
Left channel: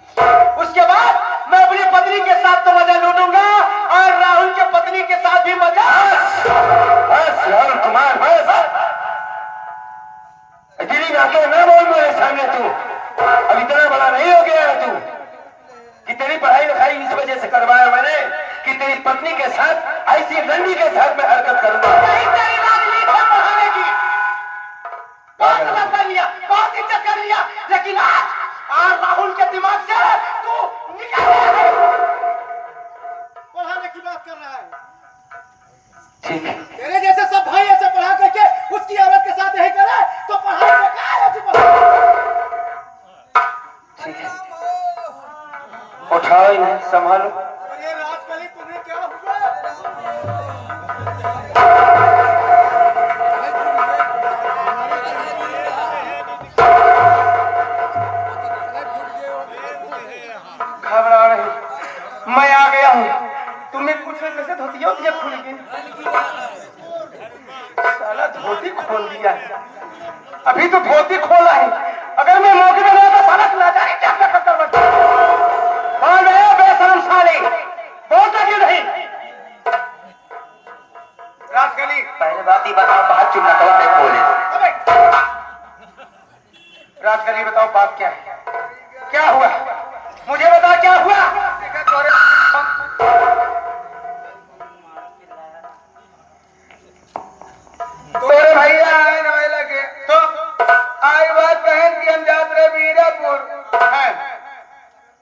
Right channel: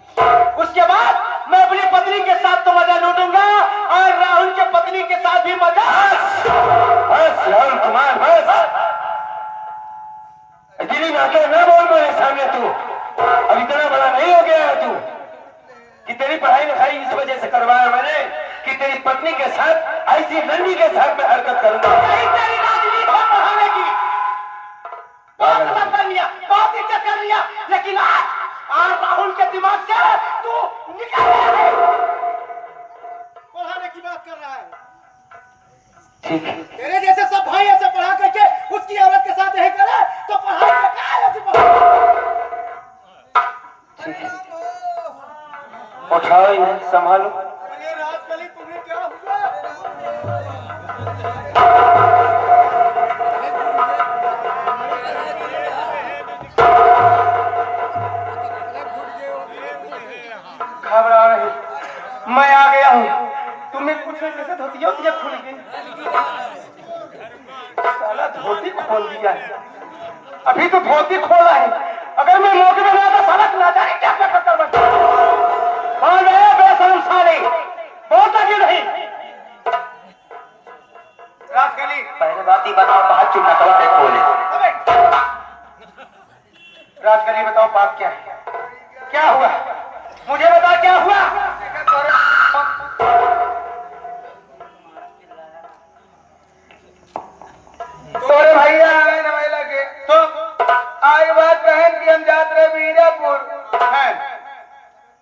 उसके बाद मैं अपनी पत्नी के साथ तो मजा लूटूंगा और राहुल के पत्नी के साथ भी मजा। बस राहुल कुमार, बस अकेली आके ना बोल मेरे सामने। तू अब इतना बड़ा नहीं हो गया है तू कि तेरी पढ़ाई लिखाई इस वजह से करवाया मैंने कि तेरी पत्नी के साथ ऐसी लड़की के साथ मैं हरकत करूंगा। यही तेरी राजनीति है पढ़ाने की। बहुत गलत कर लिया, बहुत इज्जत कर लिया, लेकिन आज राहुल के दिमाग से तू निकल गया है। पढ़ाने की बात कर रहा है। ठीक है, तेरे जैसे सब भाई ऐसे पढ़ा करके उसकी औरत के साथ नहीं करे तो पढ़ाई बेकार है। ठीक है, उठाओ इन्हें, संभालो। अरे राजकली, तुम्हें क्या हुआ? घबरा नहीं, मैं आ गया हूँ। तुम्हें कुछ कैसे धोती होती है? खुल गई, साला धोती खोल दिया है। अभी तो धोती खोला है, अगर मैं मौके में ना तो सड़क ना जाए क्या करता हूँ। कौन है बेशरम साले? बोलता क्यों नहीं? राजकली, पहले बात ही बताओ, बात चुप ना करो, मैं बोले। राजकली बताओ बात क्या है? क्या हुआ? मुझे बता क्या हुआ? तोरे भैया आए नवाई लगे तो आगे बात कहें कि हम जात रहे बीजापुर हैं।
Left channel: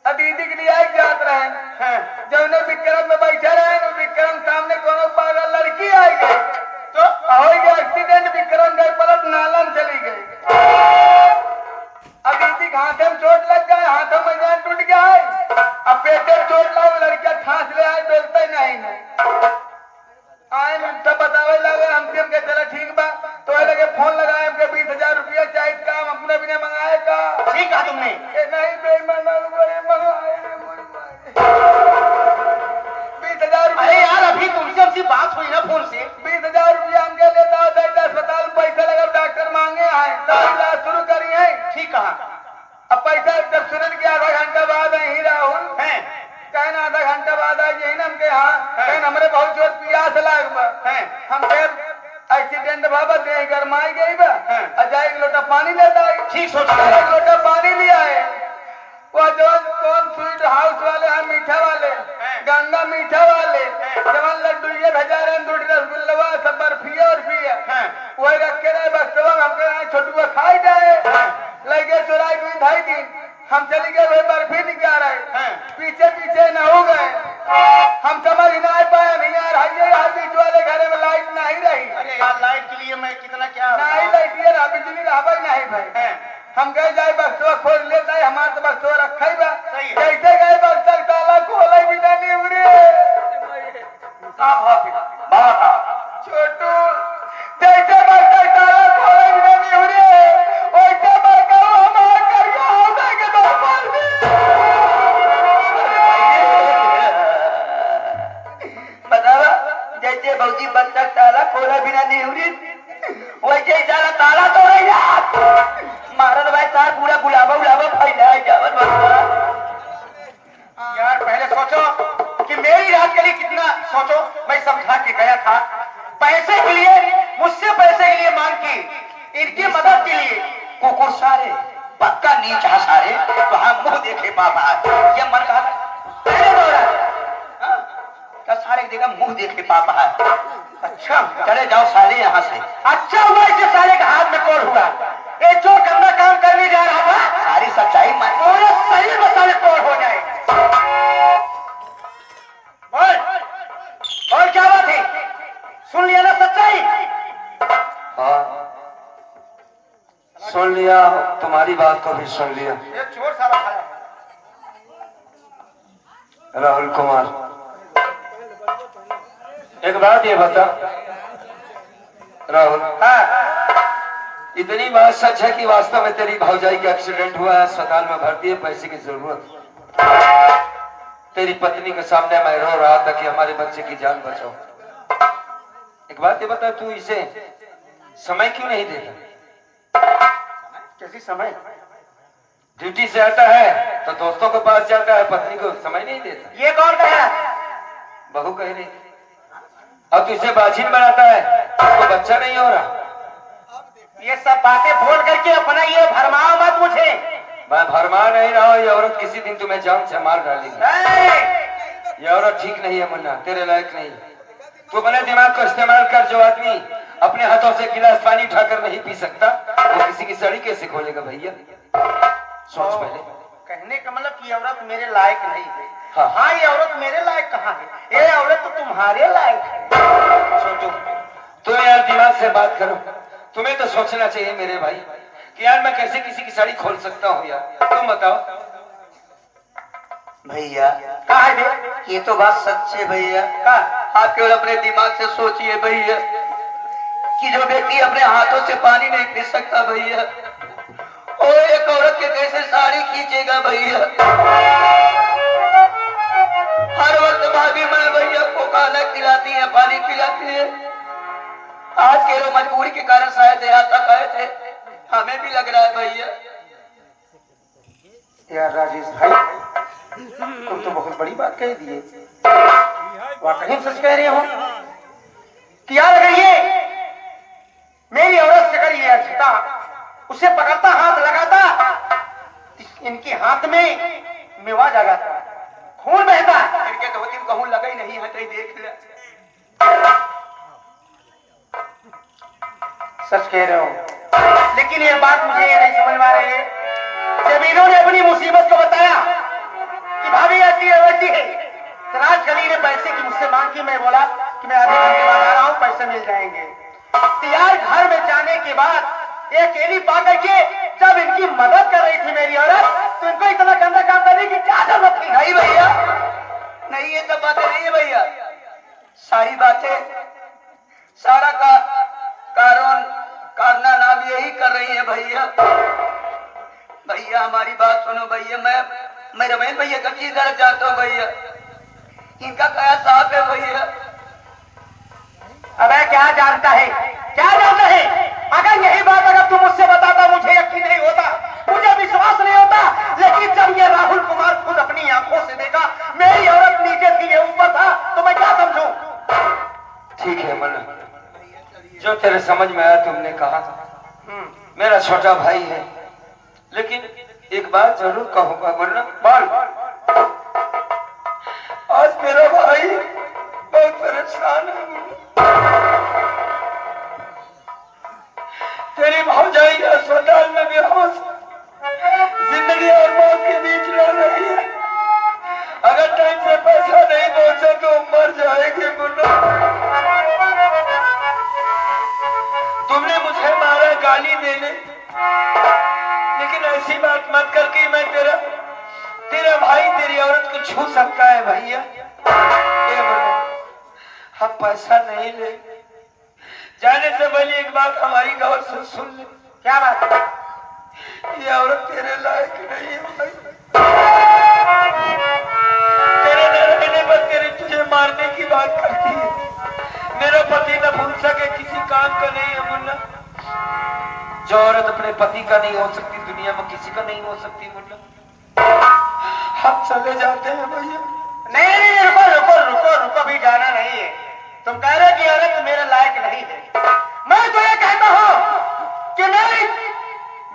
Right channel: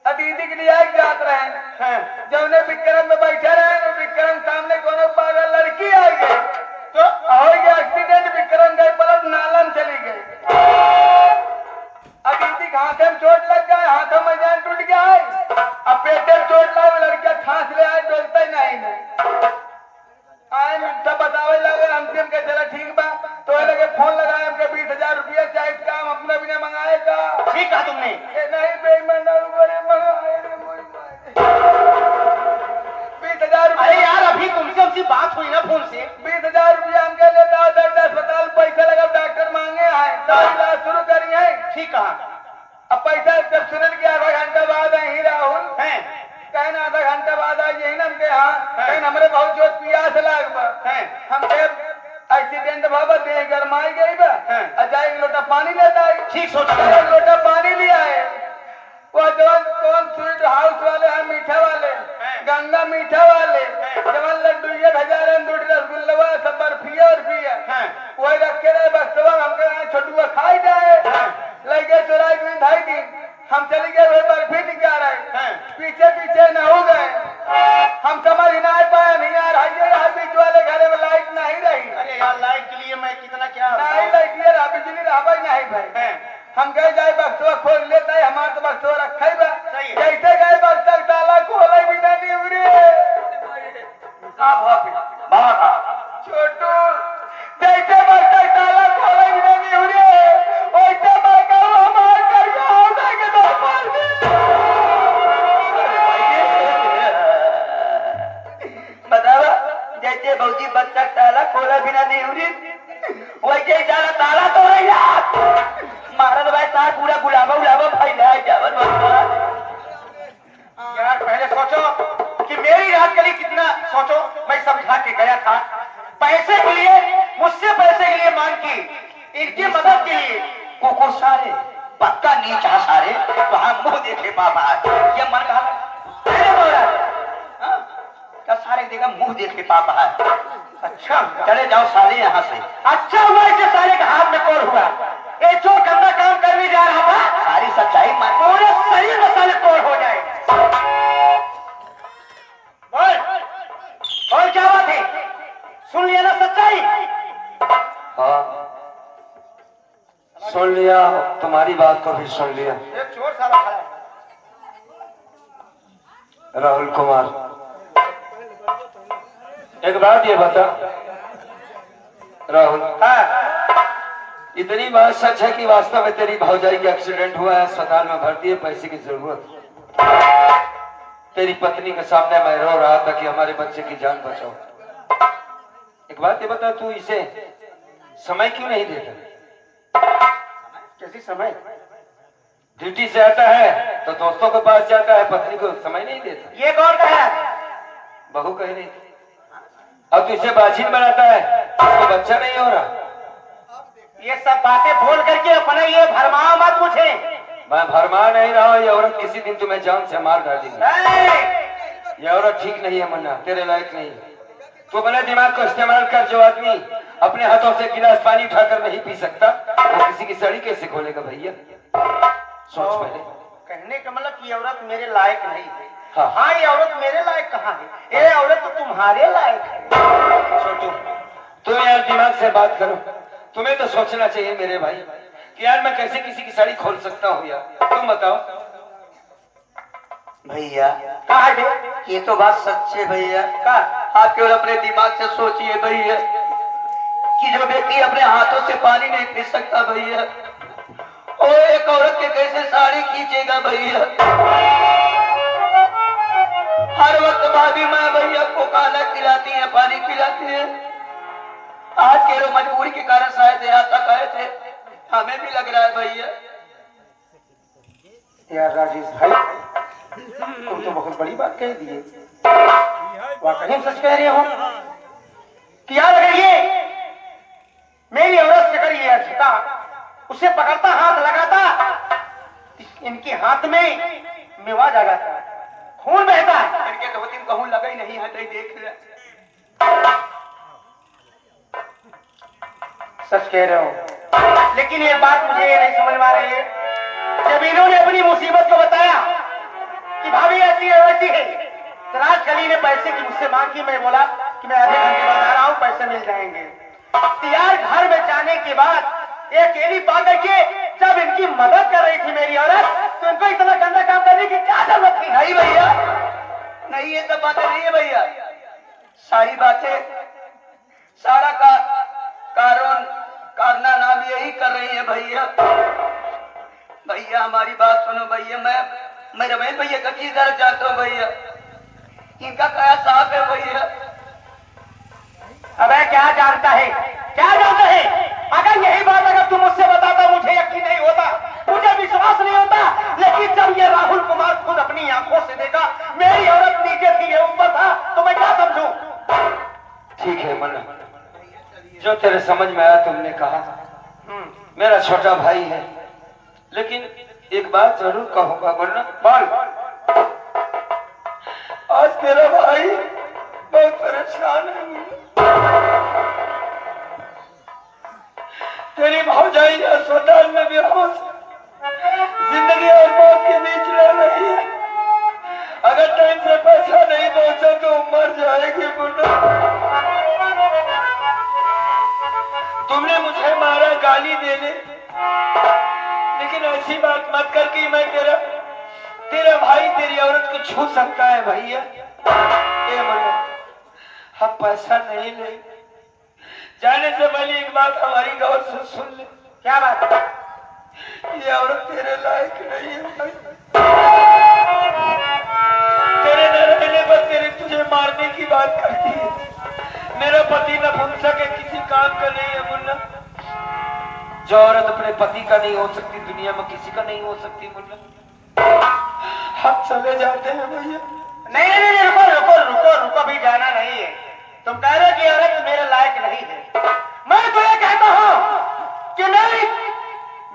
दीदी के लिए आए जात रहे हैं। जब उन्हें विक्रम में बैठे रहे तो विक्रम सामने कोनो पागल लड़की आई गई तो हो गया एक्सीडेंट। विक्रम गए पलट नालन चली गई। अब दीदी हाथों में चोट लग गया, हाथों में जान टूट गया है। अब पेटे में चोट लगा, लड़का ठांस ले आए, बोलता ही नहीं आए। सब बतावे लगे हमसे, हमके चला ठीक बा तो लगे फोन लगाए हमके 20,000 रुपया चाहिए काम अपना भी नहीं मंगाए का। ठीक है तुमने नहीं बेईमान 20,000। अरे यार अभी तुमसे हमसे बात हुई ना फोन से। 20,000 रुपया हमके लेता है, अस्पताल पैसा लगा, डॉक्टर मांगे आए तो इलाज शुरू करी है। ठीक है, अब पैसा जब सुनन के आधा घंटा बाद ही राहुल है कहना आधा घंटा बाद आई यही नम के यहाँ हमरे बहुत जोर प्यास लाग हम एक्सीडेंट बाबा दे गरमाई गई बा अजय एक लोटा पानी लेता है। ठीक सोचा, एक लोटा पानी लिया है। वो जो कौन स्वीट हाउस वाले हैं, मीठा वाले, गंगा मीठा वाले, जवन लड्डू ये भेजा रहे, दूध रसगुल्ला सब बर्फिया और पिया वही रखे रहे। बस हमके छोटू खाई जाए लगे चुराई हुई ढाई दिन हम चली गए, वही बर्फी निकाल रहे पीछे पीछे न हो गए। हम समझ ही नहीं पाए नहीं यार, हर बीच वाले घरे में लाइट नहीं रही। अरे यार लाइट के लिए मैं कितना क्या नहीं लाइट ये रहा, बिजली रहा भाई नहीं भाई। हम गए जाए बक्सवा खोल लेता है, हमारे तो बक्सवा रखा ही बा। कैसे गए बक्सा ताला खोला भी नहीं उरे छोटू जैसे बक्सा ताला खोला भी नहीं उरे वैसे बक्सा हमारे करके होगा के दो बार भी। बतावा जैसे भौजी बच्चा ताला खोला बिना नहीं हुई वैसे सारा ताला तो है मारल भाई तार पूरा गुलाबा गुलाबा फैला है जावन बच्चा। यार पहले सोचो कि मेरी रात के लिए कितना सोचो। मैं समझा के गया था पैसे के लिए, मुझसे पैसे के लिए मांग की, इनकी मदद के लिए कुकुर सारे पक्का नीच है सारे, वहां मुंह देखे पापा है ये मर कहा क्या सारे देगा मुंह देखे पापा है। अच्छा चले जाओ साले यहाँ से। अच्छा हुआ इसके साले के हाथ में कौन हुआ, ये जो गंदा काम करने जा रहा था सारी सच्चाई मैं पूरे शरीर में साले कौन हो जाए। बोल बोल क्या बात है, सुन लिया ना सच्चाई। हाँ सुन लिया, तुम्हारी बात को भी सुन लिया। ये चोर साला खड़ा है। राहुल कुमार एक बात ये बता राहुल, इतनी बात सच है कि वास्तव में तेरी भौजाई का एक्सीडेंट हुआ है, अस्पताल में भर्ती है, पैसे की जरूरत। तेरी पत्नी के सामने मैं रो रहा था कि हमारे बच्चे की जान बचाओ। एक बात ये बता, तू इसे समय क्यों नहीं देता? कैसी समय, ड्यूटी से आता है तो दोस्तों के पास जाता है, पत्नी को समय नहीं देता। ये कौन कहा? बहू कह रही। अब तू इसे बाछिन बनाता है, उसको बच्चा नहीं हो रहा। ये सब बातें बोल करके अपना ये भरमाओ मत मुझे। मैं भरमा नहीं रहा हूँ, ये औरत किसी दिन तुम्हें जान से मार डालेगी। ये औरत ठीक नहीं है मुन्ना, तेरे लायक नहीं। तू अपने दिमाग को इस्तेमाल कर। जो आदमी अपने हाथों से गिलास पानी उठाकर नहीं पी सकता, वो किसी की सड़ी कैसे खोलेगा भैया? सोच पहले। कहने का मतलब ये औरत मेरे लायक नहीं है। हाँ। हाँ ये औरत मेरे लायक कहाँ है, ये औरत तो तुम्हारे लायक है। छोटू तुम यार दिमाग से बात करो। तुम्हें तो सोचना चाहिए मेरे भाई कि यार मैं कैसे किसी की साड़ी खोल सकता हूँ यार, तुम बताओ। भैया कहा है बे? ये तो बात सच है भैया। कहा? आप केवल अपने दिमाग से सोचिए भैया कि जो व्यक्ति अपने हाथों से पानी नहीं पी सकता भैया, और एक औरत के कैसे साड़ी खींचेगा भैया। हर वक्त भाभी माँ भैया को खाना खिलाती है, पानी पिलाती है। आज के लोग मजबूरी के कारण शायद यहाँ तक आए थे, हमें भी लग रहा है भैया। यार राजेश भाई तुम तो बहुत बड़ी बात कह दिए, वाकई सच कह रहे हो कि यार अगर ये मेरी औरत से अगर ये अजता उसे पकड़ता, हाथ लगाता, इनके हाथ में मेवा जगाता, खून बहता। इनके धोती में कहूँ लगा ही नहीं है, तो देख ले। सच कह रहे हो, लेकिन ये बात मुझे ये नहीं समझ में आ रही है। जब इन्होंने अपनी मुसीबत को बताया कि भाभी ऐसी है वैसी है, तो राजकली ने पैसे की मुझसे मांग की। मैं बोला कि मैं आधे घंटे बाद आ रहा हूँ, पैसे मिल जाएंगे। तो यार घर में जाने के बाद एक केली पा करके जब इनकी मदद कर रही थी मेरी औरत, तो इनको इतना गंदा काम करने की क्या जरूरत थी? नहीं भैया, नहीं ये सब बातें नहीं है भैया। सारी बातें, सारा का कारना नाम यही कर रही है भैया। भैया हमारी बात सुनो भैया, मैं रमेश भैया का की गलत जानता हूँ भैया, इनका क्या साफ है भैया। अबे क्या जानता है, क्या जानता है? अगर यही बात अगर तुम मुझसे बताता मुझे यकीन नहीं होता, मुझे विश्वास नहीं होता। लेकिन जब ये राहुल कुमार खुद अपनी आंखों से देखा मेरी औरत नीचे थी ये ऊपर था, तो मैं क्या समझूं? ठीक है मन्ना, जो तेरे समझ में आया तुमने कहा। मेरा छोटा भाई है, लेकिन एक बात जरूर कहूंगा मन्ना। बोल। आज मेरा भाई बहुत परेशान है मुन्ना। तेरी भौजाई अस्पताल में बेहोश, जिंदगी और मौत के बीच लड़ रही है। अगर टाइम से पैसा नहीं पहुंचा तो मर जाएगी मुन्ना। तुमने मुझे मारा, गाली दे ले, लेकिन ऐसी बात मत कर कि मैं तेरा भाई तेरी औरत को छू सकता है भैया। हम पैसा नहीं ले, जाने से पहले एक बात हमारी गौर से सुन ले। क्या बात? ये औरत तेरे लायक नहीं है भाई। तेरे न रहने पर तेरे तुझे मारने की बात करती है। मेरा पति न भूल सके किसी काम का नहीं है मुन्ना। जो औरत अपने पति का नहीं हो सकती, दुनिया में किसी का नहीं हो सकती मुन्ना। हम चले जाते हैं भैया। नहीं नहीं, रुको रुको रुको रुको, भी जाना नहीं है। तुम कह रहे कि औरत मेरे लायक नहीं है, मैं तो ये कहता हूँ कि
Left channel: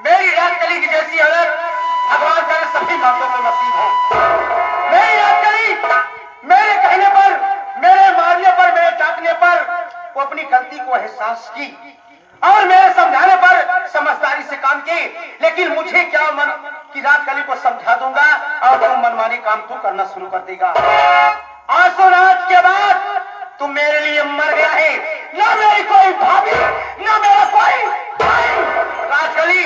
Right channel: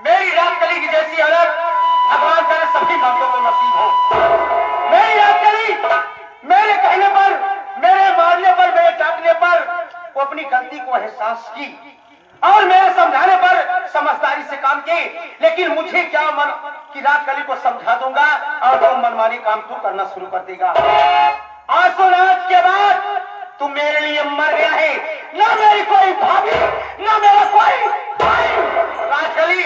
मेरी राजकली की जैसी हालत भगवान करे सभी मर्दों को नसीब हो। मेरी याद करी, मेरे कहने पर, मेरे मारने पर, मेरे डांटने पर वो अपनी गलती को एहसास की और मेरे समझाने पर समझदारी से काम की। लेकिन मुझे क्या मन कि रात कली को समझा दूंगा और तुम मनमानी काम तू करना शुरू कर देगा। आज तो रात के बाद तू मेरे लिए मर गया है, ना मेरी कोई भाभी, ना मेरा कोई भाई। राजकली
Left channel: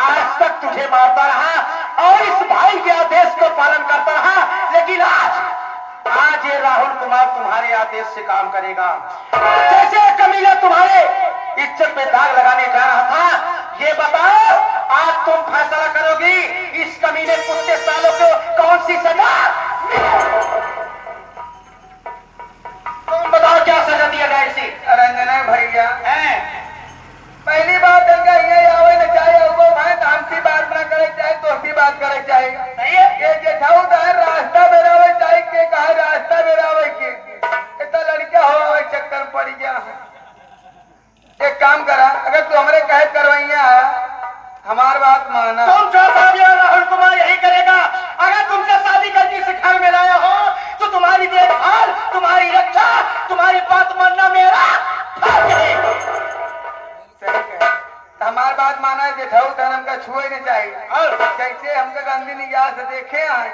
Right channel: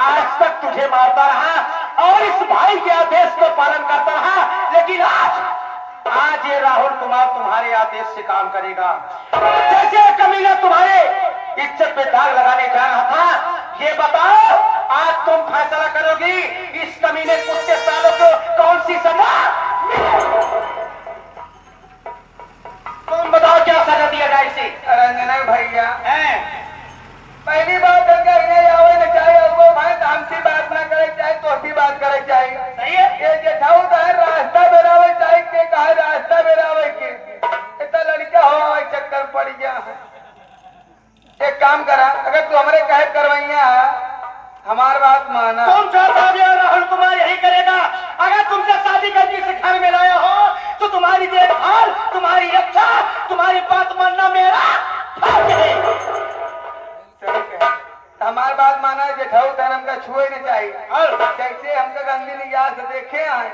आज तक तुझे मारता रहा और इस भाई के आदेश को पालन करता रहा, लेकिन आज ये राहुल कुमार तुम्हारे आदेश से काम करेगा। जैसे कमीना तुम्हारे इज्जत पे दाग लगाने जा रहा था, ये बताओ आज तुम फैसला करोगी इस कमीने कुत्ते सालों को कौन सी सजा? तुम बताओ क्या सजा दिया जाए इसे? रंजना भैया पहली बात गंगा ये आवे न चाहे वो भाई हमसी बात ना करे चाहे तोसी बात करे चाहे। सही है। ये जेठाऊ तो है रास्ता बेरावे चाहे के कहा रास्ता बेरावे के इतना लड़का हो चक्कर पड़ गया। एक काम करा, अगर तू हमारे कहे करवैया हमार बात माना। तुम जो राहुल कुमार यही करेगा। अगर तुमसे शादी करके इस घर में लाया हो तो तुम्हारी देखभाल, तुम्हारी रक्षा, तुम्हारी बात मानना मेरा फर्ज है। हमार बात माना है जेठाऊ धर्म का छुए नहीं चाहिए। और जैसे हमका गंदी निगाह से देखे आए,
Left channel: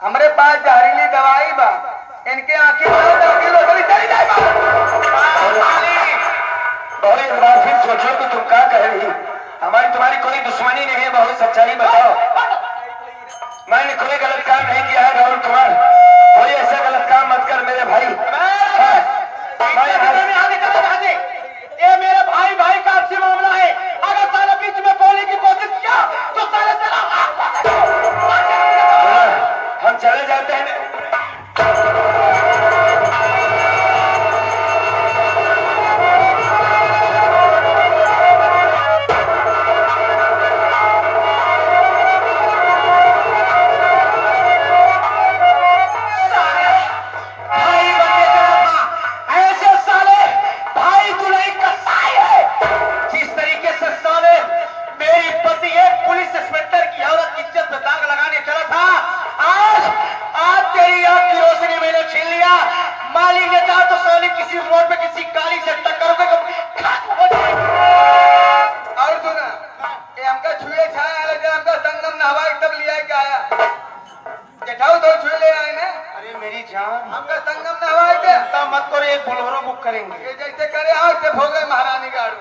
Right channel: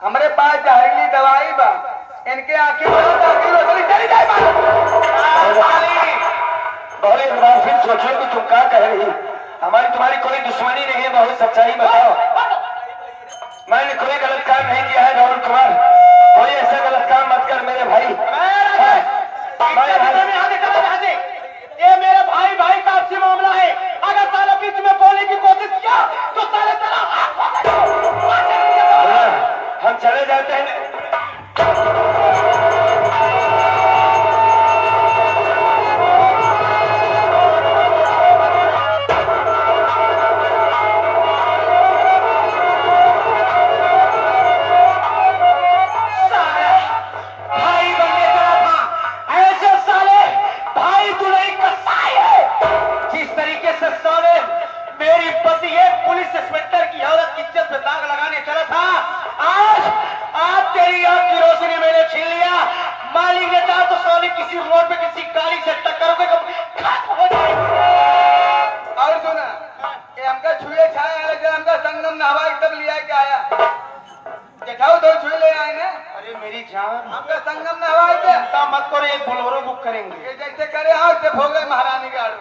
हमारे पास जहरीली दवाई बा, इनके आंखें रोशनी चली जाए। बहुत एक बार फिर सोचो कि तुम क्या कह रही। हमारी तुम्हारी कोई दुश्मनी नहीं है, बहुत सच्चाई बताओ। मैंने कोई गलत काम नहीं किया है राहुल कुमार, कोई ऐसा गलत काम मत कर मेरे भाई। ये मेरे भाई भाई का आपसी मामला है। अगर साला बीच में बोलने की कोशिश किया तो साला तेरा हम चले जाते हैं। किसी रोड पे किसी गाड़ी से टक्कर हो खत्म हो जाए। और सुना, ये हमका छुए छाया जब हमका संगम नहवा एकदम लिया के आया। जेठाऊ दो छुए ले आए ना। अरे मेरी जान, हमका संगम नहवा के चिंता मत करो, एक बोलेरो बुक करेंगे। ये जैसे करे आओ से हो गए महारानी गाड़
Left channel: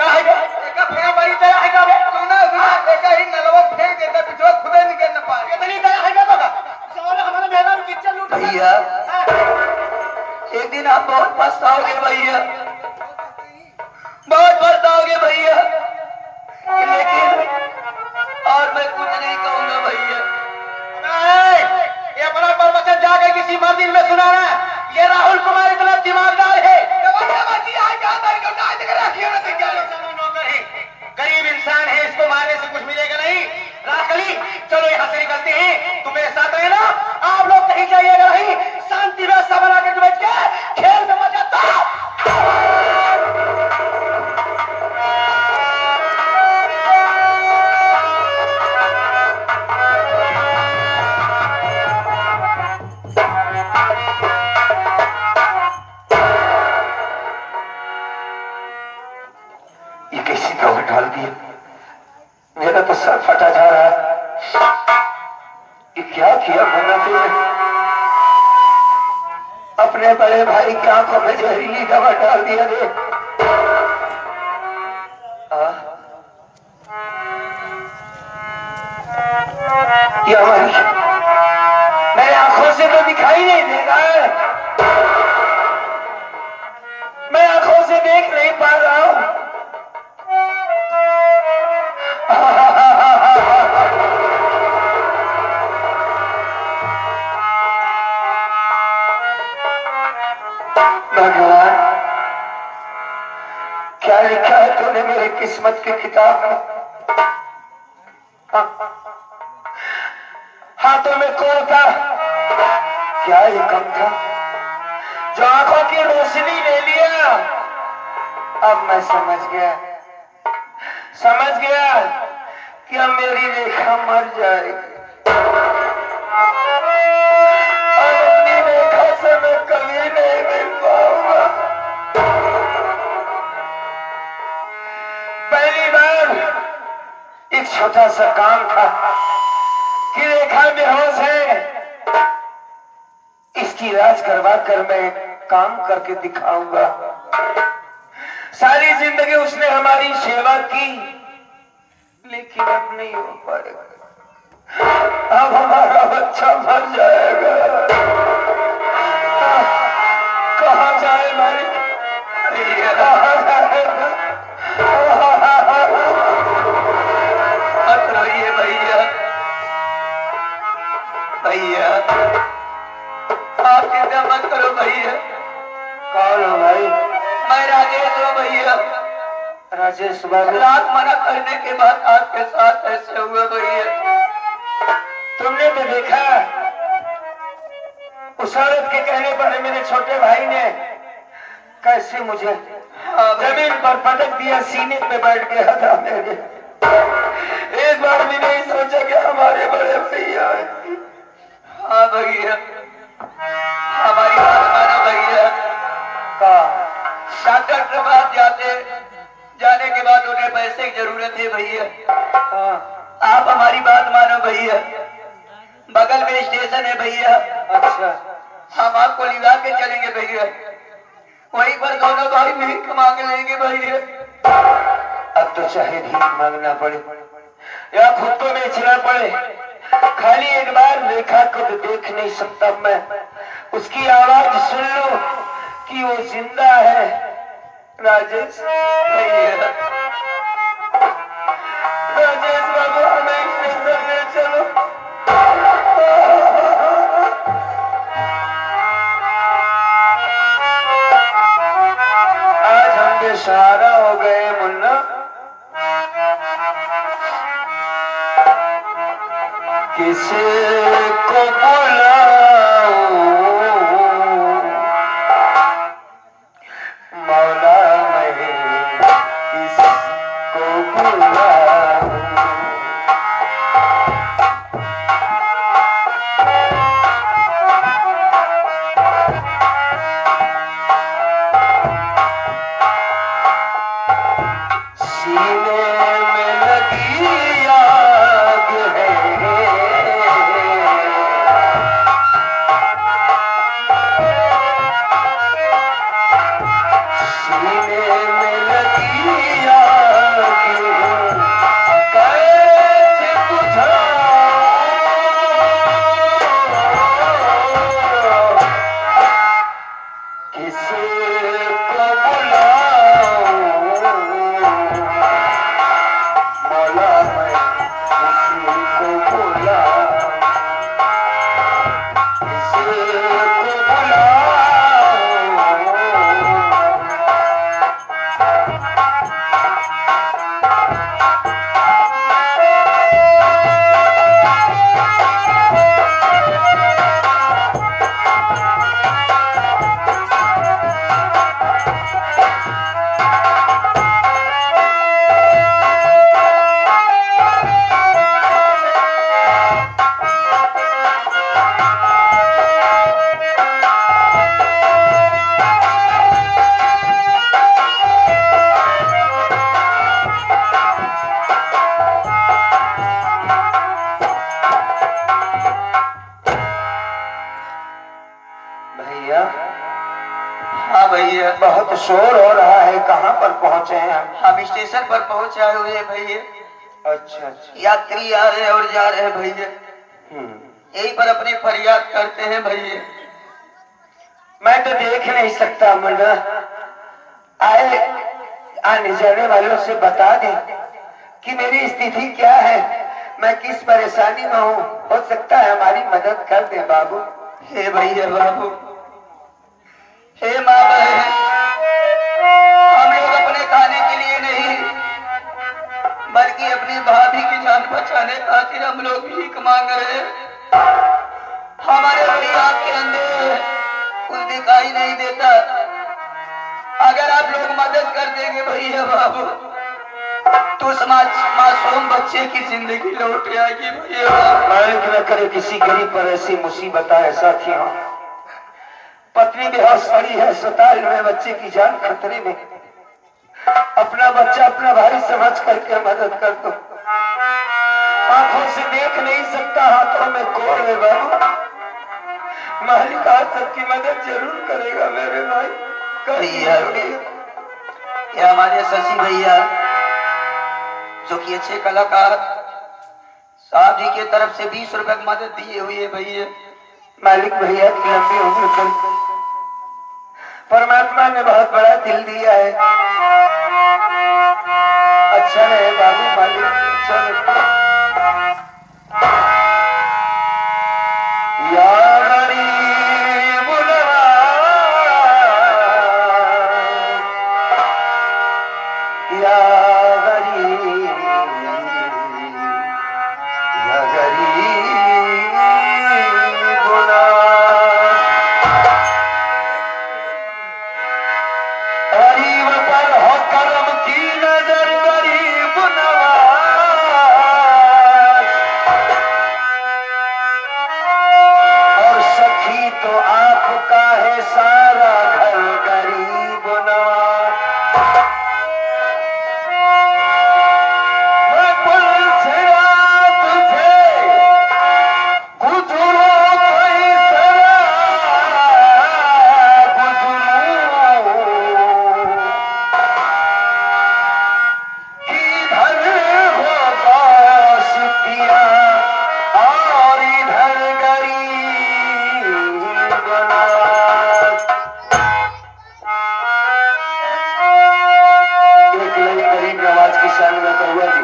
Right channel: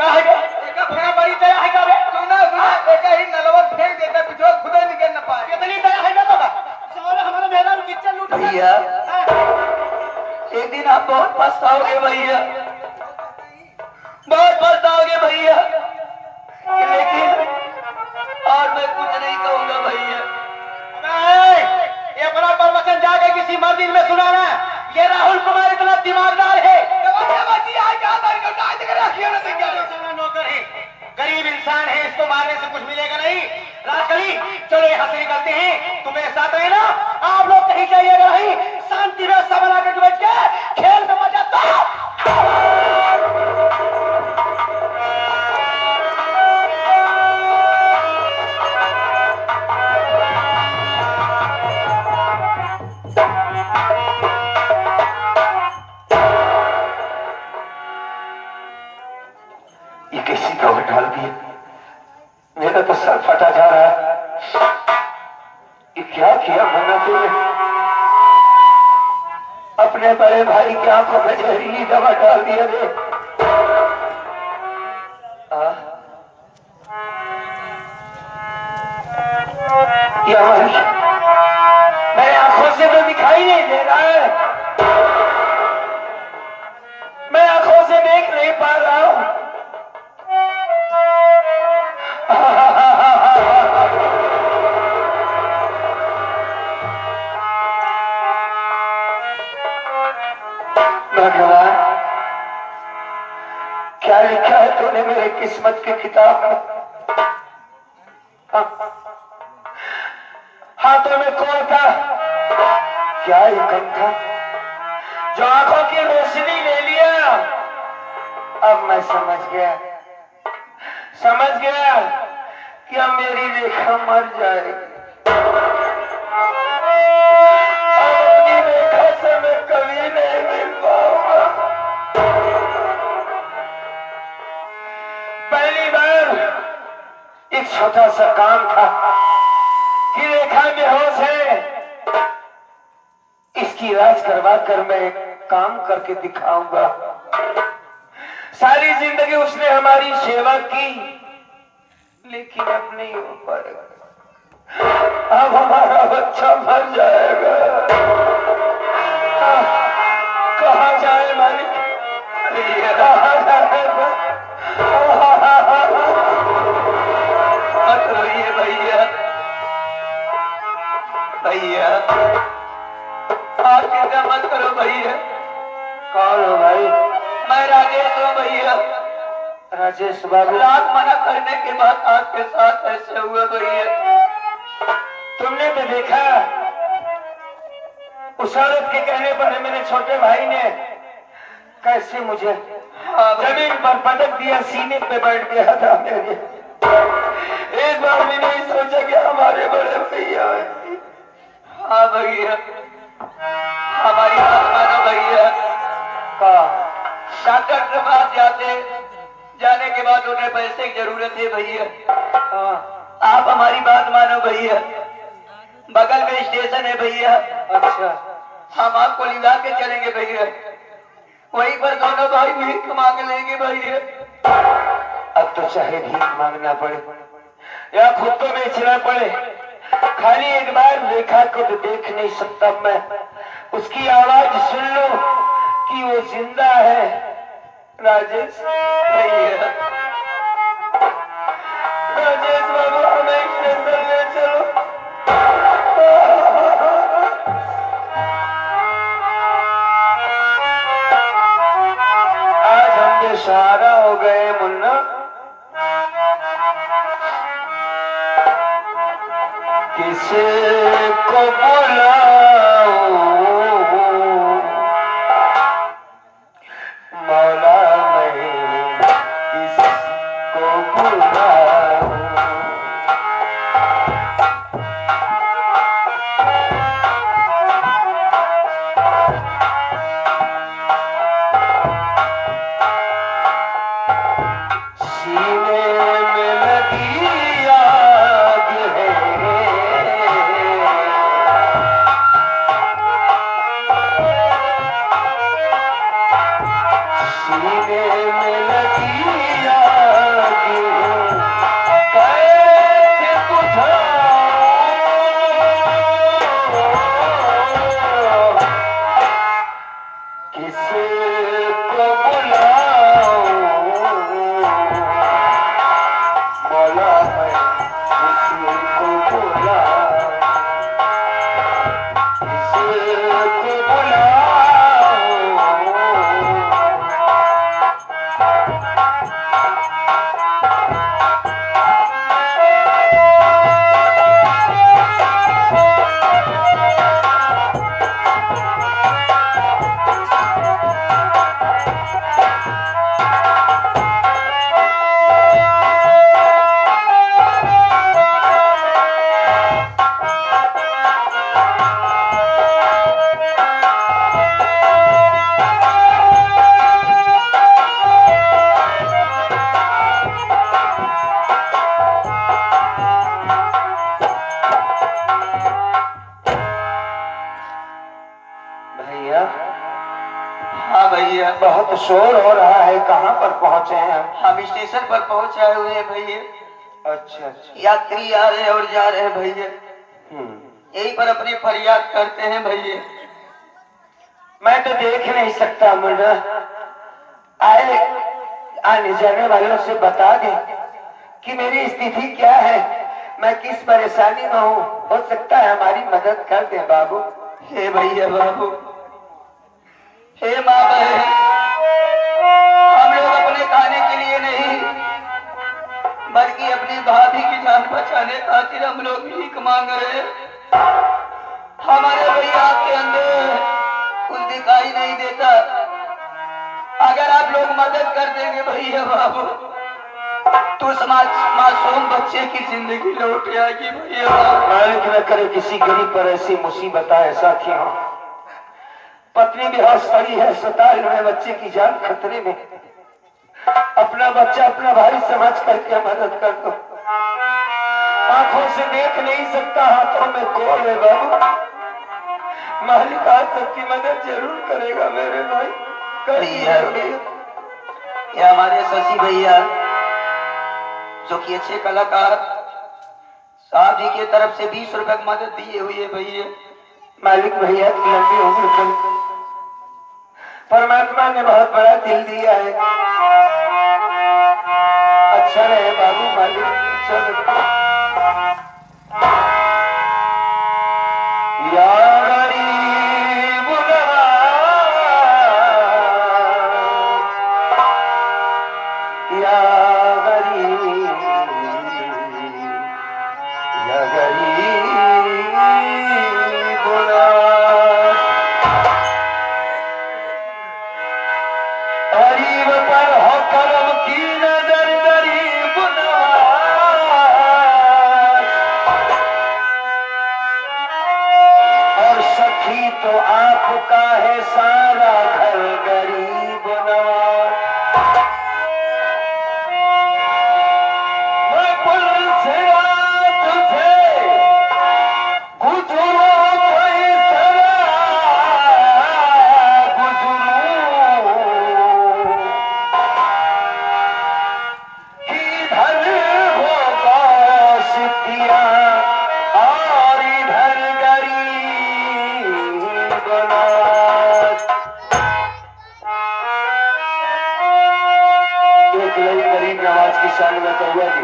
काहे एका फेंका बड़ी तरह है का बे? सुना सुना एक ही नलवा फेंक देता पिछवा खुदे निकल न पाए। कितनी तरह है ना तो साले हमारे मेरा किचन लूट भैया एक दिन आप बहुत पछताओगे भैया, बहुत पछताओगे भैया, लेकिन और मैं कुछ नहीं कहूंगा भैया। ये अपना प्रवचन जाके किसी मस्जिद में सुनाना। ये राहुल कुमार इतना दिमागदार है। गरीब इंसान है, इसको मारने से कुछ मिलेगा नहीं। राजकली चलो यहाँ से निकलते हैं, तुम मेरे साथ रहना। आप लोग कहीं जाइएगा नहीं, शांति में सब बना कर बैठ के खेल में मजा दो। ये कैसी कवर डाल दी है? मेरा तो सर फटा जा रहा है। ये क्या किया मैंने तुझे? अपने बड़े भाई की आंखों में जहरीली दवा डाल दिया रे। मेरे आंखों से तो दिखाई नहीं दे रहा है, मैं आंखों से देख नहीं पा रहा हूं। भगवान क्या लिखा है तूने मेरे किस्मत की किताब में? हाथों में कौन था? क्या ये कम था जो आंखों की रोशनी ले लिया? अब मैं समझ गया, समझ गया कि अब मेरी रेखा मर जाएगी और अपनी रेखा से मैं कभी नहीं मिल पाऊंगा। पहली बार एक छोटा सा काम था कि रेखा बेहोश है, इसकी इलाज करवा कर मैं काम करके दिखाऊंगा। सारी जिंदगी उसने हमारी सेवा की, लेकिन अब नहीं हो पाएगा। अब हमारा बच्चा मर जाएगा। कहाँ जाए मेरे, कहाँ जाएगा? मत रोइए भैया, भैया आप चिंता मत करो भैया। कौन हो भाई? मैं राजेश हूँ भैया। राजेश बाबू, लाख मना करने के बाद आपके साथ ऐसे हुए भैया। तुमने तो देखा उस औरत के कहने पर मेरे छोटे भाई ने कैसे मुझे जमीन पर पटक दिया, सीने पे बैठ गया था मेरे। एक बार भी नहीं सोचा कि हमारे बड़े भैया हैं। हाँ भैया, हमारी बात मानो भैया। डॉक्टर के पास जाने के बाद उन्हें पैसे की जरूरत है भैया। आप हमारी बात मानो भैया, बगल में स्टेशन है भैया। अच्छा, हम आपको लिवा के चलेंगे भैया, वहीं पर दोनों भाई भीख मांग लेंगे भैया। अब तो चाहे भीख मांगना पड़े या खुद को बेचना पड़े, खाली एक बार रेखा को तो देख नहीं सकता मैं, उसकी आवाज सुन लो कि वो जिंदा है। राजेश भैया, राजेश बाबू हमें स्टेशन ले चलो। आज हम बेसहारा हो गए मुन्ना, किसे को बुलाऊं मौला, मैं किसको बुलाऊं? सीने में लगी आग है, सीने में लगी आग कैसे बुझाऊं? किसे को बुलाऊं मौला, मैं किसी को बुलाऊं? किसे को बुलाऊं? भैया, हाँ भैया, बहुत शोर हो रहा है, कहाँ पर पहुँचे हैं हम? हम स्टेशन पर पहुंचे हुए हैं भैया। अच्छा अच्छा, यात्री आ रहे और जा रहे हैं भैया, हम्म। यहीं पर अपनी फरियाद करते हैं भैया। मैं तो देख नहीं सकता मुन्ना, आए आने जाने वालों से बता दे कि मेरी स्थिति क्या है, मैं किस परेशानी में हूँ, हो सकता है हमारी मदद कर दे बाबू। हे भैया बाबू, हे माँ बहन, हम लोग अपने खाने के लिए नहीं बल्कि अपनी भाभी की जान बचाने खातिर हम लोग भीख मांग रहे हैं। हमारे भैया के अंदर कुछ दिखाई नहीं देता, अगर आप लोग मदद कर देंगे भैया बाबू तो मासूम बच्चे की जिंदगी लौट आएगी भैया। मालिक न करे किसी गरीब पर ऐसी मुसीबत आए साथी हो। पत्नी बेहोश पड़ी है, अस्पताल में, बच्चे की जान खतरे में। अपना बच्चा अपना भाई समझ करके मदद कर दो। आंखों से देख नहीं सकता, हाथों में कोड़ है बाबू। मालिक आज तक की मदद जरूर करेगा मेरे भाई। भैया ये हमारे शशि भैया जो कि अच्छे कलाकार साहब जी की तरफ से 20 रुपए की मदद दिए हुई है भैया। मालिक भैया की लंबी उम्र कर, परमात्मा ने बहुत बड़ा दिल दिया है। अच्छा रहे बाबू, मालिक चलो। या गरीब या गरीब या गरीब गरीब पर हो करम की नजर, गरीब नवाज। और सखी तो आपका है सारा घर, गरीब नवाज। मैं पुल से रात थे गुजरो कोई सरा गुजरू, इधर हो गौश पिया और इधर गरीब नवाज। एक लाइन गरीब नवाज की शान में कहुआ जी।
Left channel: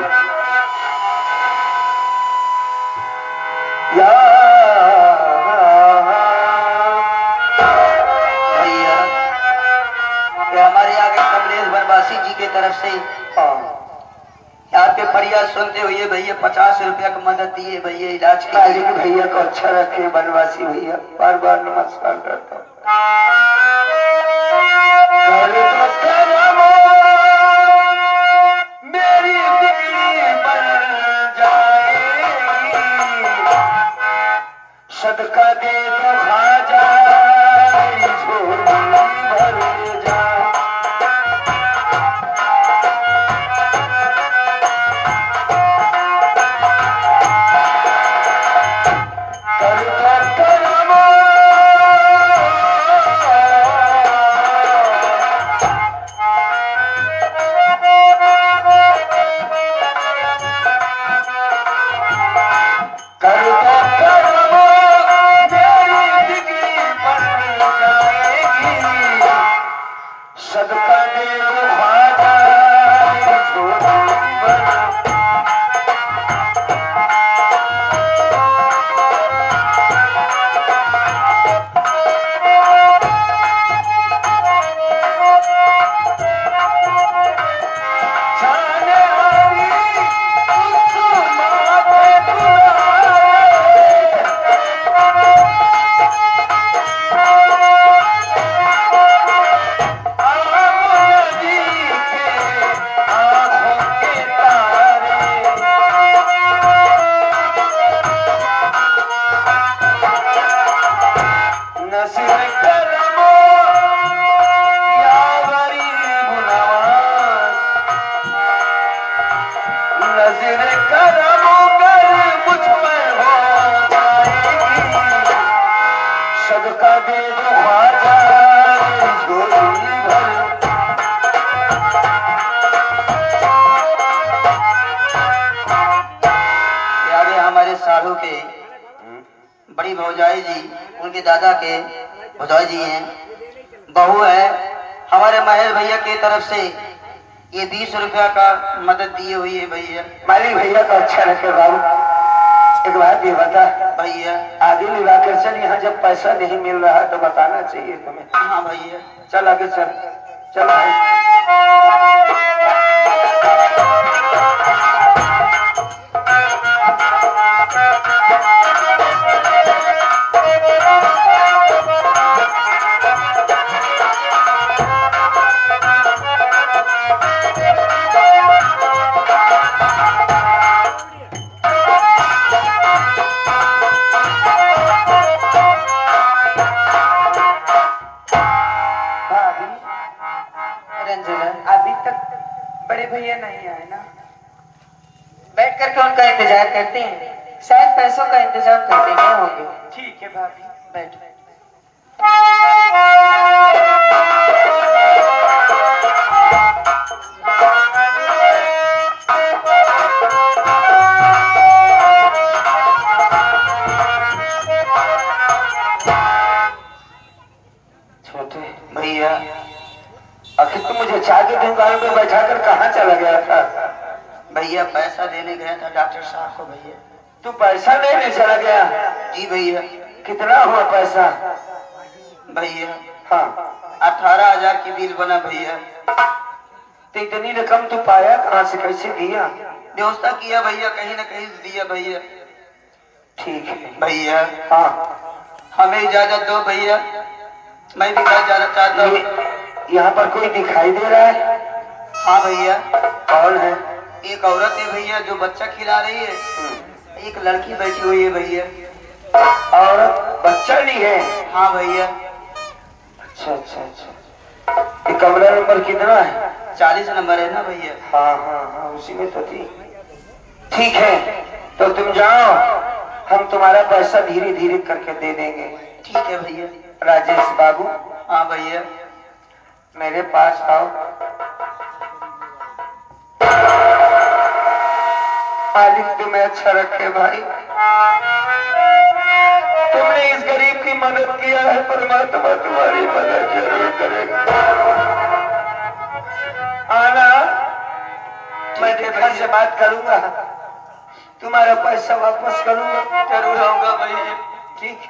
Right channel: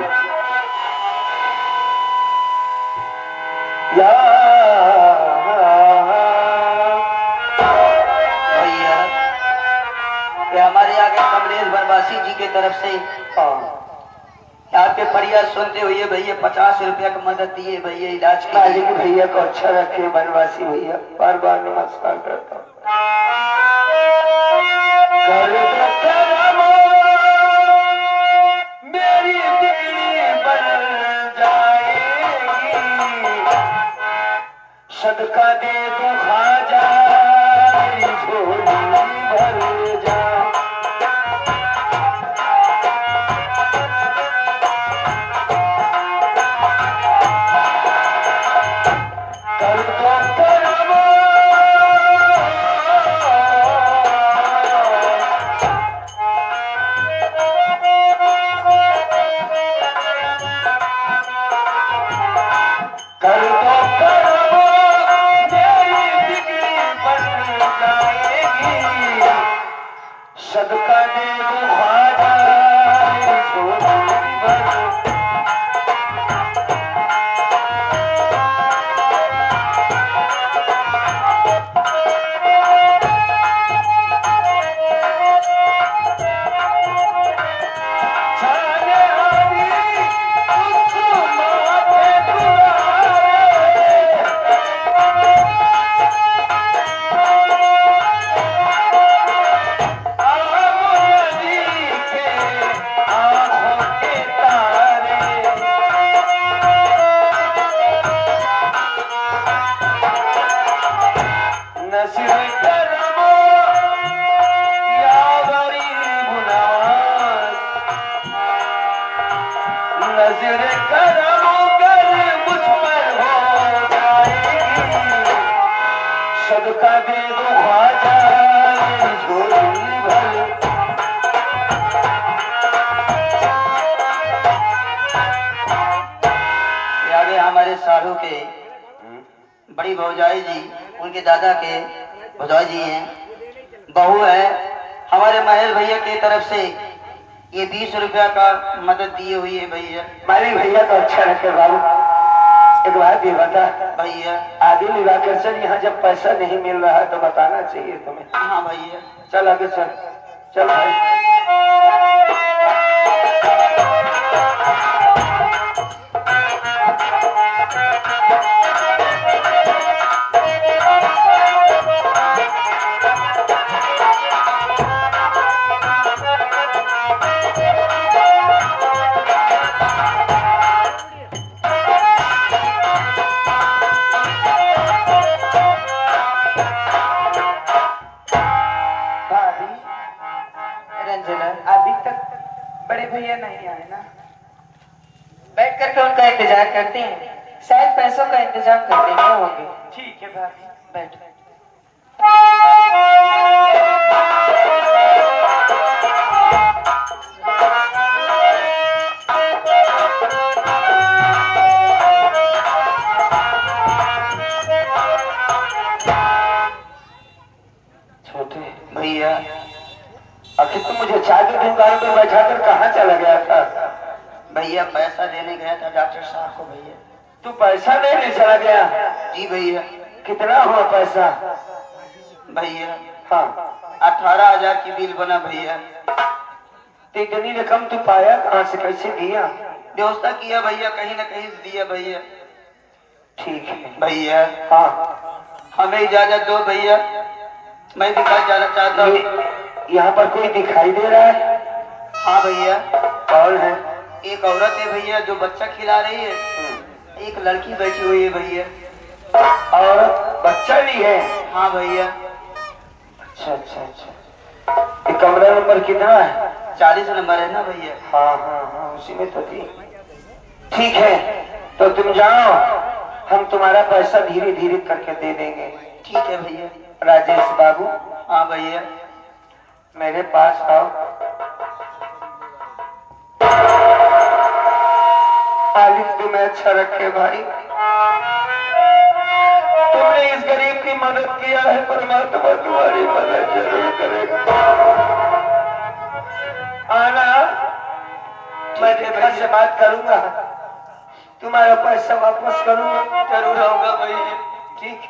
या भैया ये हमारे आगे कमलेश बनवासी जी की तरफ से यहाँ पे फरियाद सुनते हुए भैया 50 रुपया की मदद दिए भैया इलाज के लिए। मालिक भैया को अच्छा रखे, बनवासी भैया बार बार नमस्कार करता हूँ। कर दो करम, मेरी बिगड़ी बन जाएगी। सदका दे दो खाजा, मेरी झोली भर जाए। कर दो करम, कर दो करम, मेरी बिगड़ी बन जाएगी। सदका दे दो खाजा, मेरी झोली भर। जाने वाली उस माथे दुलारे, आम नदी के आंखों के तारे। नसीब करमो या गरीब नवाज, नजर करम कर मुझ पर हो जाएगी। सदका दे दो ख्वाजा, मेरी झोली भर। यानी हमारे साधु के बड़ी भौजाई जी, उनके दादा के भौजाई जी हैं, बहू है। हमारे महेश भैया की तरफ से ये 20 रुपया का मदद दिए हुई है भैया। मालिक भैया को अच्छा रखे बाबू। एक बात ये बता भैया आगे निराकर चल, यहाँ जब पैसा नहीं मिल रहा तो बताना चाहिए तुम्हें। हाँ भैया चल आगे चल, चल भाई। रंजना, अभी तक बड़े भैया नहीं आए ना? बैठ करके उनका इंतजार करते हैं, शायद पैसों का इंतजाम कर देंगे होंगे। ठीक है भाभी, बैठ। छोटे भैया, आखिर तुम मुझे चाय की दुकान पर बैठा कर कहाँ चला गया था? भैया पैसा देने गया था डॉक्टर साहब को। भैया तू पैसा लेने चला गया? जी भैया। कितना हुआ पैसा? भैया हाँ, 18,000 की बिल बना भैया। तो इतनी रकम तू पाया कहाँ से, कैसे दिया? व्यवस्था किया भैया, कहीं न कहीं से दिया भैया। ठीक है भैया हाँ, हमें इजाजत दो भैया, मैं भी घर जाना चाहता हूँ। यहाँ पर कोई दिखाई दे रहा है? हाँ भैया, कौन है? एक औरत है भैया जो बच्चा खिला रही है, एक लड़की बैठी हुई है भैया। और बच्चा भी है? हाँ भैया। अच्छा अच्छा अच्छा, ये कमरा नंबर कितना है? 40 नंबर है ना भैया? हाँ हाँ हाँ, उसी में तो थी। ठीक है, तो तुम जाओ, हम तुम्हारा पैसा धीरे धीरे करके दे देंगे। ठीक है भैया। राजेश बाबू, हाँ भैया। मेरे पास आओ। मालिक तुम्हें अच्छा रखे भाई, तुमने इस गरीब की मदद किया है, परमात्मा तुम्हारी मदद जरूर करेगा। आना, मैं देखा से बात करूंगा, तुम्हारा पैसा वापस करूंगा। जरूर आऊंगा भैया। ठीक,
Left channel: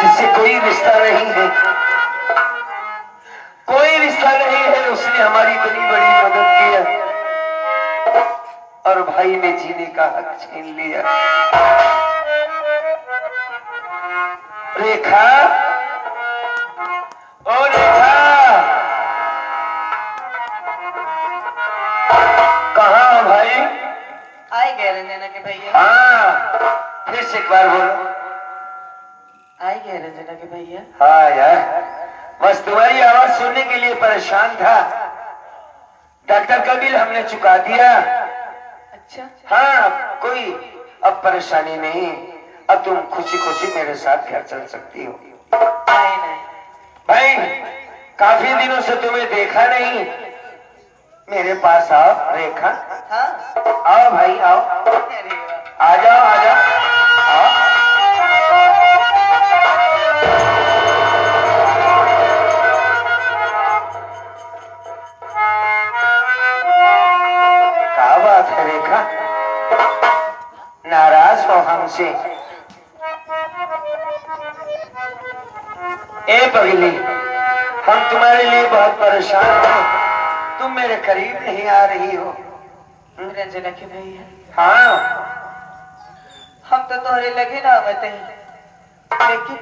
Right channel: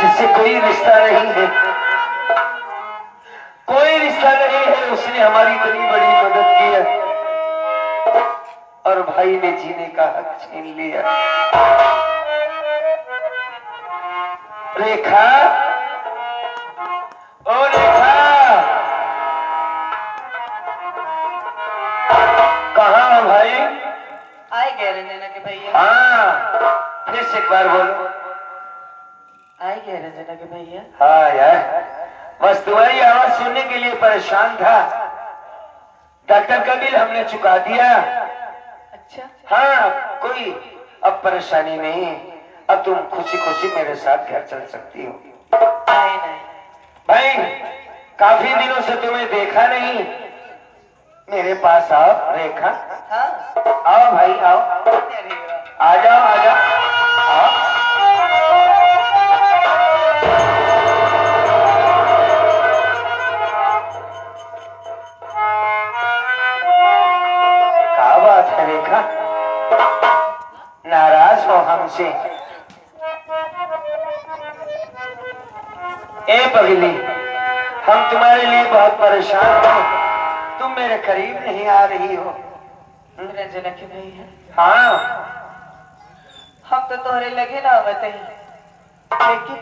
जिससे कोई रिश्ता नहीं है, कोई रिश्ता नहीं है, उसने हमारी इतनी बड़ी मदद की है, और भाई ने जीने का हक छीन लिया। रेखा, ओ रेखा, कहाँ भाई? आए गए रंजना के भैया। हाँ, फिर से एक बार बोलो। आए गए रंजना के भैया। हाँ यार, बस तुम्हारी आवाज सुनने के लिए परेशान था। डॉक्टर का बिल हमने चुका दिया। अच्छा, हाँ, कोई अब परेशानी नहीं, अब तुम खुशी खुशी मेरे साथ घर चल सकती हो। नहीं नहीं भाई, काफी दिनों से तुम्हें देखा नहीं, मेरे पास आओ। रेखा, हाँ, आओ भाई, आओ, अरे वाह। आ जाओ आ जाओ, आओ। क्या बात है रेखा, नाराज हो हमसे? ए पगली, हम तुम्हारे लिए बहुत परेशान हैं, तुम मेरे करीब नहीं आ रही हो। रंजना के भैया, हाँ, हम तो तोहरे लगे ना आवते हैं, लेकिन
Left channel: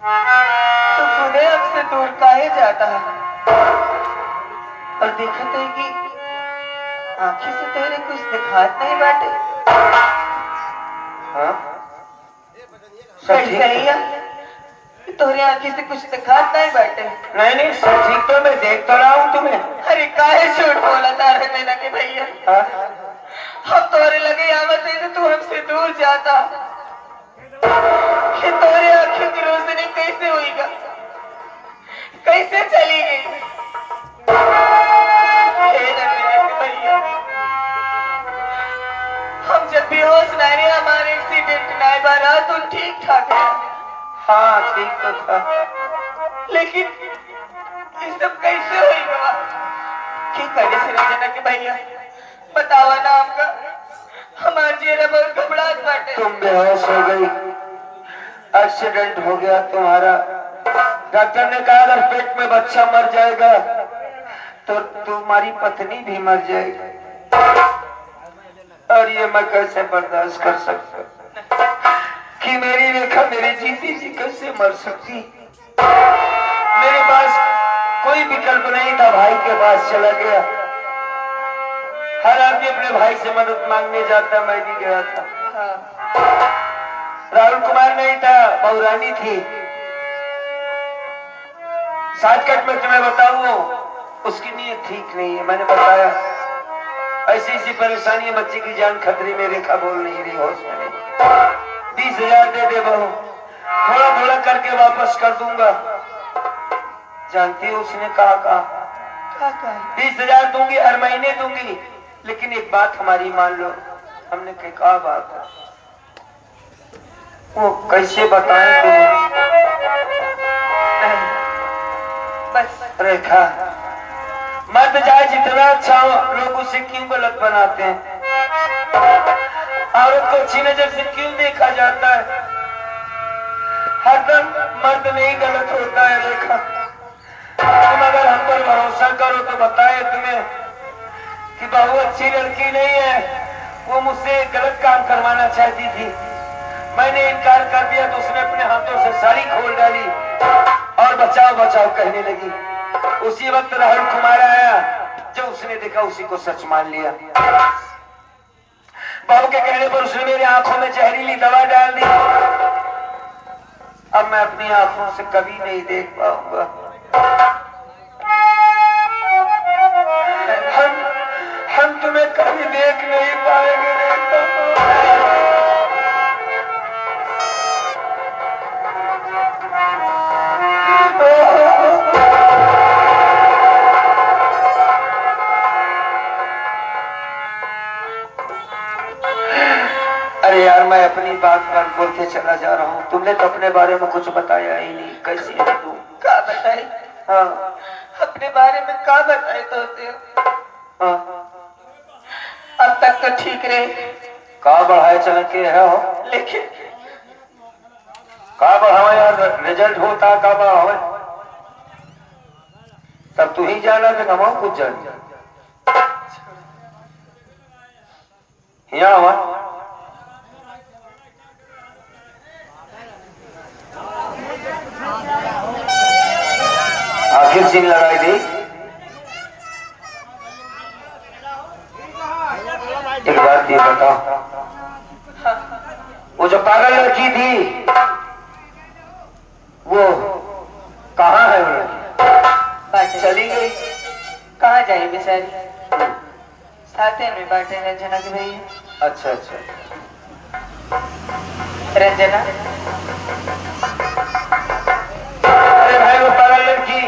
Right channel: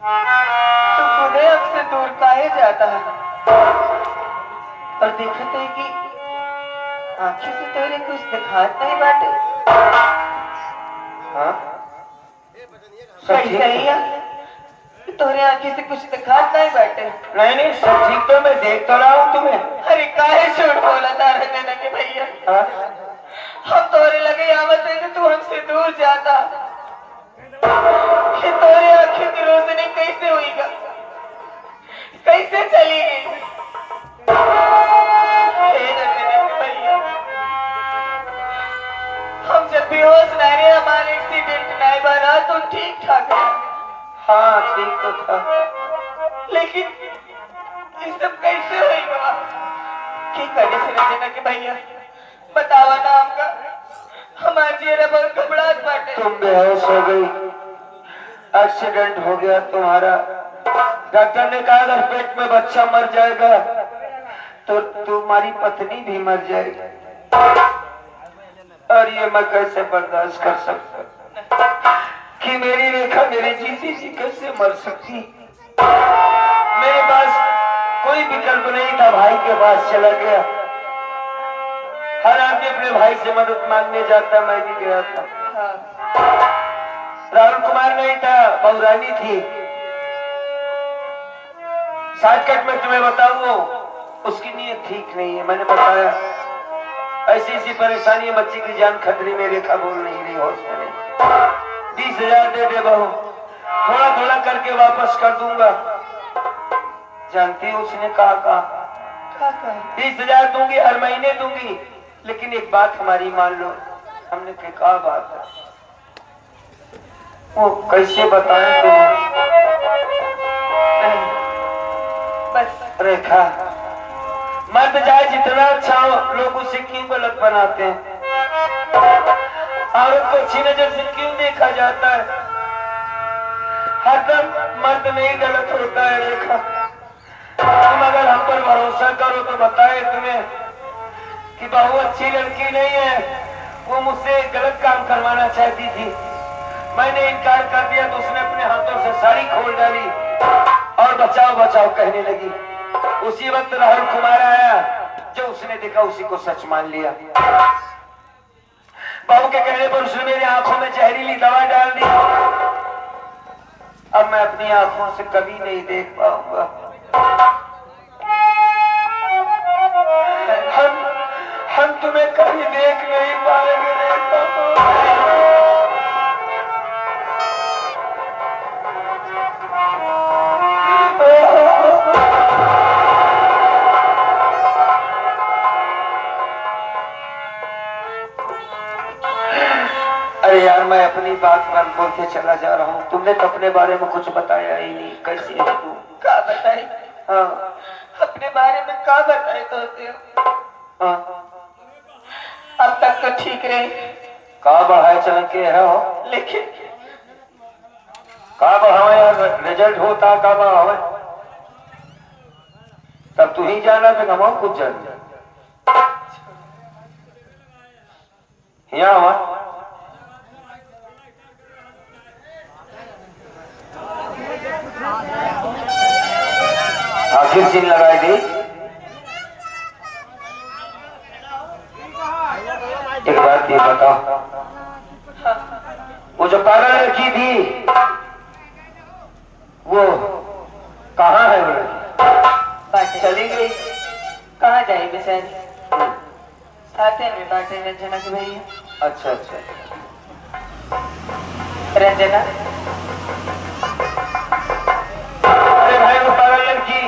तू खुदे हमसे दूर काहे जाता है? और दिखत है कि आंखें से तेरे कुछ दिखात नहीं बाटे। हाँ, सब ठीक कैसे है? है तोहरे आंखें से कुछ दिखात नहीं बाटे? नहीं नहीं, सब ठीक तो, मैं देख तो रहा हूँ तुम्हें। अरे काहे झूठ बोला था रंजना के भैया? हाँ? हम तोरे लगे आवत है तो तू हमसे दूर जाता। कि तोरे आंखों की रोशनी कैसे होएगा, कैसे चलेगी? हे रंजना के भैया, हम जब बेहोश नहीं रहे, हमारे एक्सीडेंट नहीं बना तो ठीक ठाक है। हाँ ठीक तो था, लेकिन ये सब कैसे होएगा? की करे से रंजना के भैया, बतावा ना हमका, हमार जेरा बहुत घबराहट बाटे। तुम बेहोश हो गई, एक्सीडेंट हो गया तुम्हारा। डॉक्टर ने कहा अगर पेट में बच्चा मर जाएगा तो तुम्हारी पत्नी भी मर जाएगी, और ये मैं कैसे बर्दाश्त कर सकता कि मेरी रेखा मेरे जीती जी कैसे मर सकती। मेरे पास कोई विकल्प नहीं था, भाई के पास चला गया। हर आदमी अपने भाई से मदद मांगने जाता, मैं भी गया था। राहुल कुमार नहीं था, बहुरानी थी। शॉर्टकट में तुम्हें बताऊं, उसकी नीयत ठीक नहीं है। मैंने बताया ऐसी ऐसी परेशानी है, बच्चे की जान खतरे में, रेखा बोल नहीं रही, होश में नहीं। 20,000 दे दे बहू, थोड़ा थोड़ा करके वापस कर दूंगा। जानती हो उसने कहा 20,000 दूंगी, हर महीने दूंगी, लेकिन एक बात हमारी मान लो। हमने कहा बात है, वो कैसे बताएं तुम्हें? बस रेखा, मर्द चाहे जितना अच्छा हो, लोग उसे क्यों गलत बनाते हैं? औरत को अच्छी नजर से क्यों देखा जाता है? हरदम मर्द में ही गलत होता है। रेखा, तुम अगर हम पर भरोसा करो तो बताए तुम्हें कि बहू अच्छी लड़की नहीं है, वो मुझसे गलत काम करवाना चाहती थी। मैंने इनकार कर दिया तो उसने अपने हाथों से साड़ी खोल डाली और बचाओ बचाओ कहने लगी। उसी वक्त राहुल कुमार आया, जब उसने देखा उसी को सच मान लिया। बहू के कहने पर उसने मेरी आंखों में जहरीली दवा डाल दी। अब मैं अपनी आंखों से कभी नहीं देख पाऊंगा। हम तुम्हें कभी देख नहीं पाएंगे रेखा। अरे यार, मैं अपनी बात पर बोलते चला जा रहा हूँ। तुमने तो अपने बारे में कुछ बताया ही नहीं। कैसी है तू? का बताए? हाँ अपने बारे में का बताए तो हाँ, अब तक तो ठीक रहे, का बढ़ाए चल के है हो, लेकिन का बढ़ावे यार, रिजल्ट होता का बढ़ावे, तब तू ही जाना तो हम कुछ जान। यहाँ हुआ आखिर सीन लगाई दी। एक बात ये बताओ, वो जो पागल लड़की थी वो कहाँ है? वो लड़की चली गई। कहाँ जाए बिसर? साथे में बाटे रंजना के भैया। अच्छा अच्छा, रंजना, अरे भाई वो पागल लड़की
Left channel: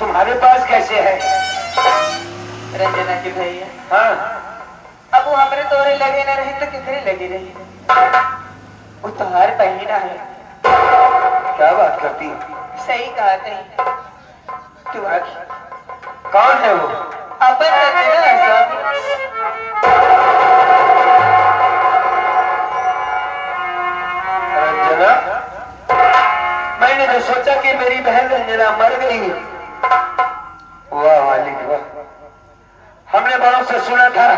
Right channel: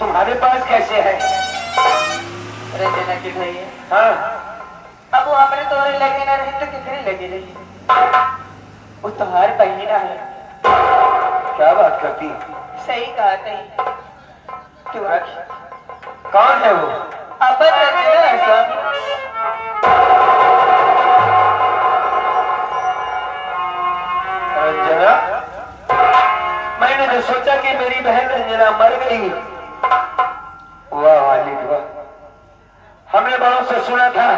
तुम्हारे पास कैसे है? रंजना के भैया, हाँ, अब वो हमरे तोड़े लगे ना रही तो किधरे लगी रही? वो तुम्हार बहिना है। क्या बात करती है? सही कहा नहीं। कौन है वो? अपन रंजना है सब। रंजना? मैंने तो सोचा कि मेरी बहन रंजना मर गई। वाह मालिक वाह, हमने बड़ों से सुना था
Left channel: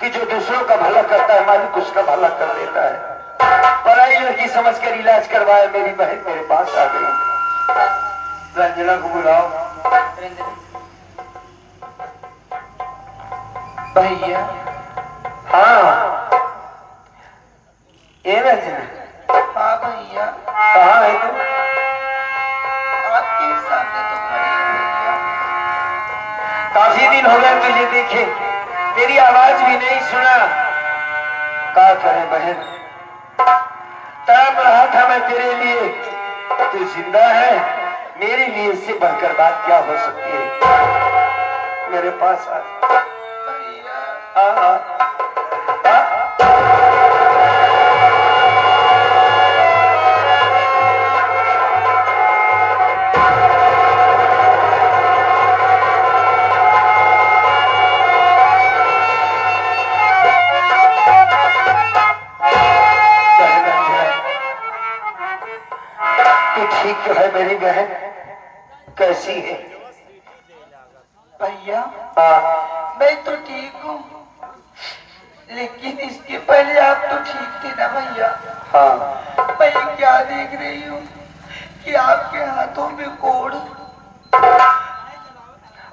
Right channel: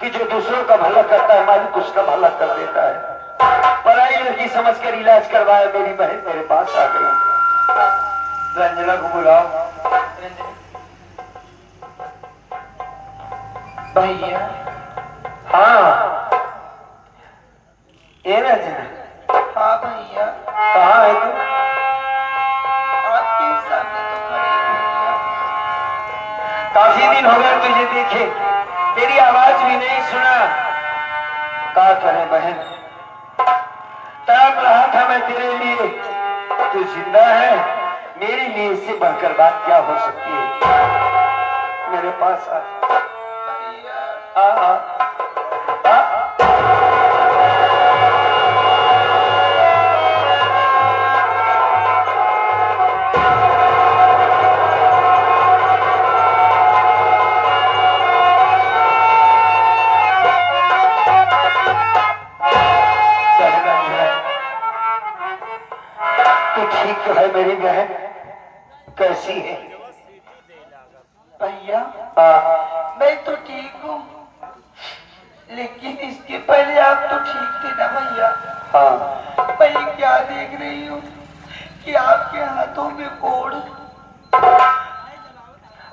कि जो दूसरों का भला करता है मालिक उसका भला कर देता है। पराई लड़की समझकर इलाज करवाया, मेरी बहन मेरे पास आ गई। रंजना को बुलाओ। भैया, हाँ ये रंजना, हाँ भैया, कहाँ है तू? आपके सामने तो खड़ी हूँ भैया। काफी दिन हो गए तुझे देखे, तेरी आवाज भी नहीं सुना। क्या करें बहन, तड़प रहा था मैं तेरे लिए। तू जिंदा है, मेरे लिए इससे बढ़कर बात क्या हो सकती है? मेरे पास आ। भैया, आ, आ, आ, तू ठीक तो है मेरी बहन? कैसी है? भैया, हाँ, मैं तो ठीक हूँ, लेकिन इसके पहले आप तो ठीक थे ना भैया। हाँ, मैं क्या देख रही हूँ कि आपके हाथों में कोड़,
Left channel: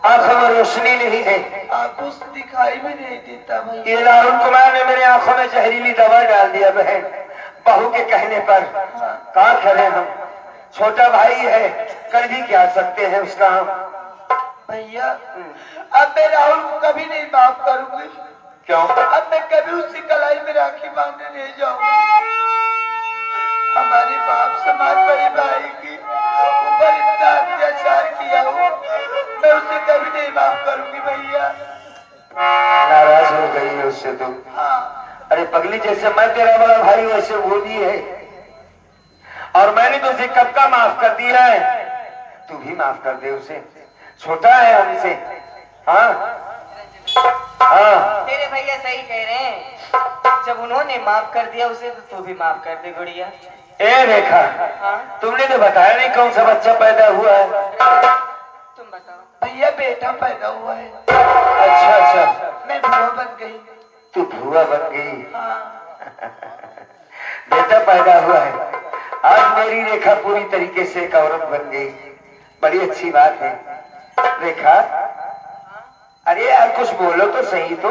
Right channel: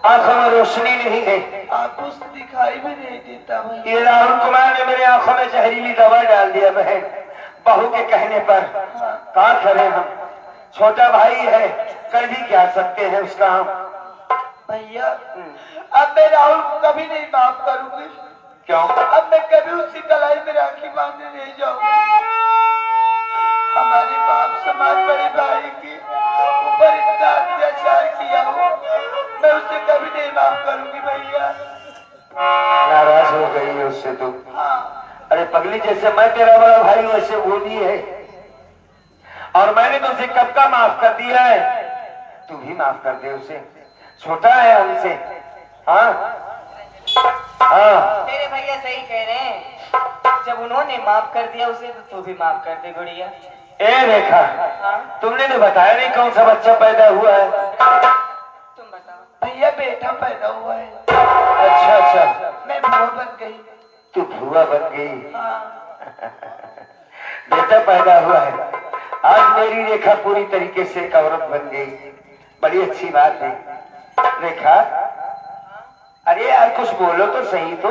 आंखों में रोशनी नहीं है। आपको दिखाई भी नहीं देता भैया। ये राहुल कुमार ने मेरे आंखों में जहरीली दवा डाल दिया बहन, बहू के कहने पर। क्या करें हम? छोटा भाई है, कर भी क्या सकते हैं उसका हम। भैया अब मैं राहुल को कभी नहीं माफ करूंगी। क्यों? अब मैं कभी उसकी कलाई में राखी बांधने नहीं जाऊंगी। हमारे बाप समाज बड़े भाई की ऊपर इतना अत्याचार किया हो, मैं उसे कभी नहीं माफ करूंगी भैया। नाराज हो गई है उससे तुम? हाँ अरे पगली, जैसे मैं तेरा बड़ा भाई वैसे वो भी है, और मैंने तो उसे कब का माफ कर दिया है, तू भी माफ कर दे उसे, छोटा है हमसे। हाँ हाँ, मेरे भैया सही कह रहे हैं, जब उन्होंने माफ कर दिया उसे तो तू भी माफ कर दे गुड़िया। ए रेखा, हाँ तुमने तो बताया नहीं कौन सा बच्चा पैदा हुआ है। तुम बताओ। भैया बेटा पैदा हुआ है। अच्छा अच्छा, मैं बहू बन गई। तू भुआ बन गई। हाँ बेटा पैदा हुआ है। आज मेरी रेखा पूरी तरीके से एक औरत बन गई, बड़ी अच्छी बात है। रेखा, अरे यार कुछ बोलो तो सही। तो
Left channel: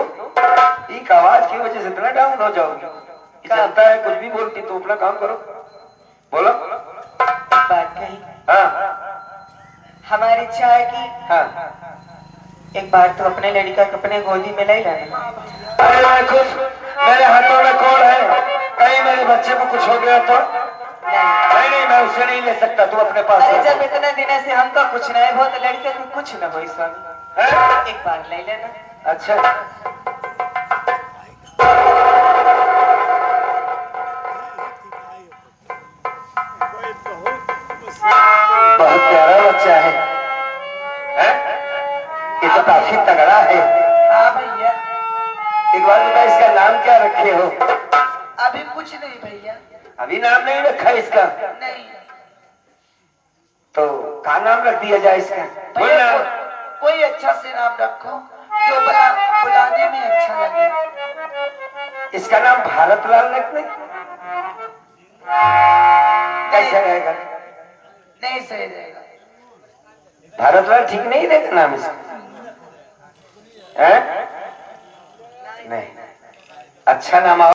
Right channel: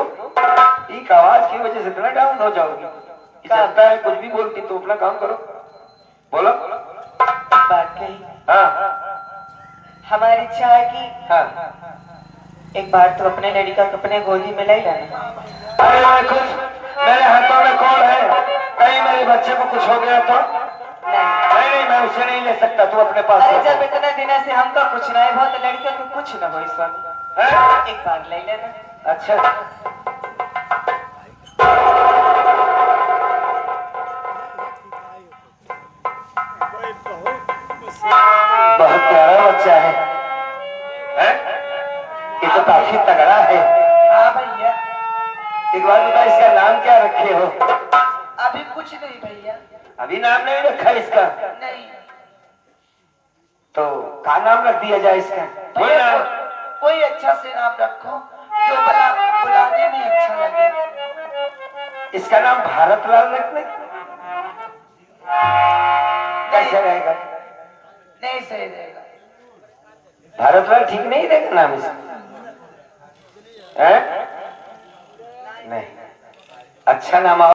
एक आवाज की वजह से इतना डाउन हो जाओगी। जानता है कुछ भी बोलती, तो अपना काम करो, बोलो। बात कही। हाँ हमारी इच्छा है कि हाँ, एक बार तो अपने लड़का को अपने गोदी में ले लेना। अरे मैं कुछ, मेरे हाथों में कौन है, कहीं मेरे बच्चे को कुछ हो गया तो? नहीं नहीं, मैं उसे नहीं ले सकता, तू अपने पास अरे रख। जब इतने दिन से हमको कुछ नहीं हो तो लड़के को कुछ न हो इस वक्त, हैं? एक बार ले लेना। अच्छा, बहुत प्यारा बच्चा है, हैं? ये तो काफी तगड़ा है। हाँ भैया, एक बार बता, इसका नाम क्या रखे हो? अभी कुछ नहीं भैया। अभी नाम नहीं रखा इसका? नहीं तो क्या नाम रख दिया जाए इसका? बोल भैया, ना। कोई अच्छा से नाम रखो जो बुलाने में अच्छा लगे। इसका नाम भारत लाल रखने कैसे रहेगा? नहीं सही रहेगा। भारत लाल ठीक नहीं रहेगा नाम इसका? हैं? नहीं, अच्छा नाम